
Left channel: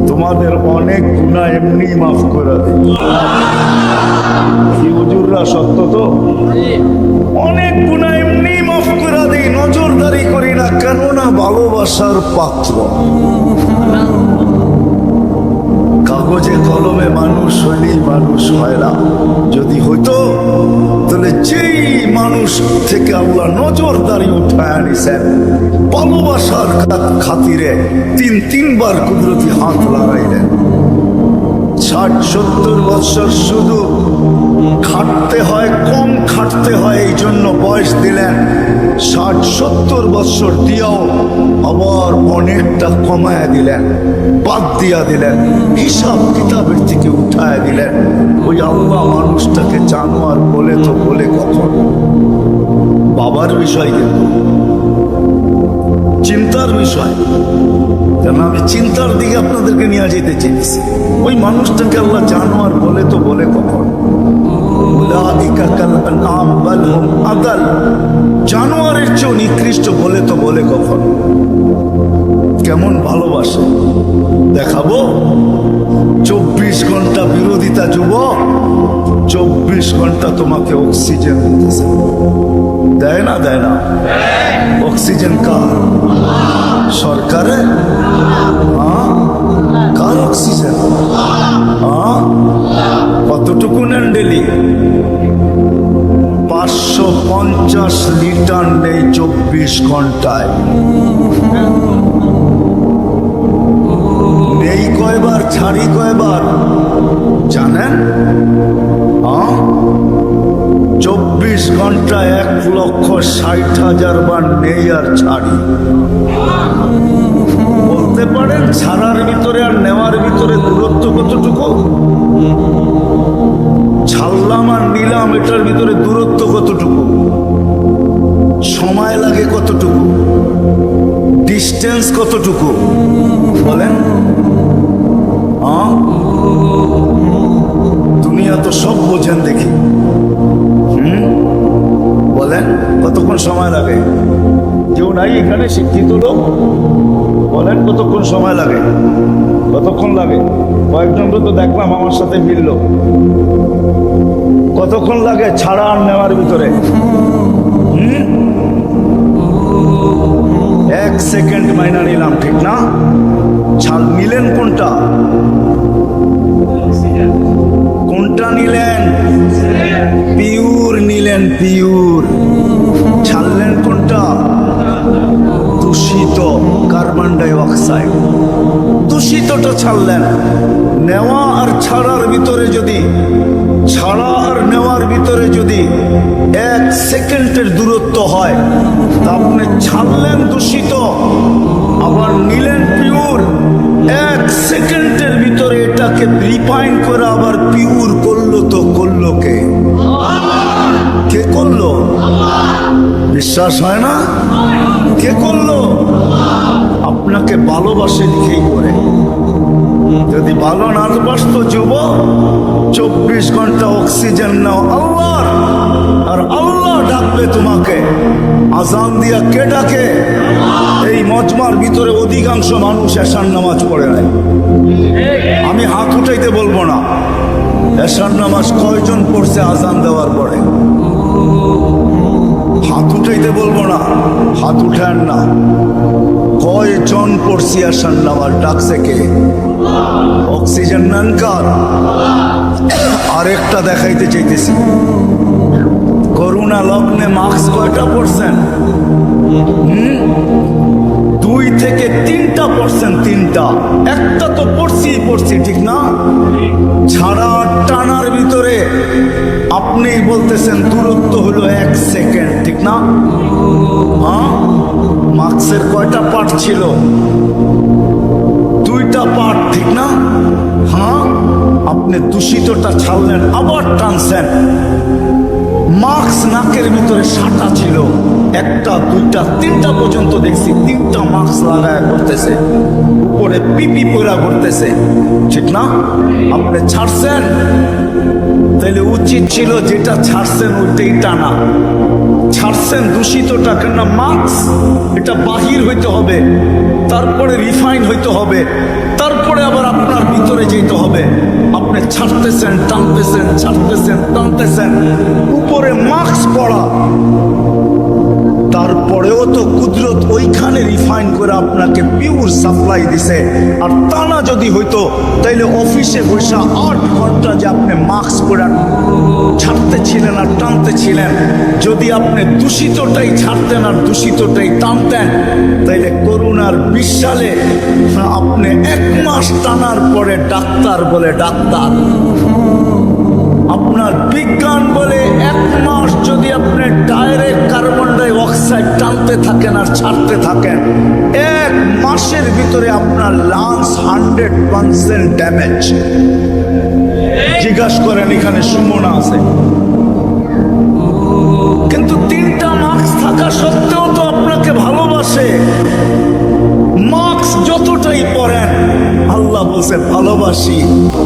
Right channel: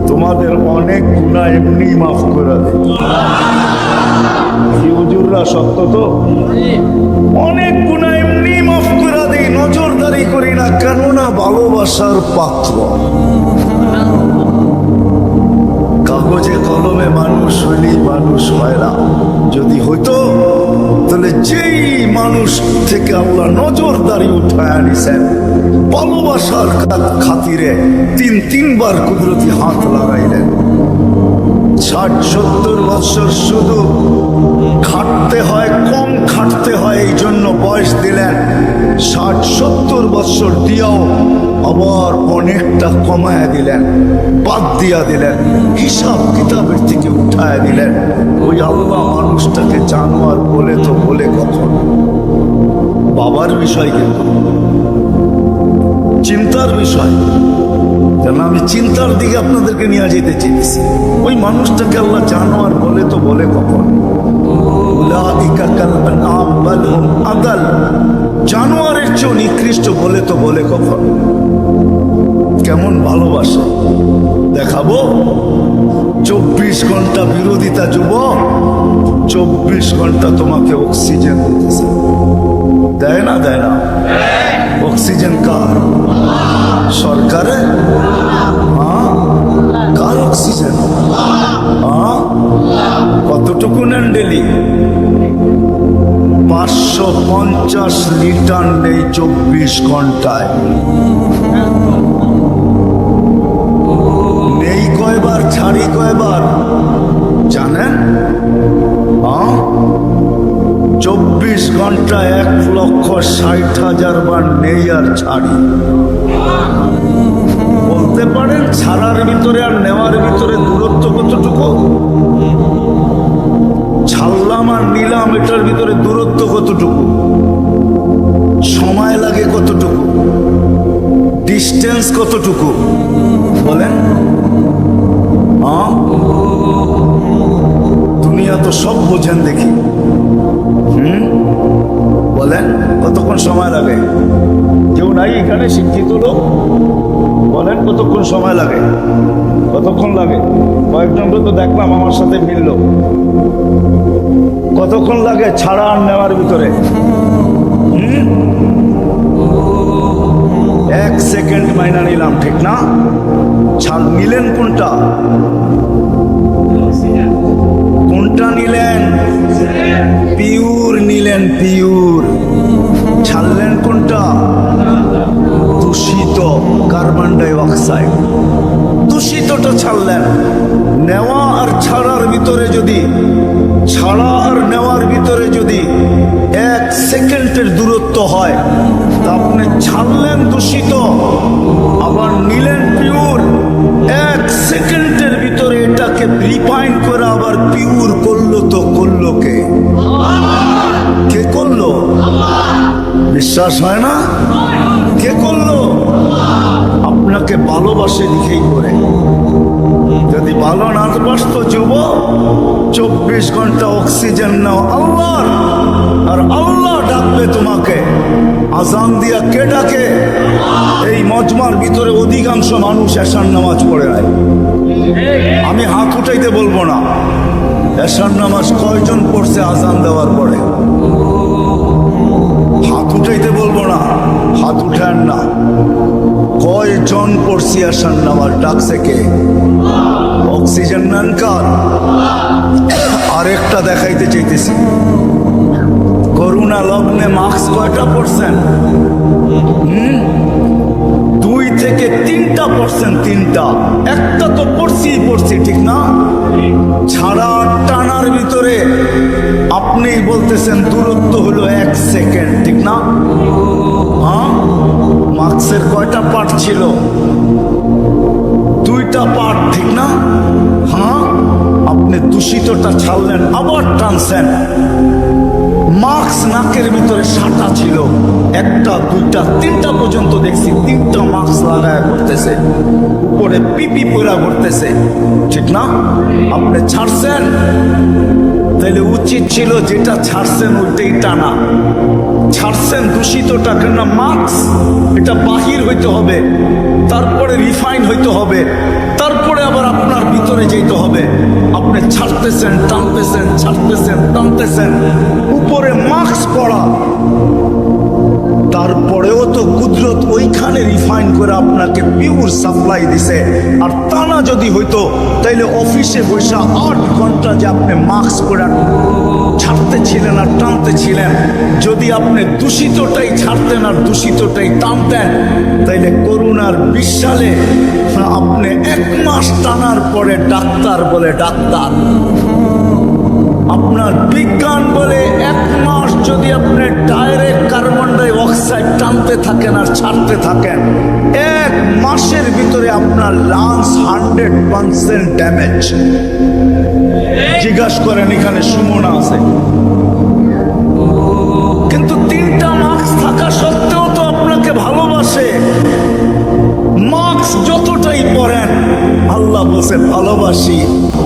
তোমাদের অনেক গুনাহ এমনি মাফ করে দেয়। কি হুজুররা, সত্য তো? অনেক গুনাহ এমনি মাফ করে দেয়, নজরদারি করি না, কেননা ভালোবাসার পাত্র। কাগজে কলমে মানুষ হইলেই মানুষ হয় না। যদি হইতো তাহলে যেই মানুষ থেকে আল্লাহ নজরদারি উঠায় আনিছেন, ভালোবাসার খাতিরে তিনবার কুদরতি হাত লাগাইলেন। 60-70 বছর শুধু খাটতে হয়, কম খাটতে হয়, এই জন্য বয়স দিলেন। 60-70 বছর দিয়াও আবার অনেকটা কমায়া দিলেন, বাদ দিয়া দিলেন, হিসাব কিতাবের থেকে উঠায়া দিলেন। ওই আল্লাহ মানুষটাকে জানোয়ার বলে তো বলে কখন? বাবার বিষয়, কিন্তু চিন্তার বিষয়। কেন আমি চিন্তার দিকে আপনাদেরকে নিয়ে যেতে চেয়েছি। ওই মানুষটাকে আল্লাহ জানোয়ার বলে তো বলে কখন? জানোয়ারের চেয়ে নিকৃষ্ট বলে তো বলে কখন? কেমন ভালোবাসে দেখাবো? 24 ঘন্টা বিরোধিতা যুবক, 24 ঘন্টা তোমাকে অক্সিজেন দিতেছে। দেয় না? দেয় না? অক্সিজেন কার? সরকারে? কার অক্সিজেন? কতটুকু নেন ডেলি? 550 লিটার নেই 24 ঘন্টায়। নেই কয়বার, ছাড়ি কয়বার জানেন? 24 ঘন্টায় 1,60,000 বার নেই আর ছাড়ি। বলতে পারেন ছাড়ার ভিতরে আর নেওয়ার ভিতরে দূরত্ব কতটুকু? ছাড়লাম আর নিলাম, এটার ভিতরে দূরত্ব কতটুকু? সময় লাগে কতটুকু? ডিস্টেন্স কতটুকু? বলেন। দুনিয়া তো সব বোঝেন দেখি। বলেন কতক্ষণ সময় লাগে? কেউ নাই এখানে শিক্ষিত লোক? বলেন কতক্ষণ সময় লাগে? কতক্ষণ লাগে? কয়েকজনকে তো দেখলাম আমার সাথে মিলল। কতক্ষণ লাগে ছাড়া আর নেওয়ার ভিতরে? 1 সেকেন্ড মাইনা নিলাম, ঠিক না? ছাড় নিলেন কোনটা? কোনটা নিলেন? পিওর নিলেন, পিওর। ছাড়লেন কোনটা? দূষিত কার্বন ডাই অক্সাইড, দূষিতটা ছাড়লেন। নেওয়া আর ছাড়ার ভিতরে যদি, ছাড়া আর নেওয়ার ভিতরে যদি 1 সেকেন্ডের দূরত্ব হয়, তা আপনি ছাড়লেন দূষিত, আবার নিলেন পিওর। 1 সেকেন্ডের ভিতরে এটাকে রিফাইন করে আবার পিওর করলো, তো করলো কে? কে করলো? বিশ্বাস হয় না? কে করলো? আপনাকে ভালোবাসে দিকেই করে। যদি ভালো না বাসত যুব, 24 ঘন্টা অক্সিজেন নাও আল্লাহর, আর আল্লাহ ডাকবে তোমাকে। আজান দিয়া কে ডাকে? এই মজমার ভিতরে অধিকাংশ মানুষ এশার নামাজ পড়ে নাই। আমি হাত উঠাইতে বলবো না, এশার নামাজ কয়জন পড়ছে আজান দেওয়ার পরে? হাত উঠাইতে বলবো না, হাত উঠান না। কয়জন পড়ছি এশার নামাজ? ডাকছে কে? অক্সিজেন নেন কার? আরেকটা দেখাইতে চাইতেছি, করোনা লগ্নে মাস্ক কয়টা পড়ছেন? 2 থেকে 3টা পড়ছেন, 3টা। একটা তো পড়ছি, ঠিক না? ছাড়া টানার ভিতরে আপনি বলতেছেন দূরত্ব হলো 1 সেকেন্ড, ঠিক না? হ্যাঁ, মাস্কের কয়টা পার্ট ছিল? 2টা পার্ট, ঠিক না? হ্যাঁ, আপনি দূষিতটা ছাড়লেন, আবার টানছেন। মাস্ক নাকের ভিতরে সাটা ছিল, 1টা 2টা 3টা পর্যন্ত দেখছি, 3টা মাস্ক লাগায় করতেছে, উপরে পিপি পরা করতেছে, ঠিক না? আপনি ছাড়ছেন, তাহলে উচিত ছিল যেটা ছাড়ছেন ওইটাই টানা। ছাড়ছেন দূষিতটা, কেন? মাস্ক এটা বাহির হইতে হবে, তারপরে রিফাইন হইতে হবে, তারপরে আবার আপনার ভিতরে যেতে হবে। আপনি ছাড়তেছেন, টানতেছেন, ছাড়তেছেন, টানতেছেন, উপরে মাস্ক পড়া, তারপরেও তো কুদরত ওইখানে রিফাইন করে আপনাকে পিওর সাপ্লাই দিছে। আর টানা যদি হইতো, তাইলে অফিসে বসে 8 ঘন্টা যে আপনি মাস্ক পরে ছাড়তে ছিলেন আর টানতে ছিলেন, যদি আপনি দূষিতটাই ছাড়তেন আর দূষিতটাই টানতেন, তাইলে করোনার 20 সালে আপনি 1 মাস টানার পরে ডাক্তার বলে ডাক্তার, আপনার বিজ্ঞান বলে 1 মাস যদি আপনি ডাইরেক্ট কার্বন ডাই অক্সাইড টানতে থাকেন আর ছাড়তে থাকেন, 1 মাসের ভিতরে আপনার লাংস 100% ড্যামেজ। জিজ্ঞাসা করেন, এখানে সুমনা আছে, কিন্তু 3টা মাস্ক থাকা সত্ত্বেও তো আপনাকে ভালোবাসে। মাস্ক যতটাই পরেন, আল্লাহ বলছে ভালোবাসি।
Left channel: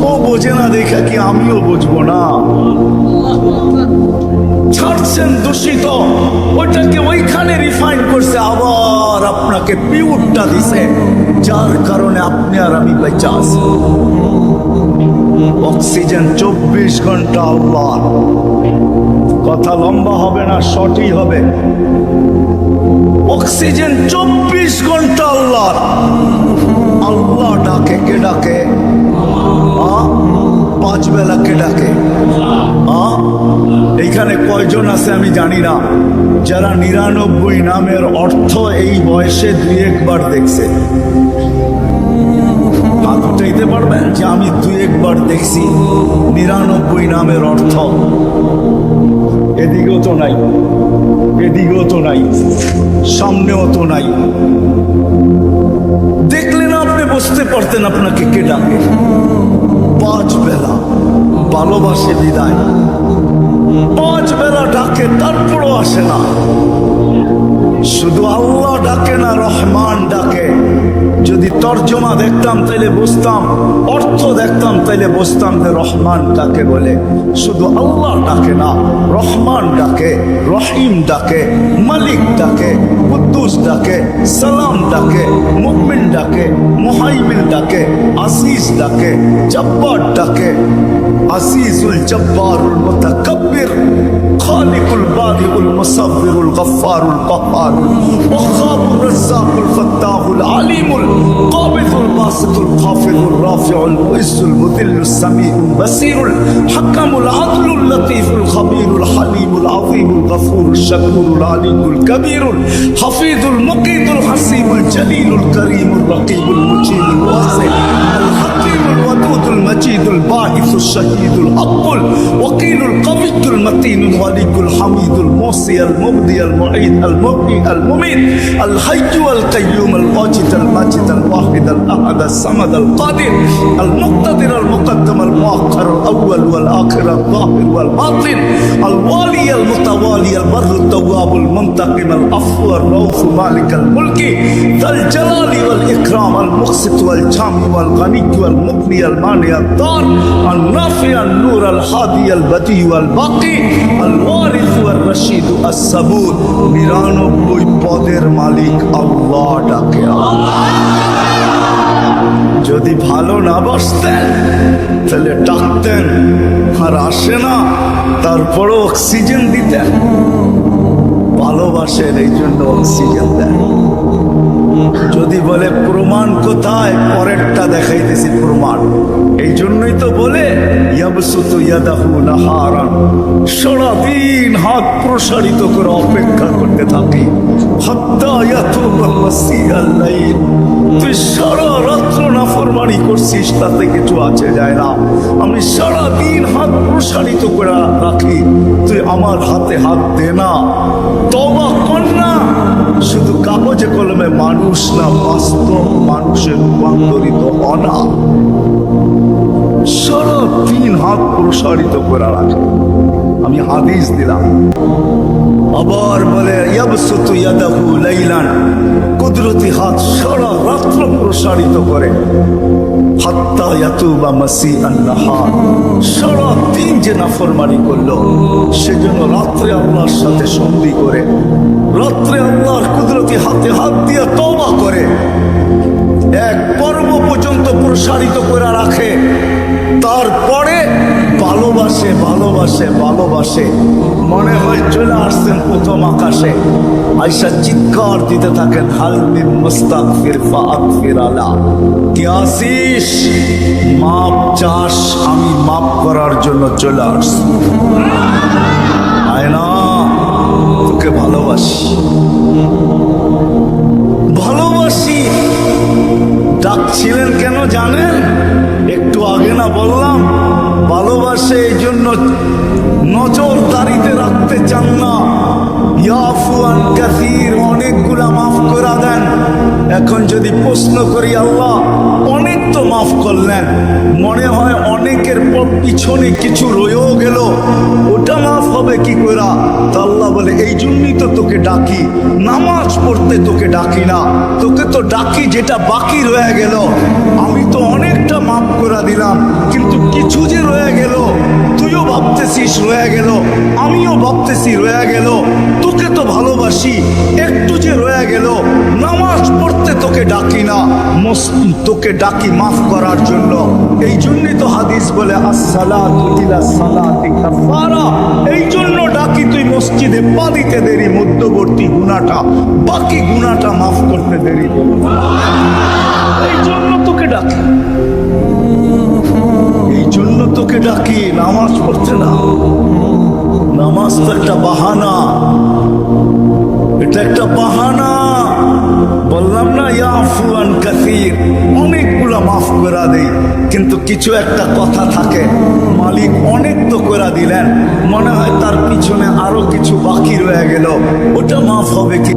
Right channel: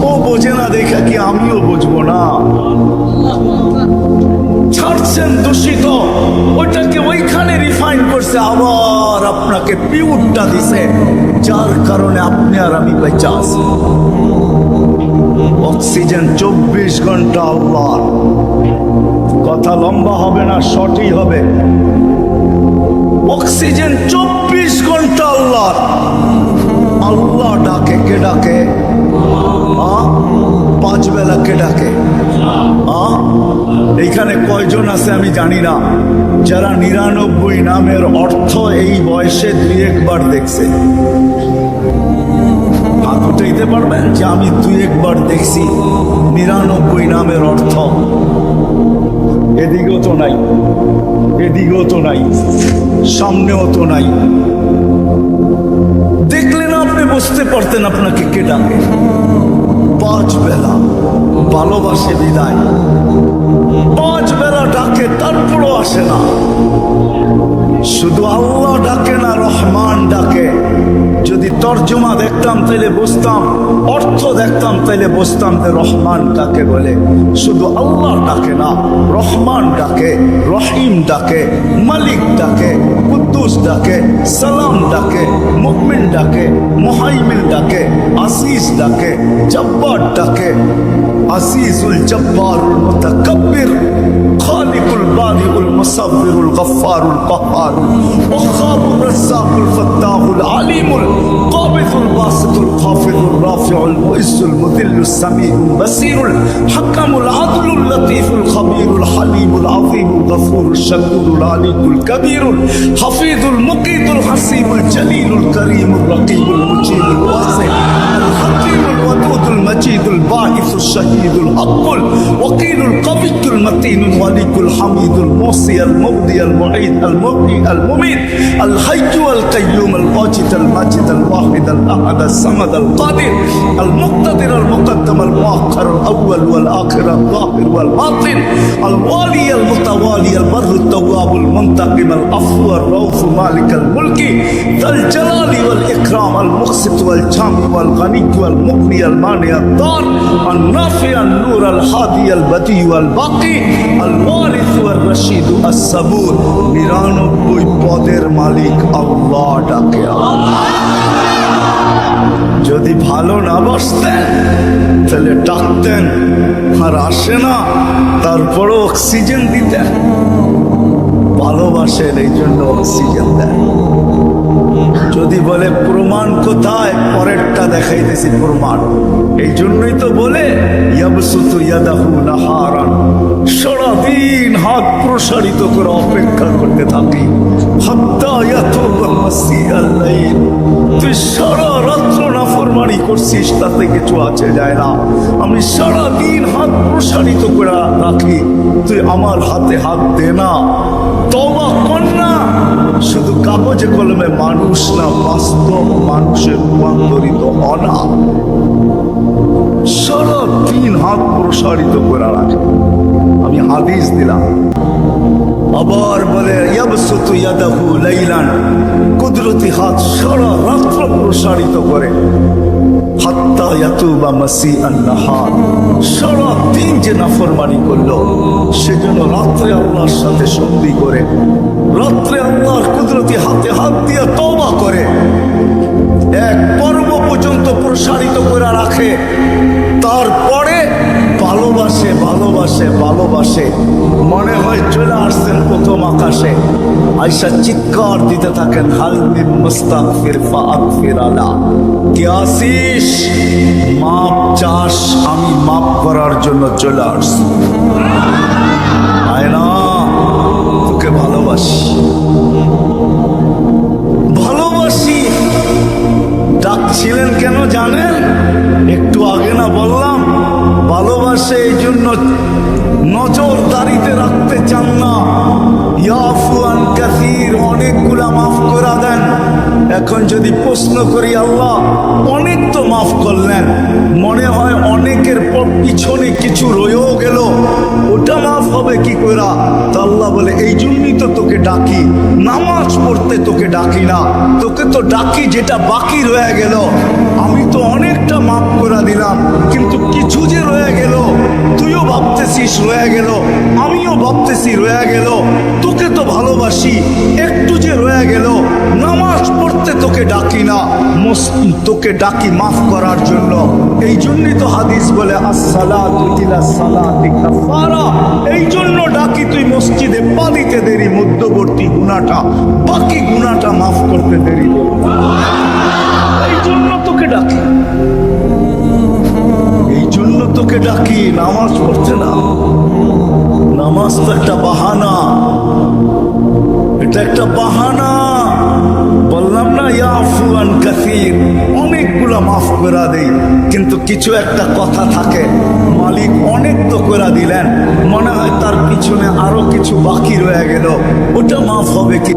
ও বোঝে না দেখা কি আমিও বুঝবো না? ছাড়ছেন দূষিত, ওইটাকে ওইখানে রিফাইন করছে, আবার আপনাকে পিওরটা দিছে, যার কারণে আপনি আর আমি বেঁচে আছি। অক্সিজেন 24 ঘন্টা আল্লাহ। কথা লম্বা হবে না, শর্টই হবে। অক্সিজেন 24 ঘন্টা আল্লাহ। আল্লাহ ডাকে, কে ডাকে? 5 বেলা কে ডাকে? এইখানে কয়জন আছে আমি জানি না, যারা 99 নামের অর্থ এই বয়সে 2-1 বার দেখছে? হাত উঠাইতে পারবেন যে আমি 2-1 বার দেখছি 99 নামের অর্থ? এদিকেও তো নাই, এদিকেও তো নাই, সামনেও তো নাই। দেখলে না আপনি বুঝতে পারতেন আপনাকে কে ডাকে। 5 বেলা ভালোবাসে বিদায়, 5 বেলা ডাকে, তারপরও আসে না। শুধু আল্লাহ ডাকে না, রহমান ডাকে। যদি তর্জমা দেখতাম তাইলে বুঝতাম, অর্থ দেখতাম তাইলে বুঝতাম যে রহমান কাকে বলে। শুধু আল্লাহ ডাকে না, রহমান ডাকে, রহিম ডাকে, মালিক ডাকে, কুদ্দুস ডাকে, সালাম ডাকে, মুমিন ডাকে, মুহাইমিন ডাকে, আজিজ ডাকে, জব্বার ডাকে। আজিজুল জব্বারুল মুতাকাব্বির, খালিকুল বারিউল মুসাব্বিরুল গফফারুল কহ্হারুল ওয়াহ্হাবুর রাজ্জাকুল ফাত্তাহুল আলিমুল কাবিদুল বাসিতুল খাফিদুর রাফিউল মুইজ্জুল মুদিল্লুস সামিউল বাসিরুল হাকামুল আদলুল লতীফুল খাবীরুল হালিমুল আযীমুল গফুরুল শাকুরুল আলিয়ুল কবীরুল হাফিজুল মুকিতুল হাসিবুল জলিলুল করিমুর রকিবুল মুজিবুল ওয়াসি আল হাকিমুল ওয়াদুদ মাহমুদুল মজিদুল বাঈসুল শাহীদুল হকুল ওয়াকিলুল কবিয়ুল মতিনুল ওয়ালিকুল হামিদুল মুহসি আল মুবদি আল মুঈদ আল মুহয়ি আল মুমীত আল হাইয়্যু আল কাইয়্যুম আল ওয়াজিদ আল মাজিদ আল ওয়াহিদ আল আহাদ আল সামাদ আল কাদির আল মুক্তাদির আল মুকদ্দম আল মুআক্খার আল আউয়াল ওয়াল আখির আল যাহির ওয়াল বাতিন আল ওয়ালি আল মুতাওয়ালি আল বাররু التواب المنتقم العفو الرؤوف مالك الملك ذا الجلال والإكرام المقسط والجامع والغني والمغني المانع الضار النافع النور الهادي البديع والباقي الوارث والرشيد الصبور 99 পদের মালিক আল্লাহ ডাকে যদি ভালো না বাসতেন তাহলে ডাকতেন আর আসে না তারপরও অক্সিজেন দিতেন ভালোবাসেন এই জন্য অক্সিজেন দেন যদি বলে প্রমাণ কোথায় পরেরটা দেখাইতেছি প্রমাণ এই জন্যই তো বলে ইয়াবসুতু ইয়াদাহু নাহারান সারাদিন হাত প্রসারিত করে অপেক্ষা করতে থাকি হাত্তা ইয়াতুবা মাসিয়াল লাইল তুই সারা রাত্র নাফরমানি করছিস তাতে কিছু আছে যায় না আমি সারাদিন হাত প্রসারিত করে রাখি তুই আমার হাতে হাত দে না তওবা কর না শুধু কাগজে কলমে মানুষ না বাস্তব মানুষের রূপান্তরিত হ না সারাদিন হাত প্রসারিত করে রাখে আমি হাদিস দিলাম আবার বলে ইয়াবসুতু ইয়াদাহু লাইলান কুদরতি হাত সারা রাত্র প্রসারিত করে হাত্তা ইয়াতুবা মাসিআন নাহার সারা দিন যে নাফরমানি করলো সেজন্য রাত্রে আল্লাহর সাথে সন্ধি করে রাত্রে আল্লাহর কুদরতি হাতে হাত দিয়ে তওবা করে এক পর্ব পর্যন্ত প্রসারিত করে রাখে তারপরে ভালোবাসে ভালোবাসে ভালোবাসে মনে হয় চলে আসছেন প্রথম আকাশে আয়সা চিৎকার দিতে থাকেন হাল মিন মুস্তাগফির ফাগফির আলা কে আসিস মাপ চাস আমি মাপ করার জন্য চলে আসছি আয় না তোকে ভালোবাসি ভালোবাসি ডাকছিলেন কেন জানেন একটু আগে না বললাম ভালোবাসে এই জন্য নজরদারিতে রাখতে চান না ইয়াফু আন কাসীর অনেকগুলা মাফ করে দেন এখন যদি প্রশ্ন করি আল্লাহ অনেক তো মাফ করলেন মনে হয় অনেকের পিছনে কিছু রয়েও গেল ওটা মাফ হবে কি করা তো আল্লাহ বলে এই জন্যই তো তোকে ডাকি নামাজ পড়তে তোকে ডাকি না তোকে তো ডাকি যেটা বাকি রয়ে গেল আমি তো অনেকটা মাফ করে দিলাম কিন্তু কিছু যে রয়ে গেল তুইও ভাবতেছিস রয়ে গেল আমিও ভাবতেছি রয়ে গেল তোকে তো ভালোবাসি একটু যে রয়ে গেল নামাজ পড়তে তোকে ডাকি না তোকে ডাকি মাফ করার জন্য এই জন্যই তো হাদিস বলে আসসালাতু ইলা সালাতি কাফারা এই জন্য ডাকি তুই মসজিদে পা দিতে দেরি মধ্যবর্তী গুনাহটা বাকি গুনাহটা মাফ করতে দেরি এই জন্য তোকে ডাকি এই জন্য তোকে ডাকি নামাজ পড়তে না নামাজ তো একটা বাহানা এটা একটা বাহানা বললাম না ইয়াফু আন কাসীর অনেকগুলা মাফ করে দেই কিন্তু কিছু একটা কথা থাকে মালিক অনেক তো করে দিলেন মনে হয় তার পিছনে আরো কিছু বাকি রয়ে গেল ওটা মাফ হবে কি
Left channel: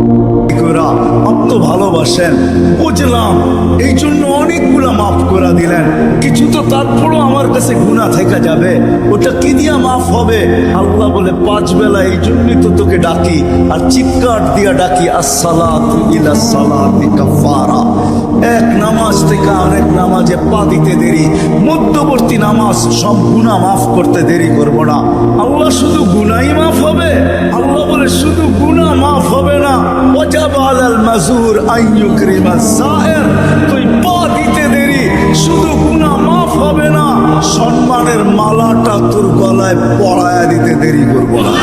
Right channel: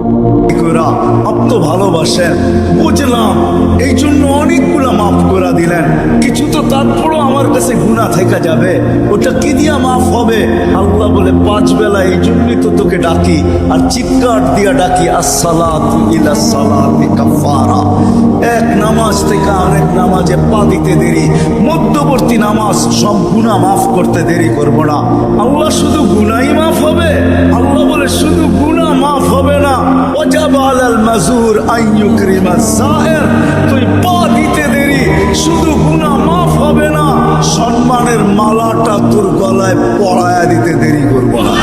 করা আপনি তো ভালোবাসেন বুঝলাম এই জন্য অনেকগুলা মাফ করে দিলেন কিছু তো তারপরও আমার কাছে গুনাহ থেকে যাবে ওটা কি দিয়া মাফ হবে আল্লাহ বলে 5 বেলা এই জন্যই তো তোকে ডাকি আর চিৎকার দিয়া ডাকি আসসালাতু ইলা সালাতি কাফারা এক নামাজ থেকে আরেক নামাজে পা দিতে দেরি মধ্যবর্তী নামাজ সব গুনাহ মাফ করতে দেরি করব না আল্লাহ শুধু গুনাহই মাফ হবে আল্লাহ বলে শুধু গুনাহ মাফ হবে না ওয়াজাবা আলাল মাজুর আন ইউকরিমাস সায়ের তুই পা দিতে দেরি শুধু গুনাহ মাফ হবে না সম্মানের মালাটা তোর গলায় পরায়া দিতে দেরি করব না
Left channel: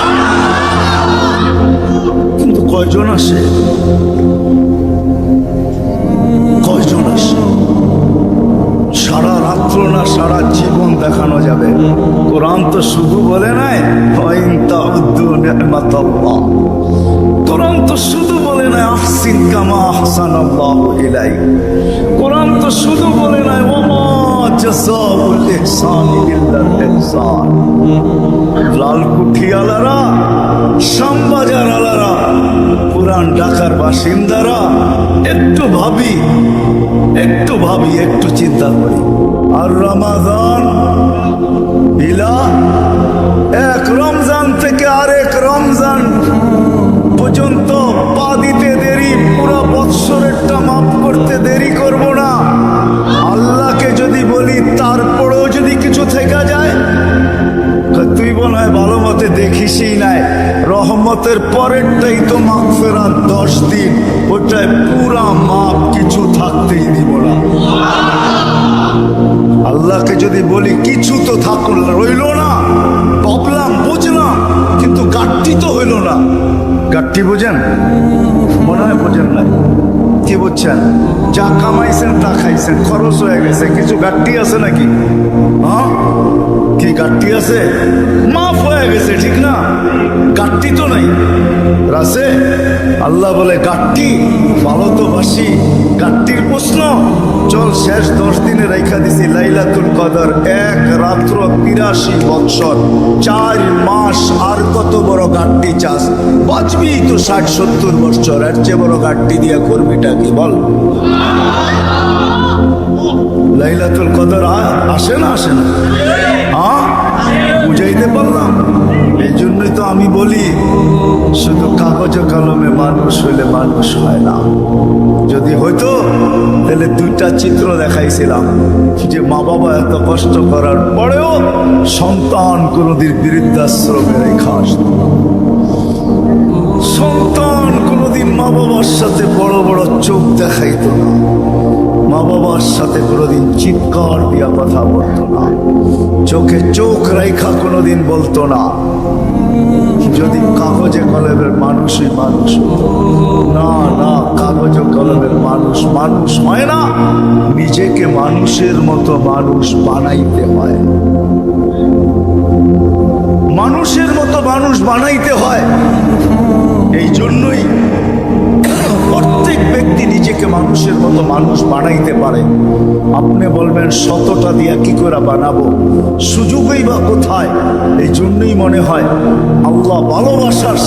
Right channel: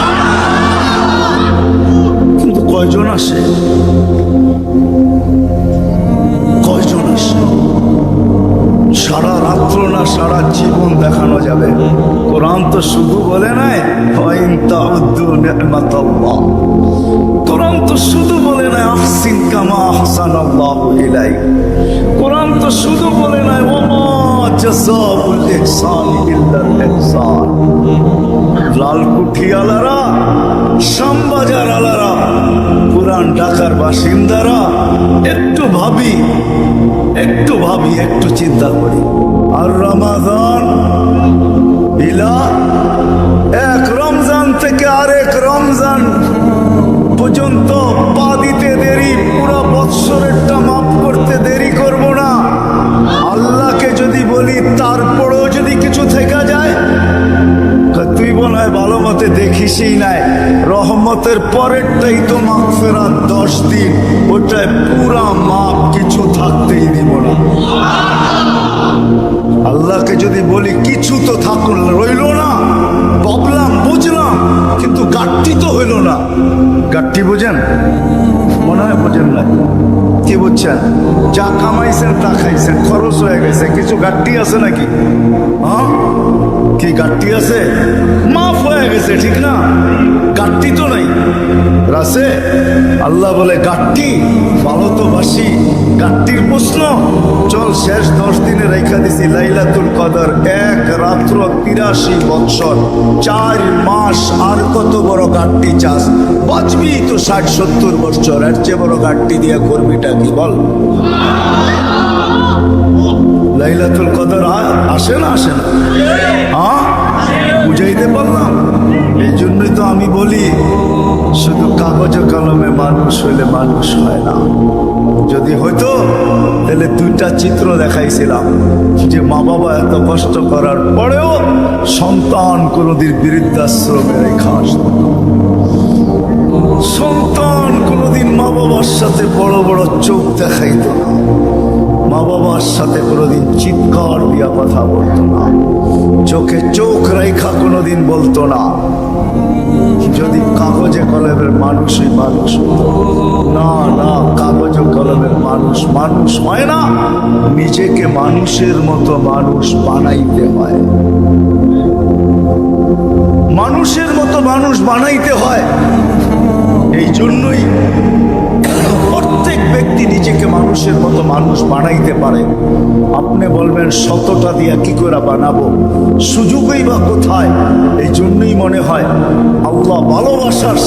কিন্তু কয়জন আসে কয়জন আসে সারা রাত্র না সারা জীবন দেখানো যাবে কোরআন তো শুধু বলে নাই ওয়াইন তাউদ্দু নি'মাতাল্লাহ কোরআন তো শুধু বলে নাই আহসিন কামা আহসানাল্লাহু ইলাইক কোরআন তো শুধু বলে নাই ওমা জাযাউল ইহসানি ইল্লাল ইহসান। লালকুঠি আলারা, শ্যামবাজার আলারা, পুরান ঢাকার বাসিন্দারা, একটু ভাবি, একটু চিন্তা করি। আর রমাদান ইলা, এক রমজান থেকে আরেক রমজান পর্যন্ত পা দিতে দেরি, পুরো বৎসরেরটা মাফ করতে দেরি করব না। আল্লাহকে যদি বলি তারপরেও যদি কিছু থেকে যায়, তুই মনে হয় ভালো মতে দেখিসই নাই, রহমতের পরেরটাই তো মাগফিরাত 10 দিন, ওটায় পুরা মাপ, কিছু থাকতেই দিব না। আল্লাহকে যদি বলি কিছু তো থাকুন রইল না, ভাবলাম বুঝলাম, কিন্তু গাঠটি তো হইল না। গাঠটি বোঝেন? মনে হয় বোঝেন না। কি বুঝছেন? যা কামাইছেন তা খাইছেন, খরচ হয়ে গেছে, কিছু গাঠটি আছে নাকি? হ্যাঁ, কি গাঠটি আছে? মাফ হয়ে গেছে, ঠিক না? গাঠটি তো নাই রাসে। আল্লাহ বলে গাঠটি ভালো তো বাসি, গাঠটির প্রশ্ন চল শেষ 10 দিনে রেখা দিছি লাইলাতুল কদর, এক রাত্র 83 বৎসর, 4 মাস, আর কত বড় গাঠটি চাস? বাঁচবি তো 60-70 বৎসর, এর চেয়ে বড় গাঠটি দিয়া করবিটা কি বল? লাইলাতুল কদর আসে না? আসে না? হ্যাঁ, বুঝাইতে পারলাম? এই জন্যই তো আমি বলি শুধু কাগজে কলমে মানুষ হইলে মানুষ হয় না। যদি হইতো তাহলে 2টা চিত্র দেখাইছিলাম, যে মা বাবা এত কষ্ট করার পরেও সন্তান কোনদিন বৃদ্ধাশ্রমে রেখা আসতো না। সন্তান কোনদিন মা বাবার সাথে বড় বড় চোখ দেখাইতো না, মা বাবার সাথে কোনোদিন চিৎকার দিয়া কথা বলতো না, চোখে চোখ রেখা কোনোদিন বলতো না। যদি কাগজে কলমের মানুষই মানুষ হতো। না না, কাগজে কলমের মানুষ মানুষ হয় না, নিজেকে মানুষের মতো মানুষ বানাইতে হয়। মানুষের মতো মানুষ বানাইতে হয়। এই জন্যই প্রত্যেক ব্যক্তি নিজেকে মানুষের মতো মানুষ বানাইতে পারে। আপনি বলবেন 100টা দিয়া কি করে বানাবো, সুযোগই বা কোথায়? এই জন্যই মনে হয় আল্লাহ ভালোবাসার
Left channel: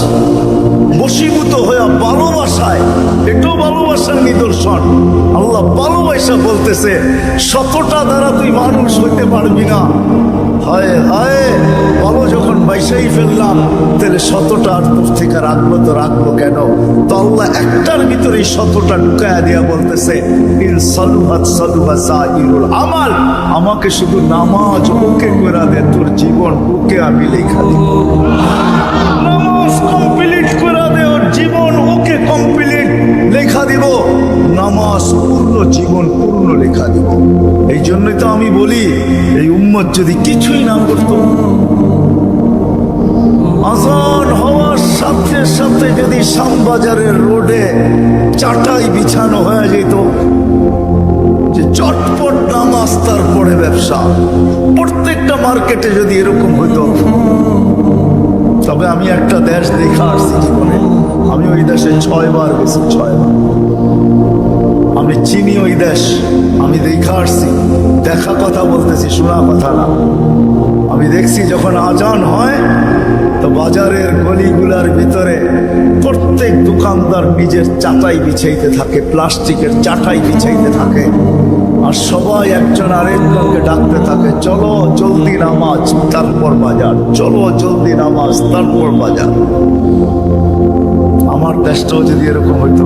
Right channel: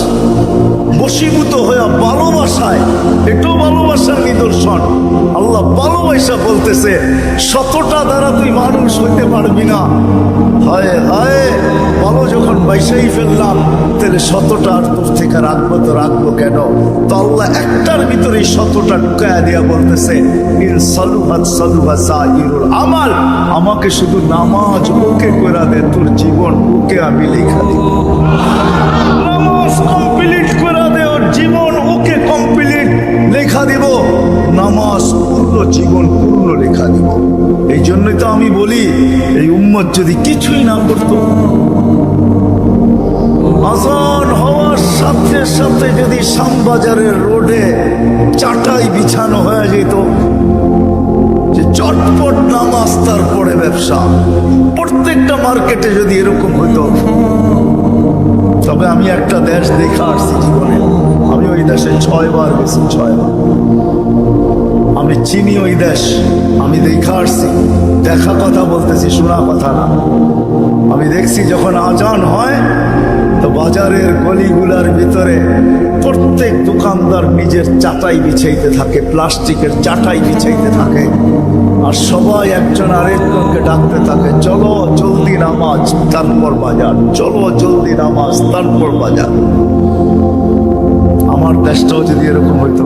বশীভূত হয়ে ভালোবাসায়, এটাও ভালোবাসার নিদর্শন। আল্লাহ ভালোবাসা বলতেছে 100টা দ্বারা তুই মানুষ হইতে পারবি না। হায় হায়, ভালো যখন বাইসাই ফেললাম, তাহলে 100টা আর তোর থেকে রাখবো তো রাখবো কেন? তো আল্লাহ একটার ভিতরে 100টা ঢুকায়া দিয়া বলতেছে ইন সালুহাত সালুহা সাইরুল আমাল, আমাকে শুধু নামাজ ওকে করে দে, তোর জীবন ওকে আমি লেখা দিব। নামাজ কমপ্লিট করে দে, ওর জীবন ওকে কমপ্লিট লেখা দিব। নামাজ পূর্ণ, জীবন পূর্ণ লেখা দিব। এই জন্যই তো আমি বলি এই উম্মত যদি কিছুই না করত, আজান হওয়ার সাথে সাথে যদি শ্যামবাজারের রোডে চাটাই বিছানো হয়ে যেত, যে চটপট নামাজ তারপরে ব্যবসা, প্রত্যেকটা মার্কেটে যদি এরকম হইতো। তবে আমি একটা দেশ দেখা আসছি জীবনে, আমি ওই দেশে 6 বার গেছি, 6 বার। আমি চিনি ওই দেশ, আমি দেখা আসছি, দেখা কথা বলতেছি, শোনা কথা না। আমি দেখছি যখন আজান হয় তো বাজারের গলিগুলার ভিতরে প্রত্যেক দোকানদার নিজের চাটাই বিছাইতে থাকে, প্লাস্টিকের চাটাই বিছাইতে থাকে, আর সবাই একজন আরেকজনকে ডাকতে থাকে, চলো জলদি নামাজ তারপর বাজার, চলো জলদি নামাজ তারপর বাজার। আমার দেশটাও যদি এরকম হইতো,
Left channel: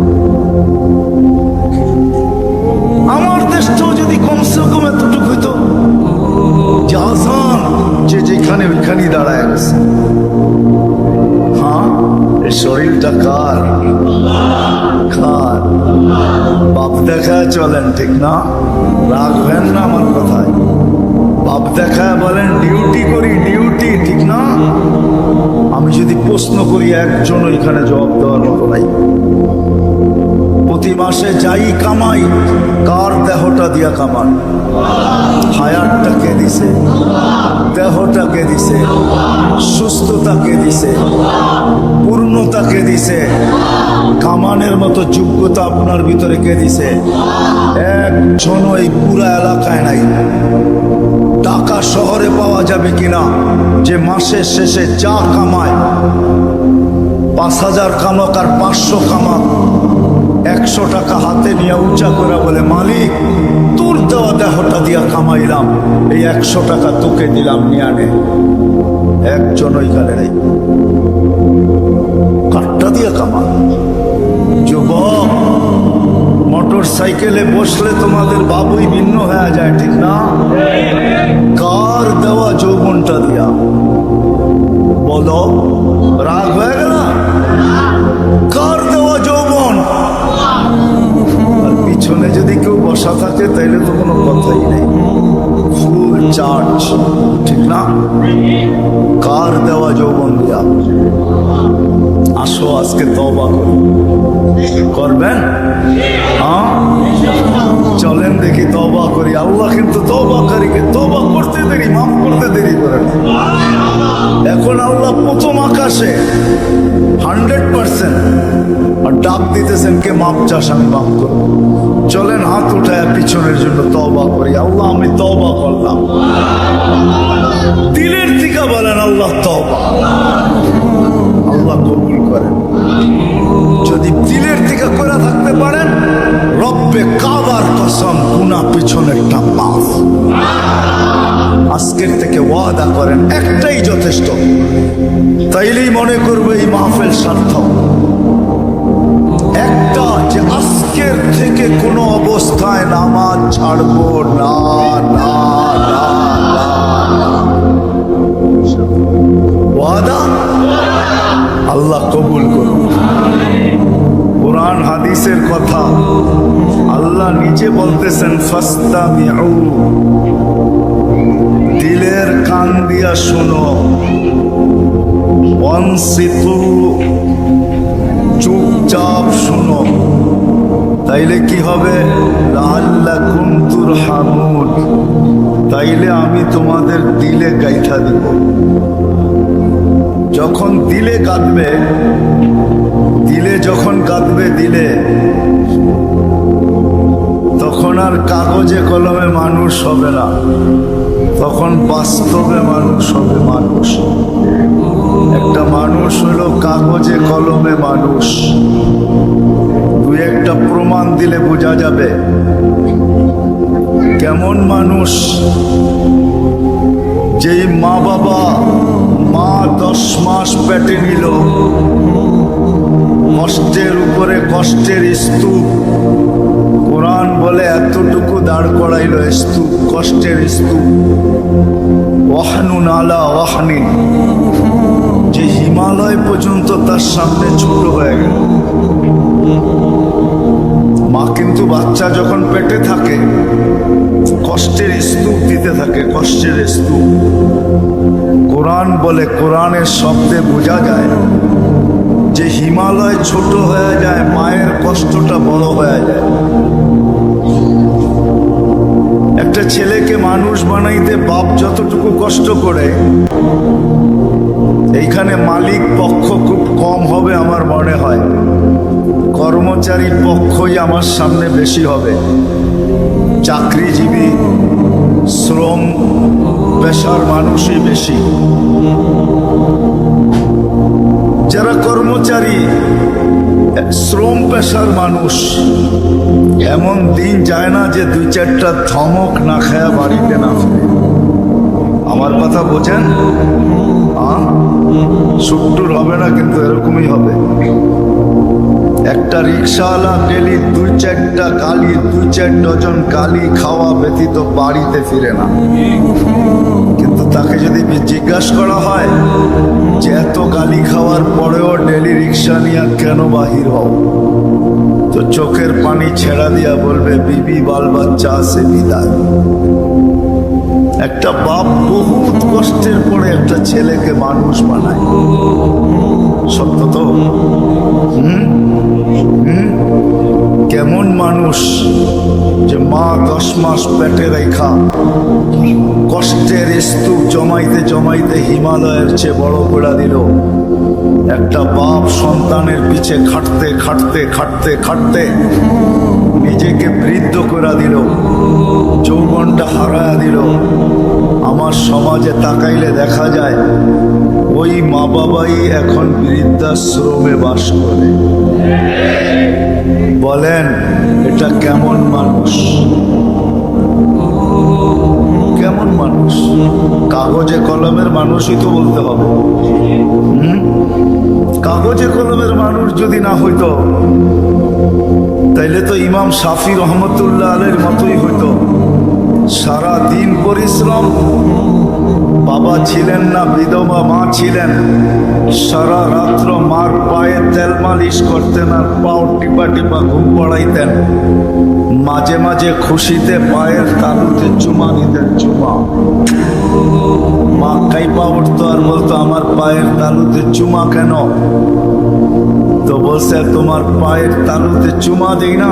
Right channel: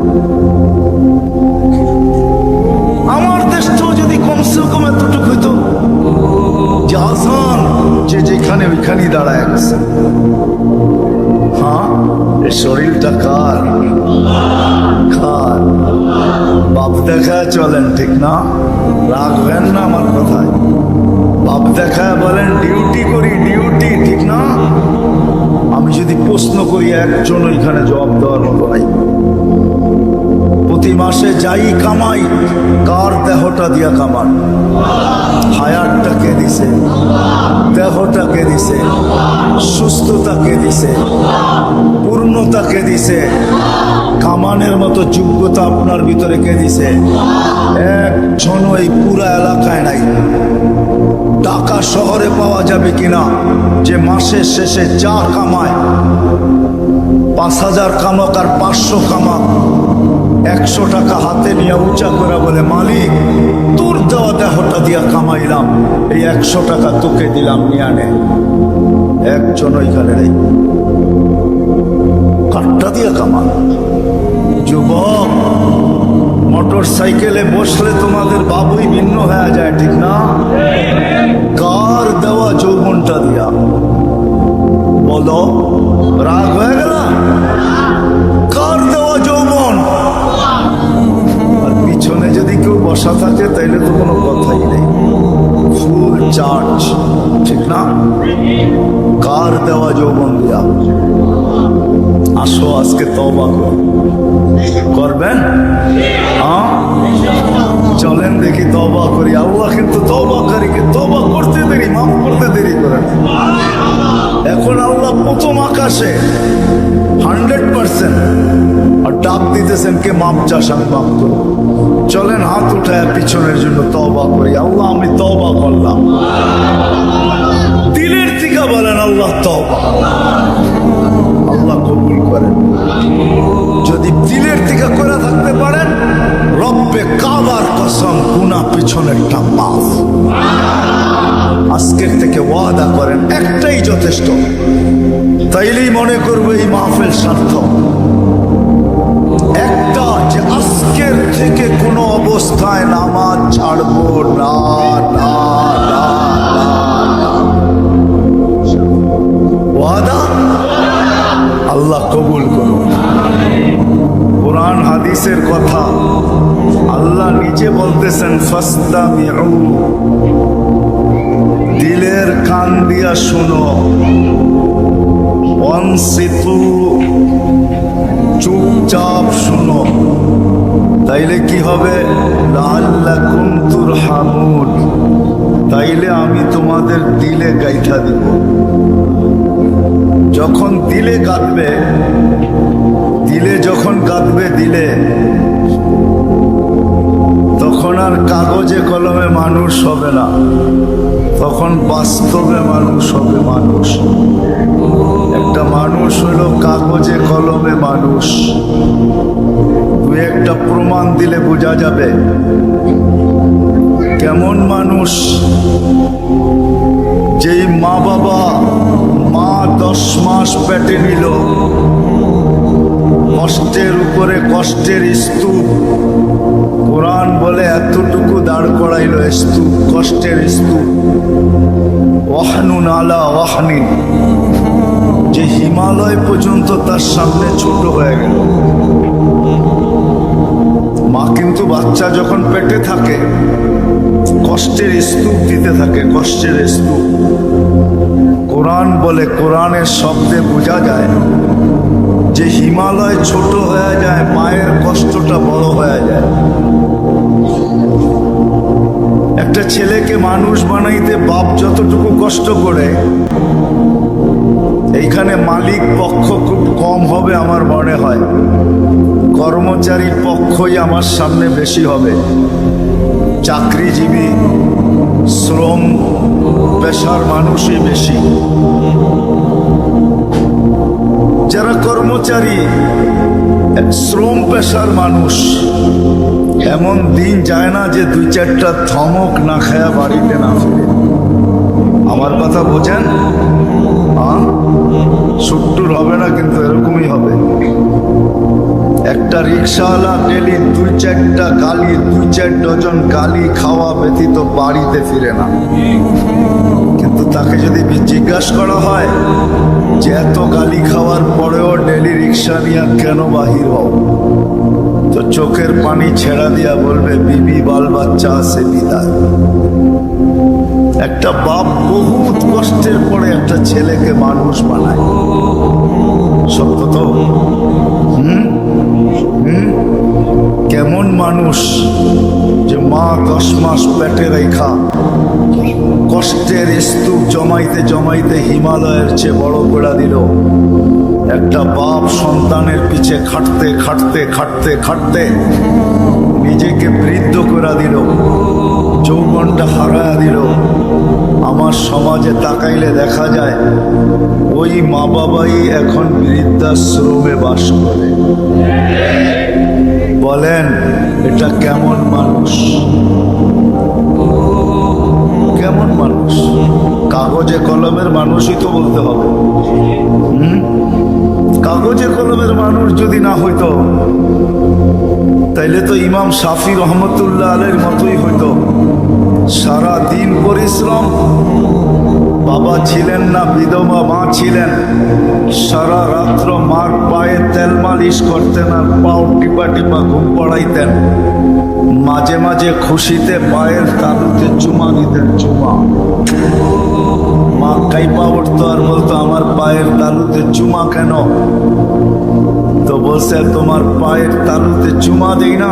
আমার দেশটাও যদি কমসে কম এতটুকু হইতো যে আজান যে যেখানে ওইখানেই দাঁড়ায় গেছে। হ্যাঁ, এই শরীরটা কার? কার? বাপ দেখায় চলেন, ঠিক না? রাখবেন না আমার কথায়। বাপ দেখায় বলেন ডিউটি করি, ডিউটি, ঠিক না? আমি যদি প্রশ্ন করি একজন ওইখানে জবাব দেওয়ার মতো নাই। প্রতি মাসে যাই কামাই, কার দেহটা দিয়া কামান? হায়াতটা কে দিছে? দেহটা কে দিছে? সুস্থতা কে দিছে? পূর্ণতা কে দিছে? কামানের মতো যোগ্যতা আপনার ভিতরে কে দিছে? একজন এই পুরা এলাকায় নাই। টাকা শহরে পাওয়া যাবে কিনা, যে মাসের শেষে যা কামায় 5,000 কামাক আর 500 কামাক, 100 টাকা হাতে নিয়ে উঁচা করে বলে, মালিক তোর দেওয়া দেহটা দিয়া কামাইলাম, এই 100 টাকা তোকে দিলাম, নিয়ে আনে। একজন ওইখানে নেই, কাঠটা দিয়ে কামা। যুবক, মোটর সাইকেলে বসলে তোমাদের বাবুই ভিন্ন হয়ে যায়, ঠিক না? কার দেওয়া যৌবনটা দিয়া? বলো, রাগ হয়ে গেল? কার দেওয়া যৌবন? আর পিছনে যদি কেউ বসা থাকে তাইলে তো কোনো কথাই নেই, ফুল চার্জ, ঠিক না? কার দেওয়া যৌবন দিয়া? আসো আজকে তওবা করি, করবেন? হ্যাঁ, চলেন দেখি তওবা করি। আল্লাহ কিন্তু তওবাকারীকে তওবা করতে দেরি, মাফ করতে দেরি করে না। এখন আল্লাহ প্রথম আকাশে 100% আর ডাক দিতেছেন, কে মাপ চাস, আমি মাফ করবো। চলেন হাত উঠায় পিছনের জন্য তওবা করি। আল্লাহ আমি তওবা করলাম, দিলের থেকে বলেন আল্লাহ তওবা। আল্লাহ কবুল করেন। যদি দিলের থেকে করে থাকতে পারেন, রব্বে কাবার কসম, গুনাহ পিছনেরটা মাফ। আজকের থেকে ওয়াদা করেন, একটাই যথেষ্ট, তাইলেই মনে করবে এই মাহফিল সার্থক। একটা, যে আজকের থেকে কোনো অবস্থায় নামাজ ছাড়বো না, না, না, না, না। ওয়াদা? আল্লাহ কবুল করুন। কোরআন হাদিসের কথা আল্লাহ নিজে বলতেছেন, ফাস্তামিউ, দিলের কান দিয়া শুনো, অনসিতু, চুপচাপ শুনো, তাইলে কি হবে? লাআল্লাকুম তুরহামুন, তাইলে আমি তোমাদের দিলে গাইথা দিব। যখন দিলে কাঁদবে, দিলে যখন কাঁদবে দিলে, তখন আর কাগজে কলমে মানুষ হবে না, তখন বাস্তবে মানুষ হবে। মানুষ একটা মানুষ হলো কাগজে কলমে মানুষ। দুই একটা প্রমাণ দিলে বোঝা যাবে কেমন মানুষ। যেই মা বাবা, মা 10 মাস পেটে নিল, কষ্টের উপরে কষ্টের স্তূপ, কোরআন বলে এতটুকু দাঁড় করাইল স্তূপ, কষ্টের স্তূপ। ওয়াহনুন আলা ওয়াহনিন, যে হিমালয় পর্যন্ত তার সামনে ছোট হয়ে গেল। মা কিন্তু বাচ্চা যখন পেটে থাকে কষ্টের স্তূপ দিতে থাকে, কষ্টের স্তূপ। কোরআন বলে, কোরআনের শব্দে বোঝা যায় যে হিমালয় ছোট হয়ে যায়, মায়ের কষ্টটা বড় হয়ে যায়। একটা ছেলেকে মানুষ বানাইতে বাপ যতটুকু কষ্ট করে, এইখানে মালিক পক্ষ খুব কম হবে আমার মনে হয়, কর্মচারী পক্ষই আমার সামনে বেশি হবে। চাকরিজীবী, শ্রম পেশার মানুষই বেশি। যারা কর্মচারী, শ্রম পেশার মানুষ, এমন দিন যায় না যে 2-4টা ধমক না খায়া বাড়িতে না ফিরে। আমার কথা বোঝেন? সুট্টুর হবে না, কিন্তু এরকমই হবে। একটা রিক্সাওয়ালা ডেলি 2-4টা গালি, 2-4 ডজন গালি খাওয়া ব্যতীত বাড়িতে ফিরে না। কিন্তু তাকে যদি জিজ্ঞাসা করা হয় যে এত গালি খাওয়ার পরেও ডেলি রিক্সা নিয়ে কেন বাহির হও, তো চোখের পানি ছেড়া দিয়া বলবে, বিবি বাল বাচ্চা আছে বিদায়। একটা বাপ বহুত কষ্টের পরে একটা ছেলেকে মানুষ বানায়, সত্য তো? কেমন মানুষ যে মা 10 মাস পেটে রেখা কষ্টের স্তূপ জমাইতে জমাইতে হিমালয়ের চেয়ে বড় করে দিল। একটা বাপ সন্তানের পিছে খাটতে খাটতে খাটতে খাটতে নিজেকে বৃদ্ধ করে দিল, যৌবনটা হারায়া দিল। আমার সমাজে তাকাইলে দেখা যায় ওই মা বাবাই এখন বৃদ্ধাশ্রমে বাস করে। বলেন এটা কেমন মানুষ? কেমন মানুষ? কাগজে কলমের মানুষই তো বলতে হবে। কাগজে কলমের মানুষ যদি না হইতো তাইলে তো ইমাম শাফি রহমতুল্লাহ আলাইহির মতোই হইতো। সারা দিন পরিশ্রম, বাবা ছিলেন না, বিধবা মা ছিলেন, সারা রাত্র মার পায়ে তেল মালিশ করতেন আর পাও টিপা টিপা ঘুম পড়াইতেন। মাঝে মাঝে খুশিতে পায়ের তালুতে চুমা দিতেন, চুমা। মা কাইপা উঠতো আর বলতো আমার পায়ের তালুতে চুমা কেন? তো বলছে তোমার পায়ের তালুতে চুমা দেই না।